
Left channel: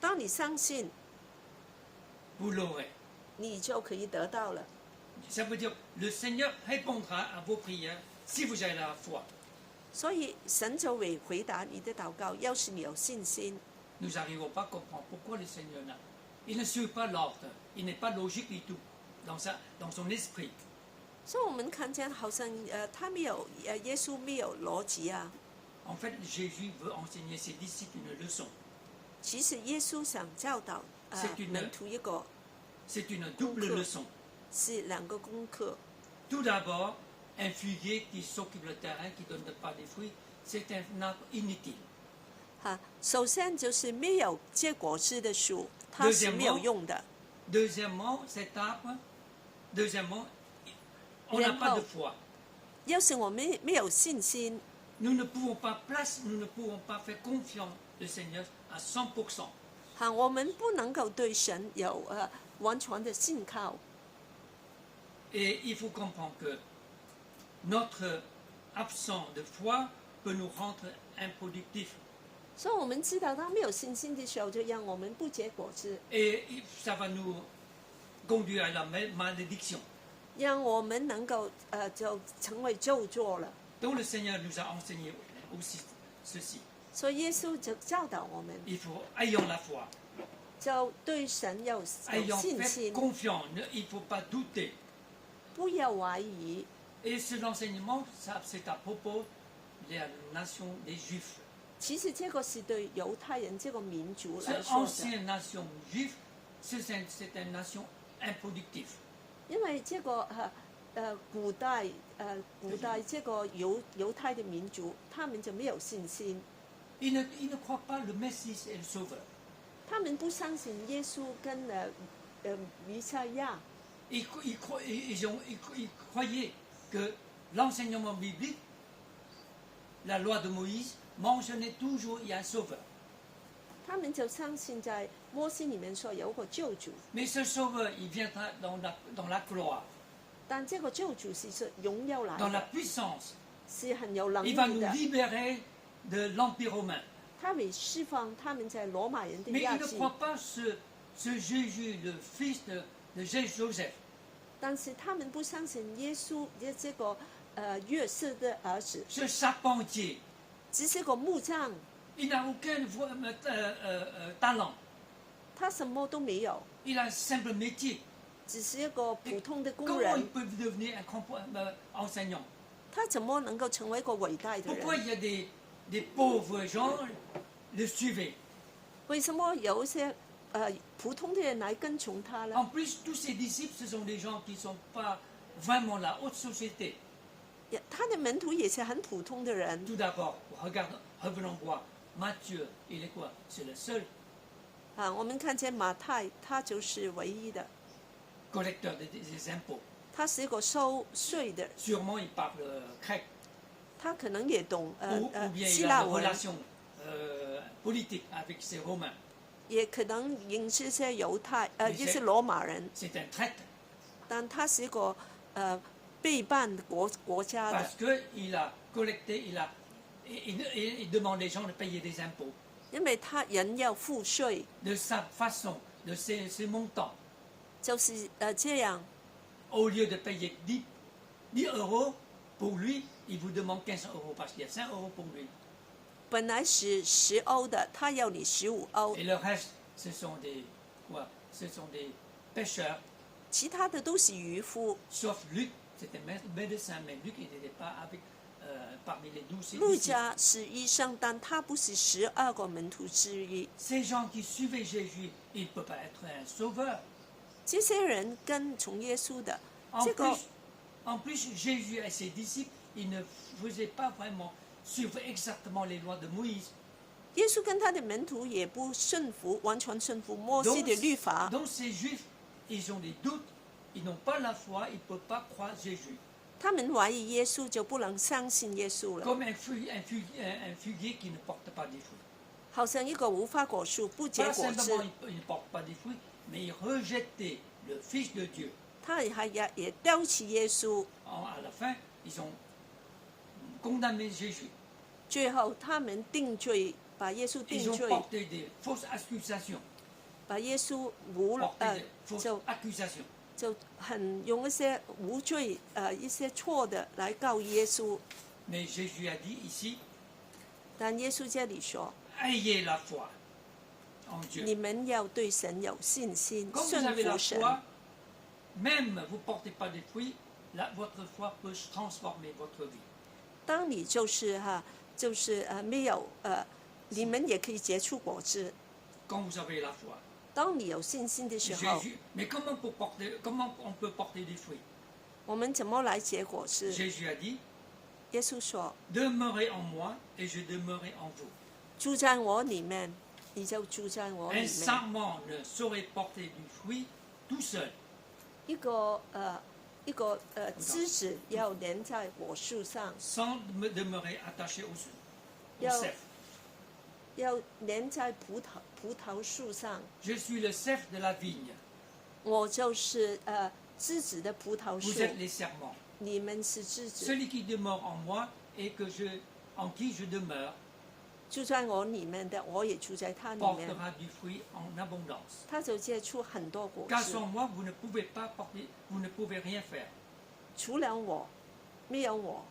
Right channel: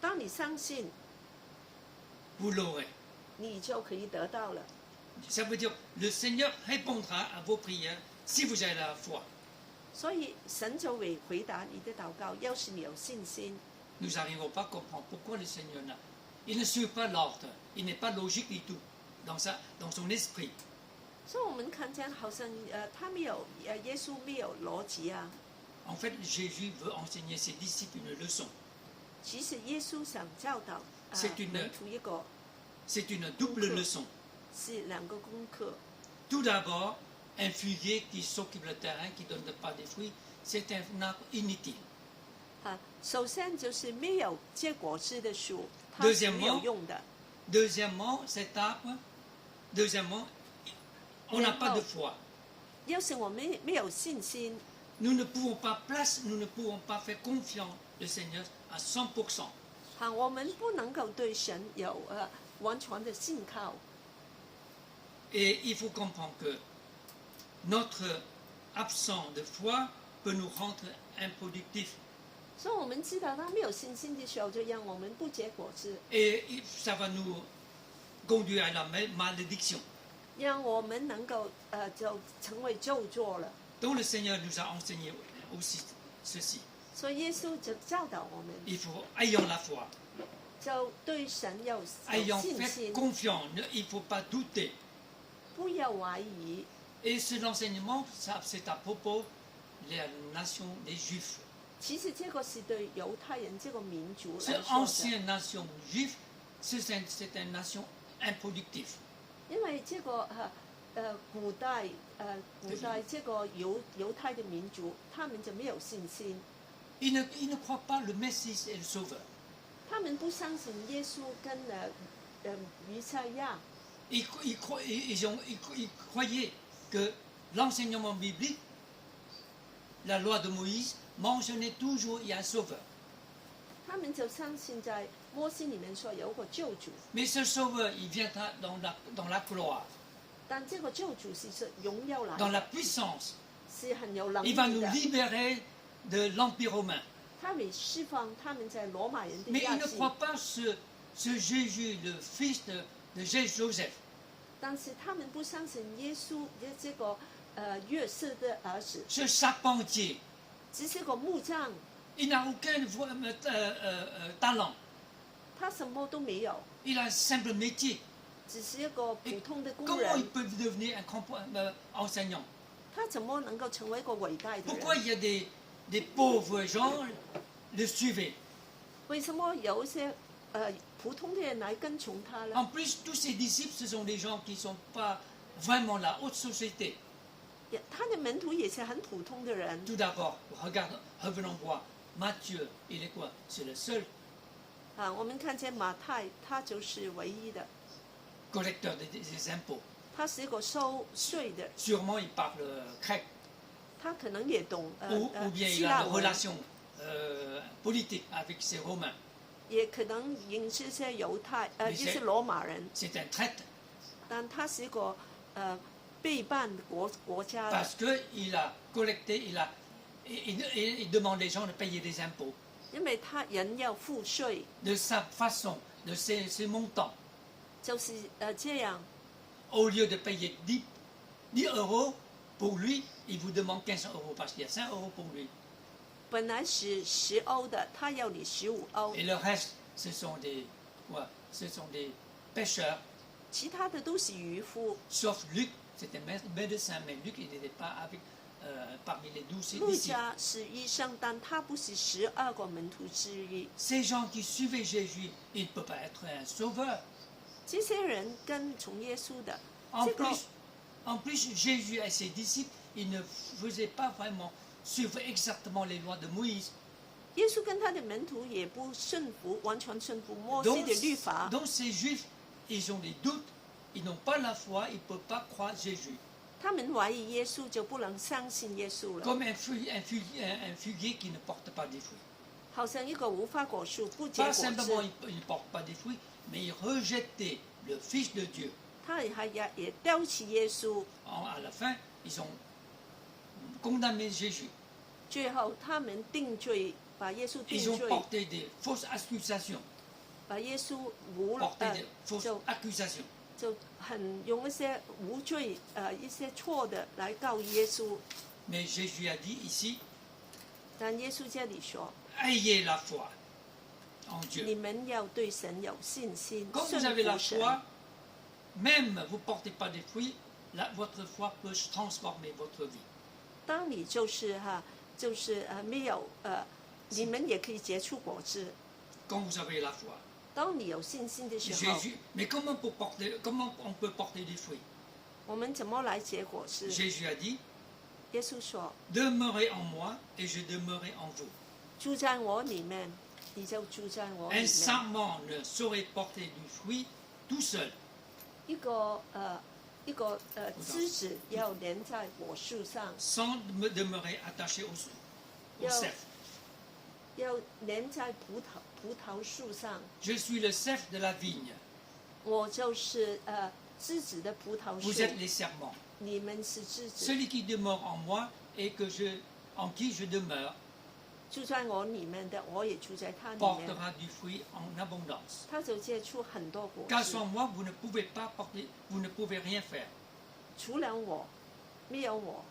当你相信， vous l'aurez. 你就可以得到了。 Ça veut dire le Seigneur répondra à vos prières si vous avez la foi. 所以神就会回答你的祷告，要是你有信心。 Nous n'arrivons pas à comprendre pourquoi le Seigneur il ne suit pas l'ordre, il n'est pas logique du tout dans son esprit. 所以我们看见好像他没有耶稣没有逻辑啊。 En fait, Jésus veut enseigner ses disciples une leçon. 其实耶稣想教导C'est une- 门徒一个 C'est une double leçon. 是2个功课。 Tout d'abord, un figuier qui s'occupe le terrain, qui ne donne pas des fruits, c'est un arbre inutile. 首先就是没有结果子的树，它是没有用的。 Deuxièmement, cet arbre, on n'a pas de foi. 要是我们没有信心， Nous ne pouvons pas faire confiance au Seigneur à 100%. 我们不能够对神有完全的信靠。 Et il faut comprendre que notre absence de foi peut nous rendre improductifs. 所以我们知道他没有信心的时候，就让我们不结果子， Et ça va nous conduire à la malédiction. 让我们能够就成为咒作了。 Donc le Seigneur nous a enseigné aussi ceci. 所以耶稣就教导我们， Il faut ayons la foi, 就对神有 ayons 信 fait 心， confiance, il ne faut pas douter. 不要怀疑。 Et cet enseignement, c'est à propos de la nation des Juifs. 其实这个是对犹太人这个民族 Cette 来说的， ancienne nation juive, c'est une nation improductive. 因为这个古代这个犹太的民族，他们就没有信心， Ils ne croient pas le Messie et le Sauveur. 他们不相信耶稣跟弥赛亚， Ils croyaient que l'enseignement biblique, la loi de Moïse, mentionnait toujours il y a un Sauveur. 他们就相信在摩西里面说有个救主， Mais ce Sauveur, il viendra dans la gloire, 但这个救主是荣耀来 dans 的， la puissance. 是很有能 Il 力 va nous 的， libérer de l'Empire romain. 他会释放他们在罗马人的 Mais 压 ils ne 制， croient pas ce Jésus, le fils de Joseph. 但是他们不相信耶稣这个约瑟的儿子， Ce charpentier, 只是个木匠， il n'a aucun talent. 他什么都没有， Il a un simple métier. 只是一个普通的工 Comment il 人， peut devenir un enseignant? 他怎么能够成为一个伟大的 Pourquoi 人？ il y a des pauvres gens le suivaient? 为什么有一些普通的人来跟从他呢？ En plus, tous ses disciples, ce sont des gens qui ne sont pas vraiment la haute société. 他的门徒也是很普通的人。 Tout d'abord, revenons voir. Matthieu, il est quoi? C'est le seul 我们看见马太，他就是唯一的， collecteur des impôts. 他是一个收税的， Sûrement, il parle grec. 他可能也懂 Ou bien 希 il a 腊 des 文， relations politiques avec ces Romains. 也可能认识一些犹太你是一些罗马人， C'est un traître 但他是一个背叛国家的， parce qu'il a collecté, il demande les gens de payer des impôts. 因为他人要付税， De sa façon, de ses montants. 就是这样。 Au lieu de payer 10 euros pour lui, il vous demande 15 euros parce qu'il y a 5 euros pour lui. 本来是10欧的，他要你15欧 Et，le reste, ce sont des pêcheurs, 其他的都是渔夫。 sauf Luc, c'était médecin, mais Luc, il n'était pas parmi les 12 路 disciples. 加是医生，但他不是12个门徒之一。 Ces gens qui suivaient Jésus, il ne peut pas être un sauveur. 这些人跟从耶稣的， En 这个 plus, Jésus et ses disciples, ils ne faisaient pas vraiment suivre exactement les lois de Moïse. 耶稣跟他的门徒也不完全顺服摩西 Donc, 的律法， donc ces juifs, ils ont des doutes, ils n'ont pas la foi, ils ne peuvent pas croire Jésus. 他们怀疑耶稣，就不能相信耶稣了。 Comme un figuier qui ne porte pas des fruits. 好像一个无花果树不结 Pas 果 simplement 子， il ne porte pas des fruits, mais il rejetait le Fils de Dieu. 他还也丢弃耶稣。 À la fin, ils ont condamné Jésus. 最后他们定罪，把耶稣定 Ils ont 罪， porté des fausses accusations. 把耶稣 Porté des fausses 就 accusations. 就很用一些无罪一些错的来告耶稣。 Mais Jésus a dit ici, 但耶稣这里说， ayez la foi en 你 Dieu. 们要对神有信心， Quand vous 顺 avez la 服神。 foi, même vous ne portez pas des fruits, votre foi peut transformer votre vie. 当你就是没有你们也可以结出果子。 Quand vous avez la foi. 当你有信心的时候， Jésus, mais comment on peut porter des fruits? 我们怎么来结果子？ Jésus a dit, 耶稣说： demeurez en moi et je demeurerai en vous. 住在我里面，你就住在我里 Un 面。 sarment ne saurait porter du fruit tout seul. 一个枝子要连在果树上， Sans demeurer attaché au Yeah. cef. 要连在葡萄树上。 Je suis le cef de la vigne. 我就是枝子的葡萄树 Vous，êtes les serments. 你们是枝子。 Celui qui demeure en moi et en qui je demeure 住在我里面的，我也住在他里面， portera du fruit en abondance. 他就结出很多果 Car 子。 sans moi, vous ne pouvez rien faire. 除了我，没有我，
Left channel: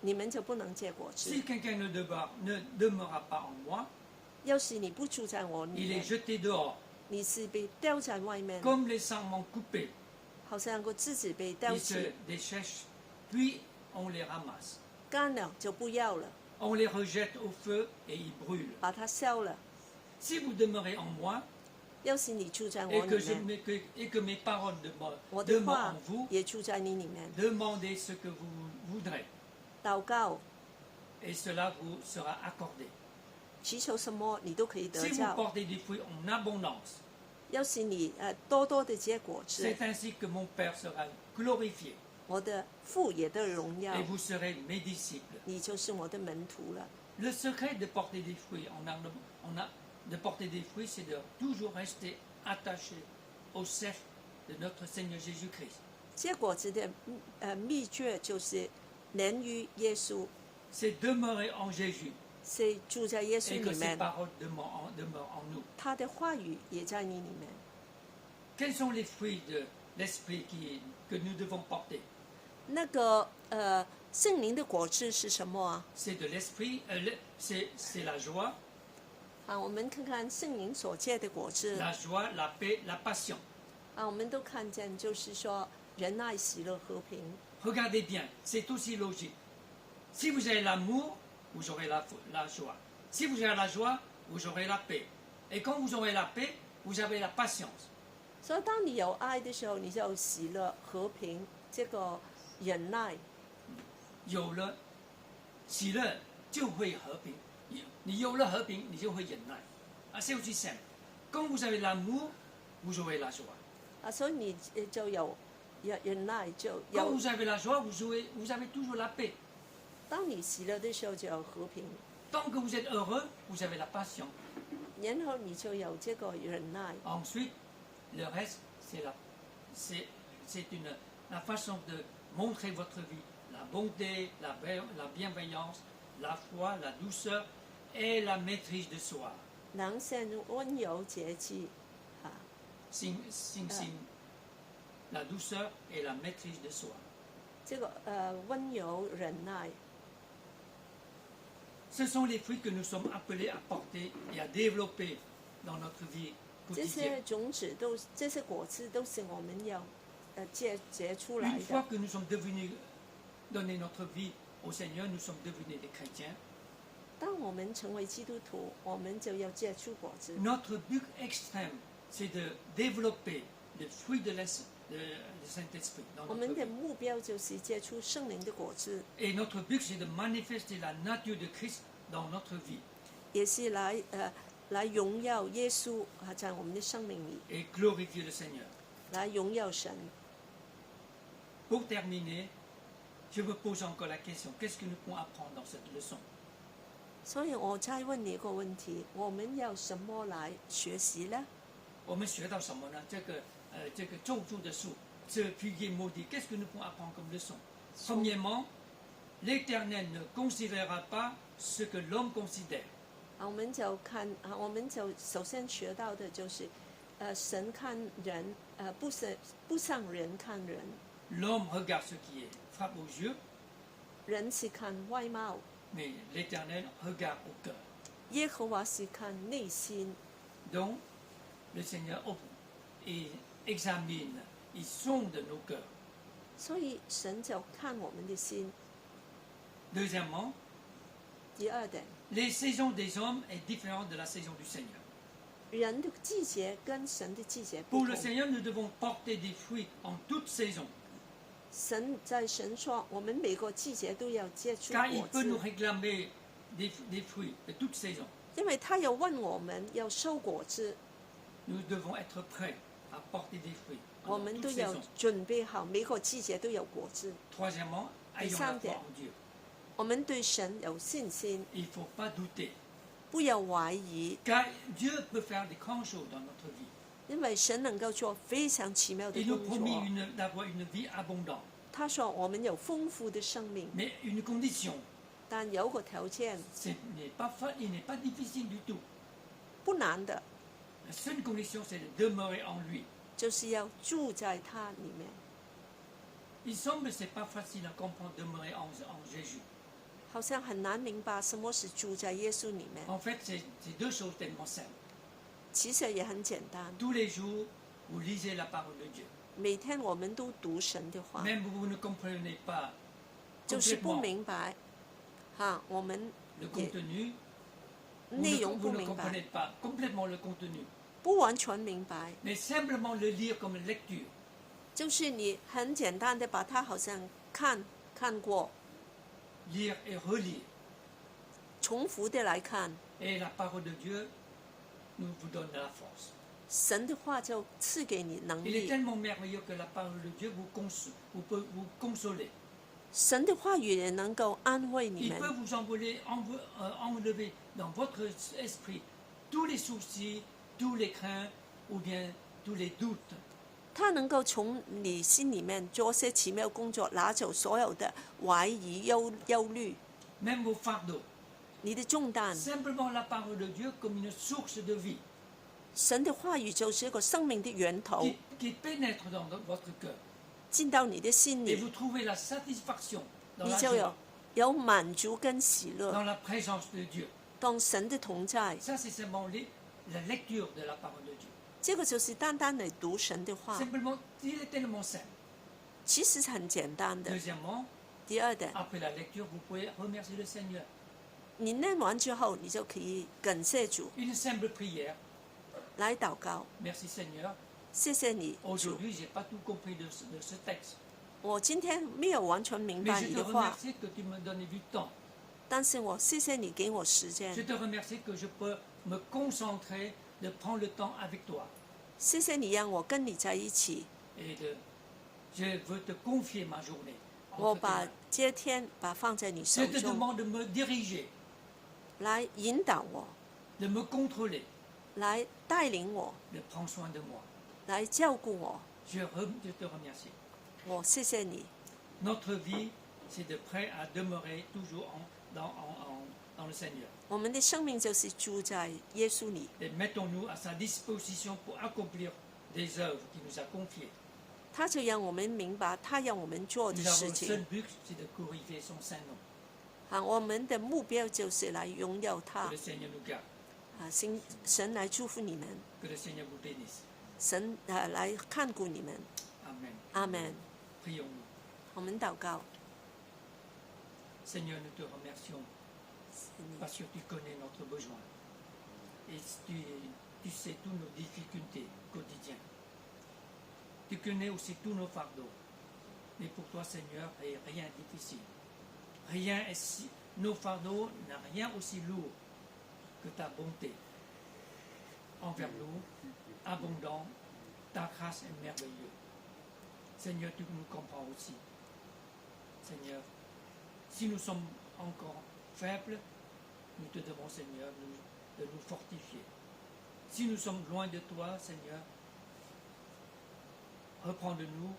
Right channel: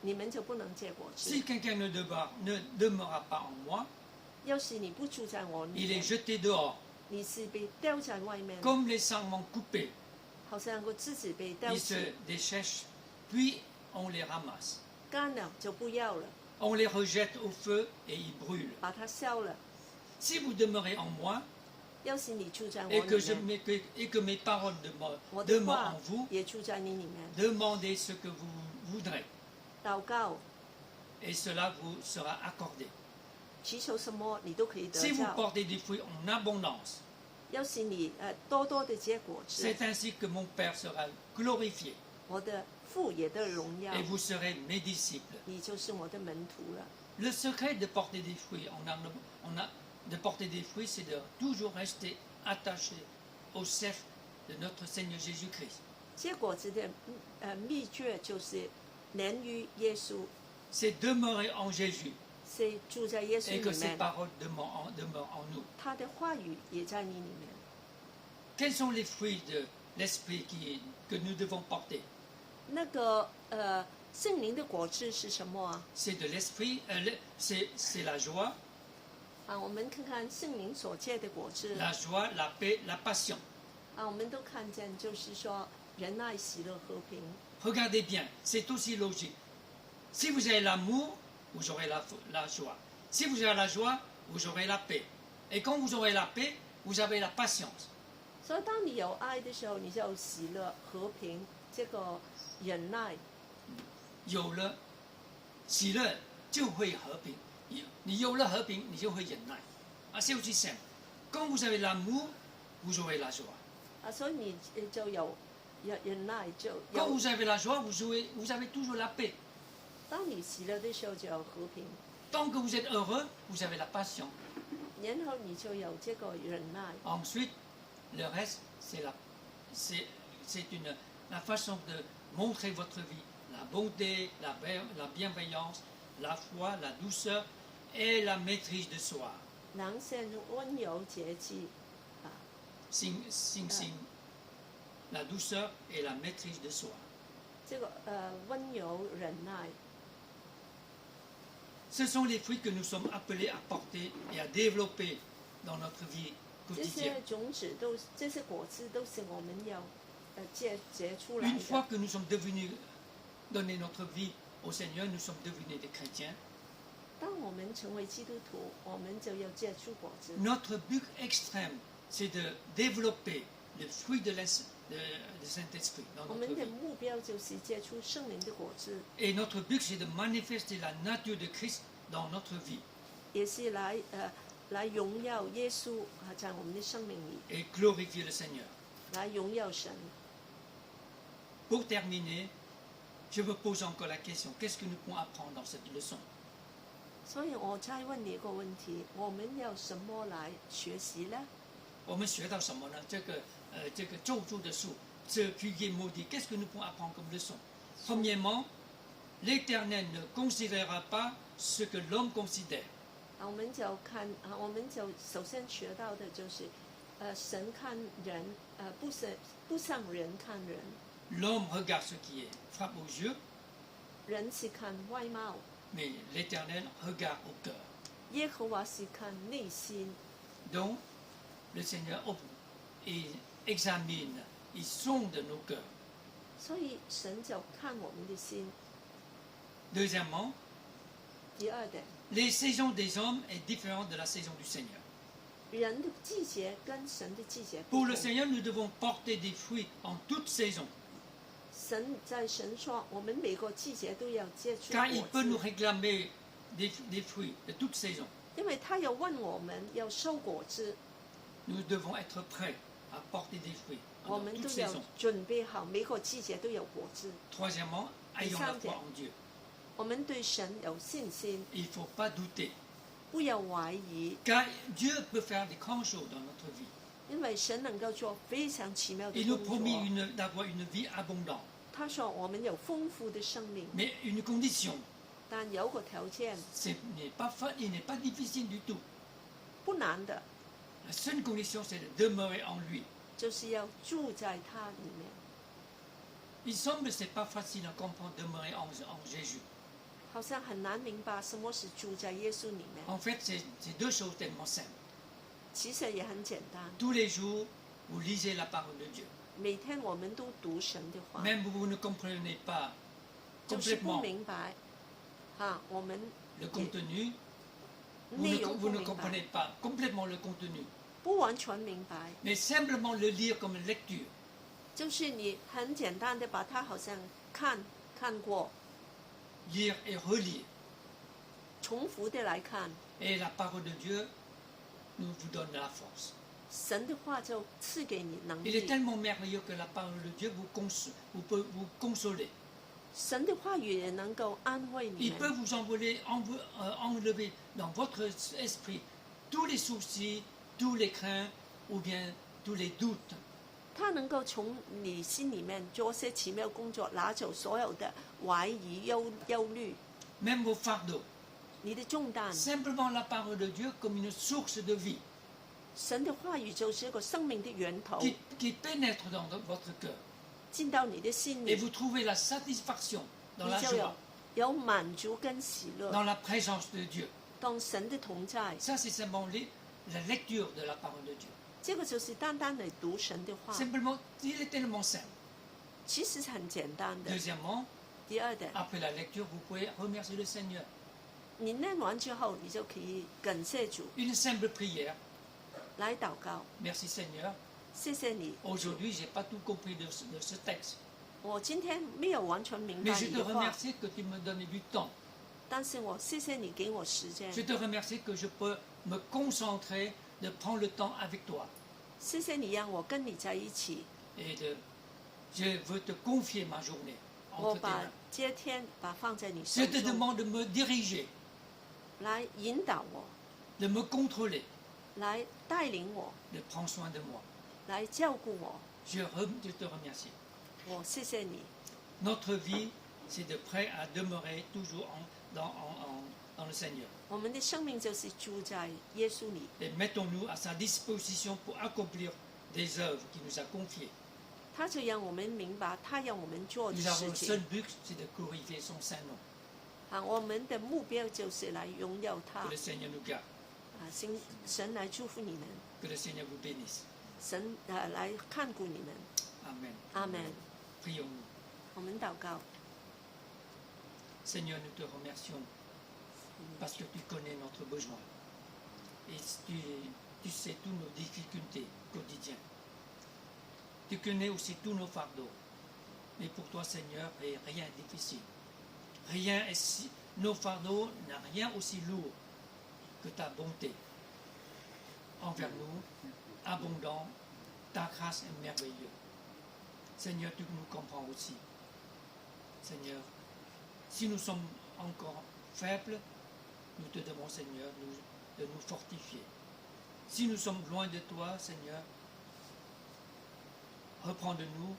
你们就不能结果子。 Si quelqu'un ne demeurera pas en moi, 要是你不住在我里 il est 面， jeté dehors, 你是被丢在外面， comme les sarments coupés. 好像个枝子被丢 Ils 弃， se déchèchent, puis on les ramasse. 干了就不要了， On les rejette au feu et ils brûlent. 把它烧了。 Si vous demeurez en moi 要是你住在我 et que, 里面， et que mes paroles 我的 demeurent 话 en vous, 也住在你里面。 demandez ce que vous voudrez 祷告， et cela vous sera accordé. 祈求什么你都可以得 Si vous 到。 portez des fruits en abondance, 要是你多多的结果子， c'est ainsi que mon Père sera glorifié 我的父也得荣耀， et vous serez mes disciples. 你就是我的门徒了。 Le secret de porter des fruits, de porter des fruits, c'est de toujours rester attaché au cercle de notre Seigneur Jésus-Christ. 结果子的秘诀就是连于耶稣， C'est demeurer en Jésus 是住在耶稣 et 里 que ses 面， paroles demeurent en nous. 他的话语也在你里面。 Quels sont les fruits de l'esprit que nous devons porter? 那个圣灵的果子是什么啊？ C'est de l'esprit, c'est la joie, 我们看看圣灵所结的果子 la joie, la paix, la passion. 我们都看见，就是说仁爱、喜乐、和平。 Regardez bien, c'est aussi logique. Si vous avez l'amour, vous aurez la joie. Si vous avez la joie, vous aurez la paix. Et quand vous aurez la paix, vous avez la patience. 所以，当你有爱的时候，你就有喜乐、和平，这个忍耐。有了喜乐就会和平，你有了和平，你就会忍耐。C'est aussi simple. Quand vous avez l'amour, vous aurez la joie. 所以你就有忍耐，就 Quand 有。 vous avez la joie, vous avez toujours la paix. 当你喜乐的时候，就有和平， Tant que vous êtes heureux, vous avez la passion. 然后你就有这个忍耐。 Ensuite, le reste, c'est la façon de montrer votre vie. La bonté, la bienveillance, la foi, la douceur et la maîtrise de soi. 能显温柔节制， La douceur et la maîtrise de soi. 这个温柔忍耐。 Ce sont les fruits que nous sommes appelés à porter et à développer dans notre vie 这些 quotidienne. 种子都，这些果子都是我们要结出来 Une fois 的。 que nous sommes devenus, donné notre vie au Seigneur, nous sommes devenus des chrétiens. 当我们成为基督徒，我们就要结出果子。 Notre but extrême, c'est de développer le fruit de Saint-Esprit dans 我 notre 们的 vie. 目标就是结出圣灵的果子， Et notre but, c'est de manifester la nature de Christ dans notre vie 也是来荣耀耶稣在我们的生命里， et glorifier le Seigneur. 来荣耀神。 Pour terminer, je me pose encore la question, qu'est-ce que nous pouvons apprendre dans cette leçon? 所以我再问你一个问题：我们要什么来学习呢？我们学到什么呢？这个咒诅的树，ce figuier maudit, qu'est-ce que nous pouvons apprendre comme leçon? Premièrement, l'Éternel ne considérera pas ce que l'homme considère. 我们就看我们就首先学到的就是，神看人，不像人看人， L'homme regarde ce qui est frappe aux yeux, 人是看外貌， mais l'Éternel regarde au cœur. 耶和华是看内心。 Donc, le Seigneur examine, il sonde nos cœurs. 所以神就看我们的心。 Deuxièmement, 第二点， les saisons des hommes est différente de la saison du Seigneur. 人的季节跟神的季节 Pour 不 le 同。 Seigneur, nous devons porter des fruits en toute saison, 神说，我们每个季节都要结出 car il 果 peut nous 子， réclamer des fruits de toute saison. 因为他有问我们要收果子， Nous devons être prêts à porter des fruits 我 dans 们 toute 都要 saison. 准备好，每个季节都有果子。 Troisièmement, ayons la foi en Dieu. 我们对神有信心， Il ne faut pas douter, 不要怀疑， car Dieu peut faire des grandes choses dans notre vie. 因为神能够做非常奇妙的 Il nous 工 promet 作。 d'avoir une vie abondante, 他说我们有丰富的生命， mais une condition, 但有个条件 il n'est pas difficile du tout. 不难的， La seule condition, c'est de demeurer en lui. 就是要住在他里面。Il semble que ce n'est pas facile à comprendre demeurer en Jésus. 好像很难明白什么是住在耶稣里面。 En fait, c'est deux choses tellement simples. 其实也很简单， Tous les jours, vous lisez la parole de Dieu. 每天我们都读神的话， Même vous ne comprenez pas 就是不 complètement 明白，我们 le contenu, 内容不 vous ne 明 comprenez 白， pas complètement le contenu, 不完全明白， mais simplement le lire comme une lecture. 就是你很简单的把它好像看过， Lire et relire. 重复的来看， Et la parole de Dieu nous vous donne la force. 神的话就赐给你能 Il est 力。 tellement merveilleux que la parole de Dieu peut vous consoler. 神的话语也能够安慰你 Il peut 们， vous enlever dans votre esprit tous les soucis, tous les craints ou bien tous les doutes. 它能够从你心里面做些奇妙工作，拿走所有的怀疑、忧虑， Même vos fardeaux. 你的重担。 Simplement la parole de Dieu comme une source de vie 神的话语就是一个生命的源头， qui pénètre dans votre cœur. 进到你的心 Et 里， vous trouvez la satisfaction dans 你 la 就 joie, 有满足跟喜乐， dans la présence de Dieu. 当神的同在， Ça, c'est simplement la lecture de la parole de Dieu. 这个就是单单的读神的话， Simplement, il est tellement simple. 其实是很简单的。 Deuxièmement, 第二的， après la lecture, vous pouvez remercier le Seigneur. 你念完之后，你就可以感谢主， Une simple prière. 来祷告， Merci Seigneur. 谢谢你。 Aujourd'hui, je n'ai pas tout compris de ce texte. 我今天没有完全明 Mais 白 je 你 te 的话， remercie que tu me donnes du temps. 但是我谢谢你给我时间 Je，te remercie que je peux me concentrer, de prendre le temps avec toi. 谢谢你让我跟你在一起。 Et je veux te confier ma journée 我 entre tes 把 mains. 这天把放在你 Je 手 te 中， demande de me diriger, 来引导我， de me contrôler, 来带领我， de prendre soin de moi. 来照顾我。 Je te remercie. 我谢谢你。 Notre vie, c'est de prêt à demeurer toujours dans le Seigneur. 我们的生命就是住在耶稣里， Et mettons-nous à sa disposition pour accomplir des œuvres qu'il nous a confiées. 他就让我们明白他让我们做的 Nous avons 事 le 情 seul but, c'est de glorifier son Saint-Nom. 我们的目标就是来荣耀他 Que le Seigneur nous garde. 神来祝福你们， Que le Seigneur vous bénisse. 神来看顾你们。 Amen. 阿门。 Prions-nous. 我们祷告， Seigneur, nous te remercions parce que tu connais notre besoin. Et tu sais toutes nos difficultés quotidiennes. Tu connais aussi tous nos fardeaux. Mais pour toi, Seigneur, rien n'est difficile. Nos fardeaux n'ont rien aussi lourd que ta bonté envers nous, abondant. Ta grâce est merveilleuse. Seigneur, tu nous comprends aussi. Seigneur, si nous sommes encore faibles, nous te demandons, Seigneur, de nous fortifier. Si nous sommes loin de toi, Seigneur, reprends de nous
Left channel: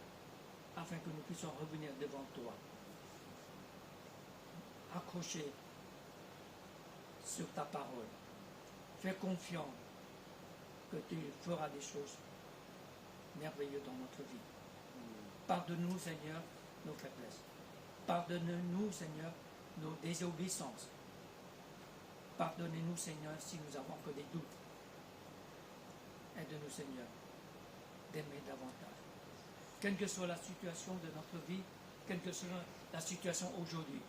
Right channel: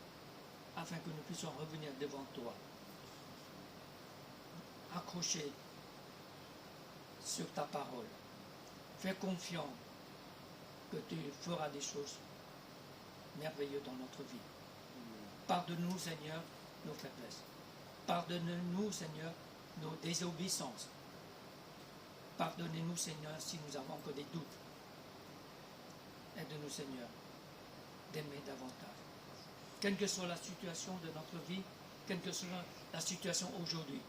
afin que nous puissions revenir devant toi. Accrochés sur ta parole. Fais confiance que tu feras des choses merveilleuses dans notre vie. Pardonne-nous, Seigneur, nos faiblesses. Pardonne-nous, Seigneur, nos désobéissances. Pardonnez-nous, Seigneur, si nous avons encore des doutes. Aide-nous, Seigneur, d'aimer davantage. Quelle que soit la situation de notre vie, quelle que soit la situation aujourd'hui.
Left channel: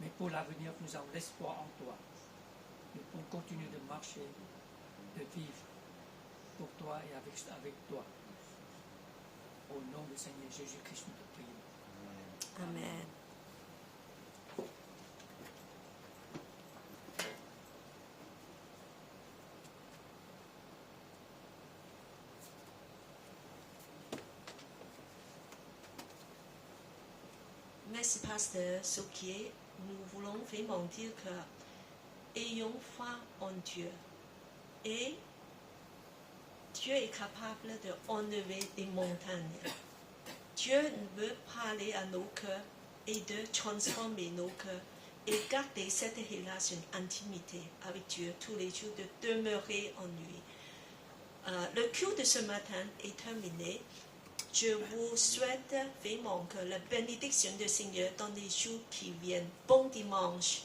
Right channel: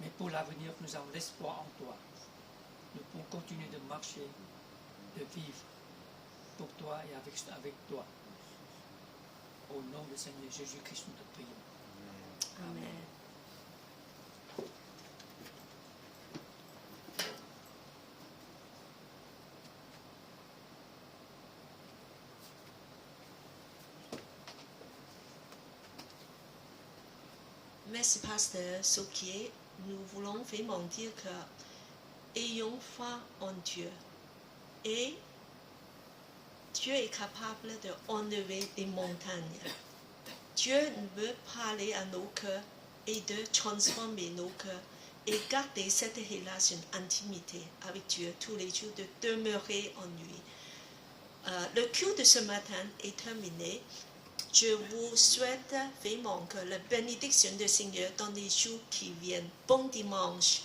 Mais pour l'avenir, nous avons l'espoir en toi. Nous pouvons continuer de marcher, de vivre pour toi et avec toi. Au nom du Seigneur Jésus-Christ, nous te prions. Amen. Merci, Pasteur Souquier. Nous voulons vraiment dire que ayons foi en Dieu. Et Dieu est capable d'enlever des montagnes. Dieu veut parler à nos cœurs et de transformer nos cœurs et garder cette relation intimité avec Dieu tous les jours, de demeurer en lui. Le culte de ce matin est terminé. Je vous souhaite vraiment que la bénédiction du Seigneur dans les jours qui viennent. Bon dimanche.